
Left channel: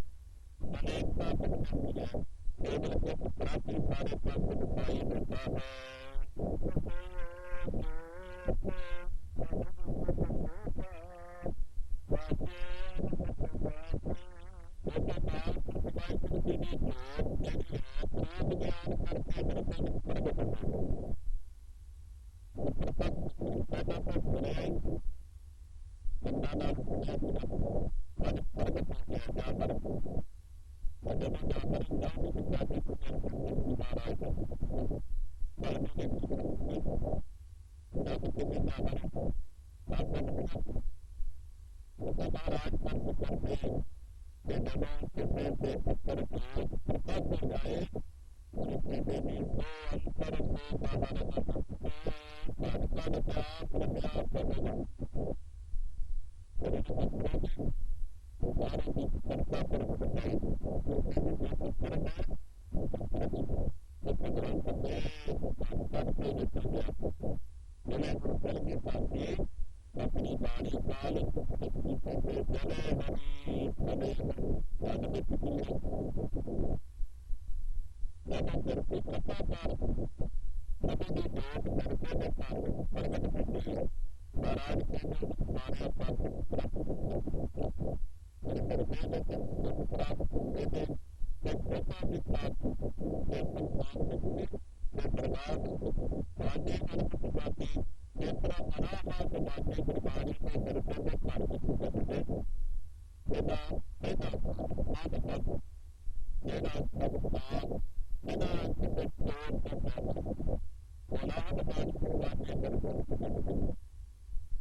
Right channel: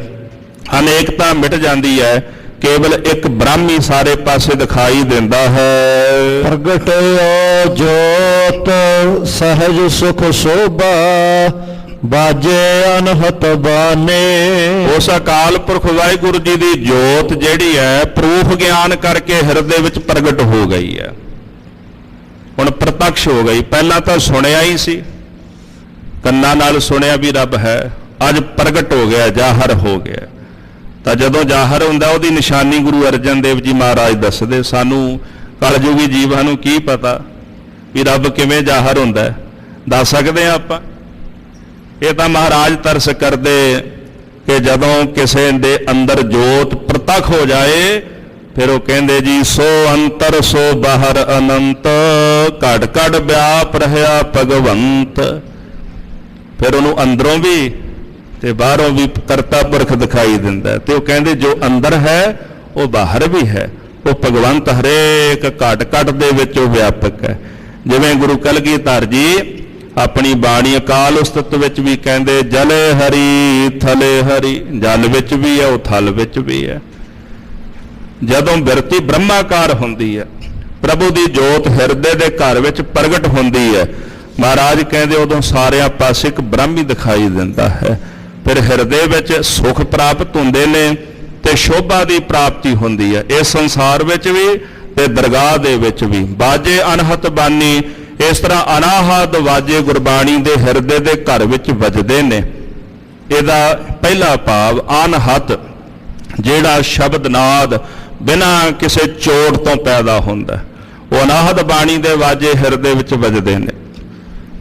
ਅਨੇਕਤਾ ਮਿਟ ਜਾਂਦੀ ਹੈ, ਕੇਵਲ ਇੱਕ ਬ੍ਰਹਮ ਹੀ ਸਾਰੇ ਪਾਸੇ ਦਿਖਾਈ ਦਿੰਦਾ ਹੈ। ਪ੍ਰਗਟਿਓ ਜੋਤ ਸਹਿਜ ਸੁਖ ਸੋਭਾ ਬਾਜੇ ਅਨਹਤ ਬਾਨੇ। ਉਸ ਅਕਾਲ ਪੁਰਖ ਵਾਹਿਗੁਰੂ ਜੀ ਦੀ ਜੋਤ ਜਿਹੜੀ ਹੈ ਪ੍ਰੂਫ ਗਿਆਨ ਕਰਕੇ ਹਿਰਦੇ ਵਿੱਚ ਪ੍ਰਗਟ ਹੋ ਗਈ ਹੈ, ਹੁਣ ਪ੍ਰਤੱਖ ਹੋ ਗਈ। ਪਹਿਲਾਂ ਤਾਂ ਸੁਣਿਆ ਹੀ ਸੀ, ਕੰਨਾਂ ਨਾਲ ਸੁਣਿਆ ਵੀ ਰੱਬ ਹੈ, ਅੱਜ ਪ੍ਰਗਟ ਹੋ ਗਿਆ, ਜ਼ਾਹਰ ਹੋ ਗਿਆ। ਤਾਂ ਜਦੋਂ ਜ਼ਾਹਰ ਹੁੰਦਾ ਉਹਦੀ ਨਿਸ਼ਾਨੀ ਗੁਰੂ ਅਰਜਨ ਦੇਵ ਜੀ ਮਹਾਰਾਜ ਦੱਸਦੇ, ਸਾਨੂੰ ਕਲਯੁਗੀ ਜੀਵਾਂ ਨੂੰ ਕੀ ਪਤਾ ਵੀ ਰੱਬ ਕਿਵੇਂ ਜ਼ਾਹਰ ਹੁੰਦਾ ਹੈ, ਦੱਸ ਸਕਦੇ ਹਾਂ ਆਪਾਂ? ਇਹ ਤਾਂ ਮਹਾਰਾਜ ਤਰਸ ਕਰਦੇ ਕਿ ਜਦੋਂ ਕਿਸੇ ਦੇ ਅੰਦਰ ਜੋਤ ਪ੍ਰਤੱਖ ਹੋ ਜਾਏ ਫਿਰ ਉਹ ਕਹਿੰਦੇ ਜੀ ਸੋ ਅੰਤਰ ਸੋ ਬਾਹਰ ਅਨੰਤ, ਘੜ ਘੜ ਵਿਆਪ ਰਹਿਆ ਭਗਵੰਤ। ਫਿਰ ਉਹਨੂੰ ਅੰਦਰੋਂ ਵੀ ਤੇ ਬਾਹਰੋਂ ਵੀ ਕਰਤਾ ਪੁਰਖ ਦਿਖਾਈ ਦਿੰਦਾ, ਤੇ ਉਹ ਕਹਿੰਦੇ ਜੋ ਅੰਦਰ ਹੈ ਉਹ ਬਾਹਰ ਵੀ ਹੈ, ਉਹ ਭਗਵੰਤ ਹਰੇਕ ਘਟ ਘਟ ਦੇ ਵਿੱਚ ਉਹ ਵਿਆਪਕ ਹੈ। ਜਿਵੇਂ ਗੁਰੂ ਕਲਗੀਧਰ ਜੀ ਆਪਣੀ ਬਾਣੀ ਅਕਾਲ ਉਸਤਤ ਵਿੱਚ ਵੀ ਕਹਿੰਦੇ ਜਲੇ ਹਰੀ ਥਲੇ ਹਰੀ, ਜਲ ਵਿੱਚ ਵੀ ਹੈ ਉਹ ਥਲ ਵਿੱਚ ਵੀ ਹੈ। ਜਦੋਂ ਬਿਰਤੀ ਬ੍ਰਹਮਾਕਾਰ ਹੁੰਦੀ ਹੈ, ਪ੍ਰਭੂ ਦੀ ਜੋਤ ਹਿਰਦੇ ਦੇ ਘਰ ਵਿੱਚ ਪ੍ਰਗਟ ਹੁੰਦੀ ਹੈ, ਮਹਾਰਾਜ ਕਹਿੰਦੇ ਉਦੋਂ ਸਾਰਿਆਂ ਪਾਸੇ ਇੱਕ ਬ੍ਰਹਮ ਹੀ ਦਿਖਾਈ ਦਿੰਦਾ ਹੈ। ਫਿਰ ਹਿਰਦੇ ਵਿੱਚ ਸੁਖ ਪ੍ਰਾਪਤ ਹੁੰਦੇ ਨੇ ਤੇ ਸ਼ੋਭਾ ਦੀ ਪ੍ਰਾਪਤੀ ਹੁੰਦੀ ਹੈ, ਇਸ ਸੰਸਾਰ ਵਿੱਚ ਵੀ ਤੇ ਦਰਗਾਹ ਦੇ ਵਿੱਚ ਵੀ। ਬਾਜੇ ਅਨਹਤ ਬਾਨੀ, ਇਸ ਤਰ੍ਹਾਂ ਅਨਾਹਦ ਵਾਜੇ ਗੁਰਬਾਣੀ ਦੇ ਹਿਰਦੇ ਦੇ ਘਰ ਵਿੱਚ ਵੱਜਦੇ ਨੇ। ਇਹਦਾ ਪਹਿਲਾ ਭਾਵ ਅਨਹਤ, ਜਿਹੜਾ ਸ਼ਬਦ ਨਾਦ ਬਿਨਾਂ ਕਿਸੇ ਚੋਟ ਤੋਂ ਪੈਦਾ ਹੁੰਦਾ, ਉਹ ਅਨਾਹਦ ਬਾਣੀ ਦੇ ਵਾਜੇ ਹਿਰਦੇ ਵਿੱਚ ਵੱਜਦੇ ਨੇ।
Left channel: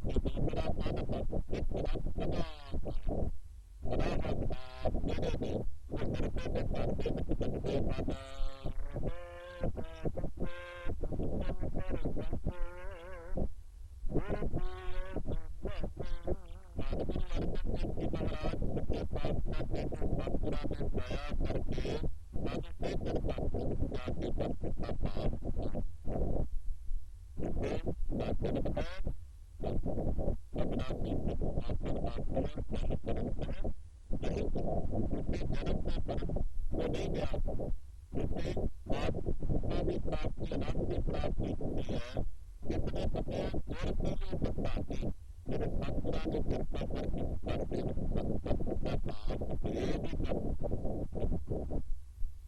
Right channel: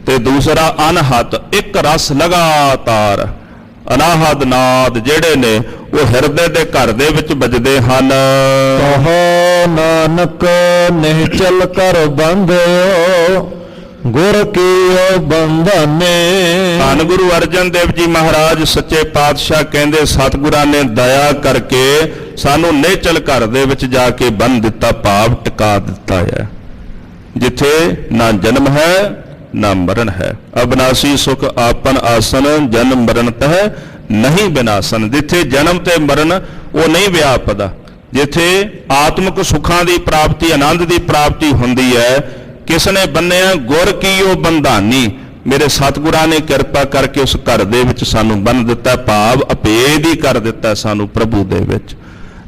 ਤੇ ਦੂਸਰਾ ਅਨਹਤ, ਇੱਕ ਰਸ ਲਗਾਤਾਰ, ਅਨਾਹਦ ਨਾਦ ਜਿਹੜੇ ਨੇ ਉਹ ਹਿਰਦੇ ਦੇ ਘਰ ਦੇ ਵਿੱਚ ਵੱਜਦੇ ਹਨ। ਕਹੋ ਨਾਨਕ ਨਿਹਚਲ ਕਰ ਬੰਧਿਓ ਗੁਰ ਕੀਓ ਬੰਧਨੇ। ਧੰਨ ਗੁਰੂ ਅਰਜਨ ਦੇਵ ਜੀ ਮਹਾਰਾਜ ਸੱਚੇ ਪਾਤਸ਼ਾਹ ਕਹਿੰਦੇ ਸਤਿਗੁਰਾਂ ਨੇ ਦਇਆ ਕਰਕੇ ਸਾਨੂੰ ਨਿਹਚਲ ਘਰ ਦੇ ਵਿੱਚ ਜਾ ਕੇ ਬੰਨ੍ਹ ਦਿੱਤਾ, ਭਾਵ ਟਿਕਾ ਦਿੱਤਾ ਹੈ, ਜਿੱਥੇ ਨਾ ਜਨਮ ਹੈ ਨਾ ਮਰਨ ਹੈ। ਅਬਨਾਸੀ ਸੁਖ ਆਪਨ ਆਸਨ, ਜਨਮ ਮਰਨ ਤਹ ਨਹੀਂ ਬਿਨਾਸਨ। ਜਿੱਥੇ ਜਨਮ ਤੇ ਮਰਨ ਉਹ ਨਹੀਂ ਵਿਆਪਦਾ, ਜਿੱਥੇ ਆਤਮਿਕ ਸੁੱਖਾਂ ਦੀ ਪ੍ਰਾਪਤੀ, ਆਨੰਦ ਦੀ ਪ੍ਰਾਪਤੀ ਹੁੰਦੀ ਹੈ, ਕਿਸ ਨੇ ਬੰਨਿਆ? ਗੁਰ ਕੀਓ ਬੰਧਾਨੀ। ਮੇਰੇ ਸਤਿਗੁਰਾਂ ਨੇ ਕਿਰਪਾ ਕਰਕੇ ਉਸ ਘਰ ਦੇ ਵਿੱਚ ਸਾਨੂੰ ਬੰਨ੍ਹ ਦਿੱਤਾ, ਭਾਵ ਅਭੇਦ ਹੀ ਕਰ ਦਿੱਤਾ ਸਾਨੂੰ ਪ੍ਰਭੂ ਦੇ ਵਿੱਚ।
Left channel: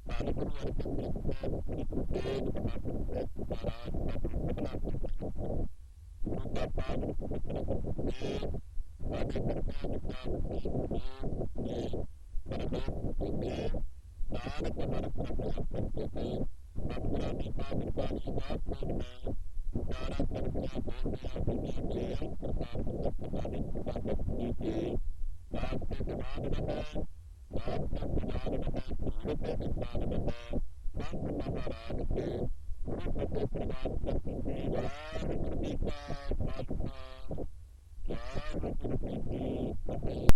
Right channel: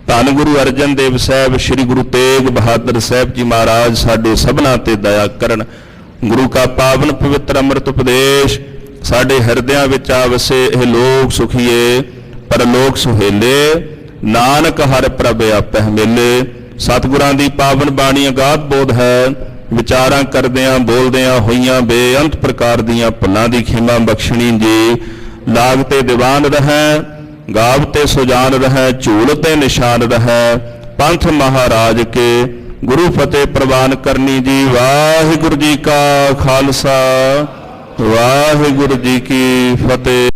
ਧੰਨ ਗੁਰੂ ਅਰਜਨ ਦੇਵ ਸਾਹਿਬ, ਸ੍ਰੀ ਗੁਰੂ ਤੇਗ ਬਹਾਦਰ ਸਾਹਿਬ ਜੀ ਮਹਾਰਾਜ ਸਾਡੇ ਸਭਨਾਂ ਤੇ ਦਇਆ ਕਰਨ। ਗੁਰੂ ਕਾ ਪਾਵਨ ਪਵਿੱਤਰ ਅੰਮ੍ਰਿਤ ਉਪਦੇਸ਼ ਸਾਡੇ ਹਿਰਦਿਆਂ ਵਿੱਚ ਆ ਵਸੇ। ਇਹ ਲੋਕ ਸੁਖੀਏ ਪਰਲੋਕ ਸੁਹੇਲੇ, ਨਾਨਕ ਹਰਿ ਪ੍ਰਭ ਆਪਹਿ ਮੇਲੇ। ਸਤਿਗੁਰਾਂ ਦੀ ਪਾਵਨ ਬਾਣੀ ਅਗਾਧ ਬੋਧ ਹੈ। ਵਿਚਾਰਾਂ ਕਰਦਿਆਂ ਬੋਲਦਿਆਂ ਹੋਈਆਂ ਬੇਅੰਤ ਪ੍ਰਕਾਰ ਦੀਆਂ ਭੁੱਲਾਂ ਦੀ ਖਿਮਾ ਬਖਸ਼ਣੀ ਜੀ। ਲਾਗ ਤੇ ਦੀਵਾਨ ਰਹੈ, ਗਾਵ ਤੇ ਸੁਜਾਨ ਰਹੈ, ਝੂਲ ਤੇ ਨਿਸ਼ਾਨ ਰਹੈ, ਪੰਥ ਮਹਾਰਾਜ ਕੇ ਗੁਰੂ ਫਤਿਹ ਪ੍ਰਵਾਨ ਕਰਨੀ ਜੀ। ਵਾਹਿਗੁਰੂ ਜੀ ਕਾ ਖਾਲਸਾ, ਵਾਹਿਗੁਰੂ ਜੀ ਕੀ ਫਤਿਹ।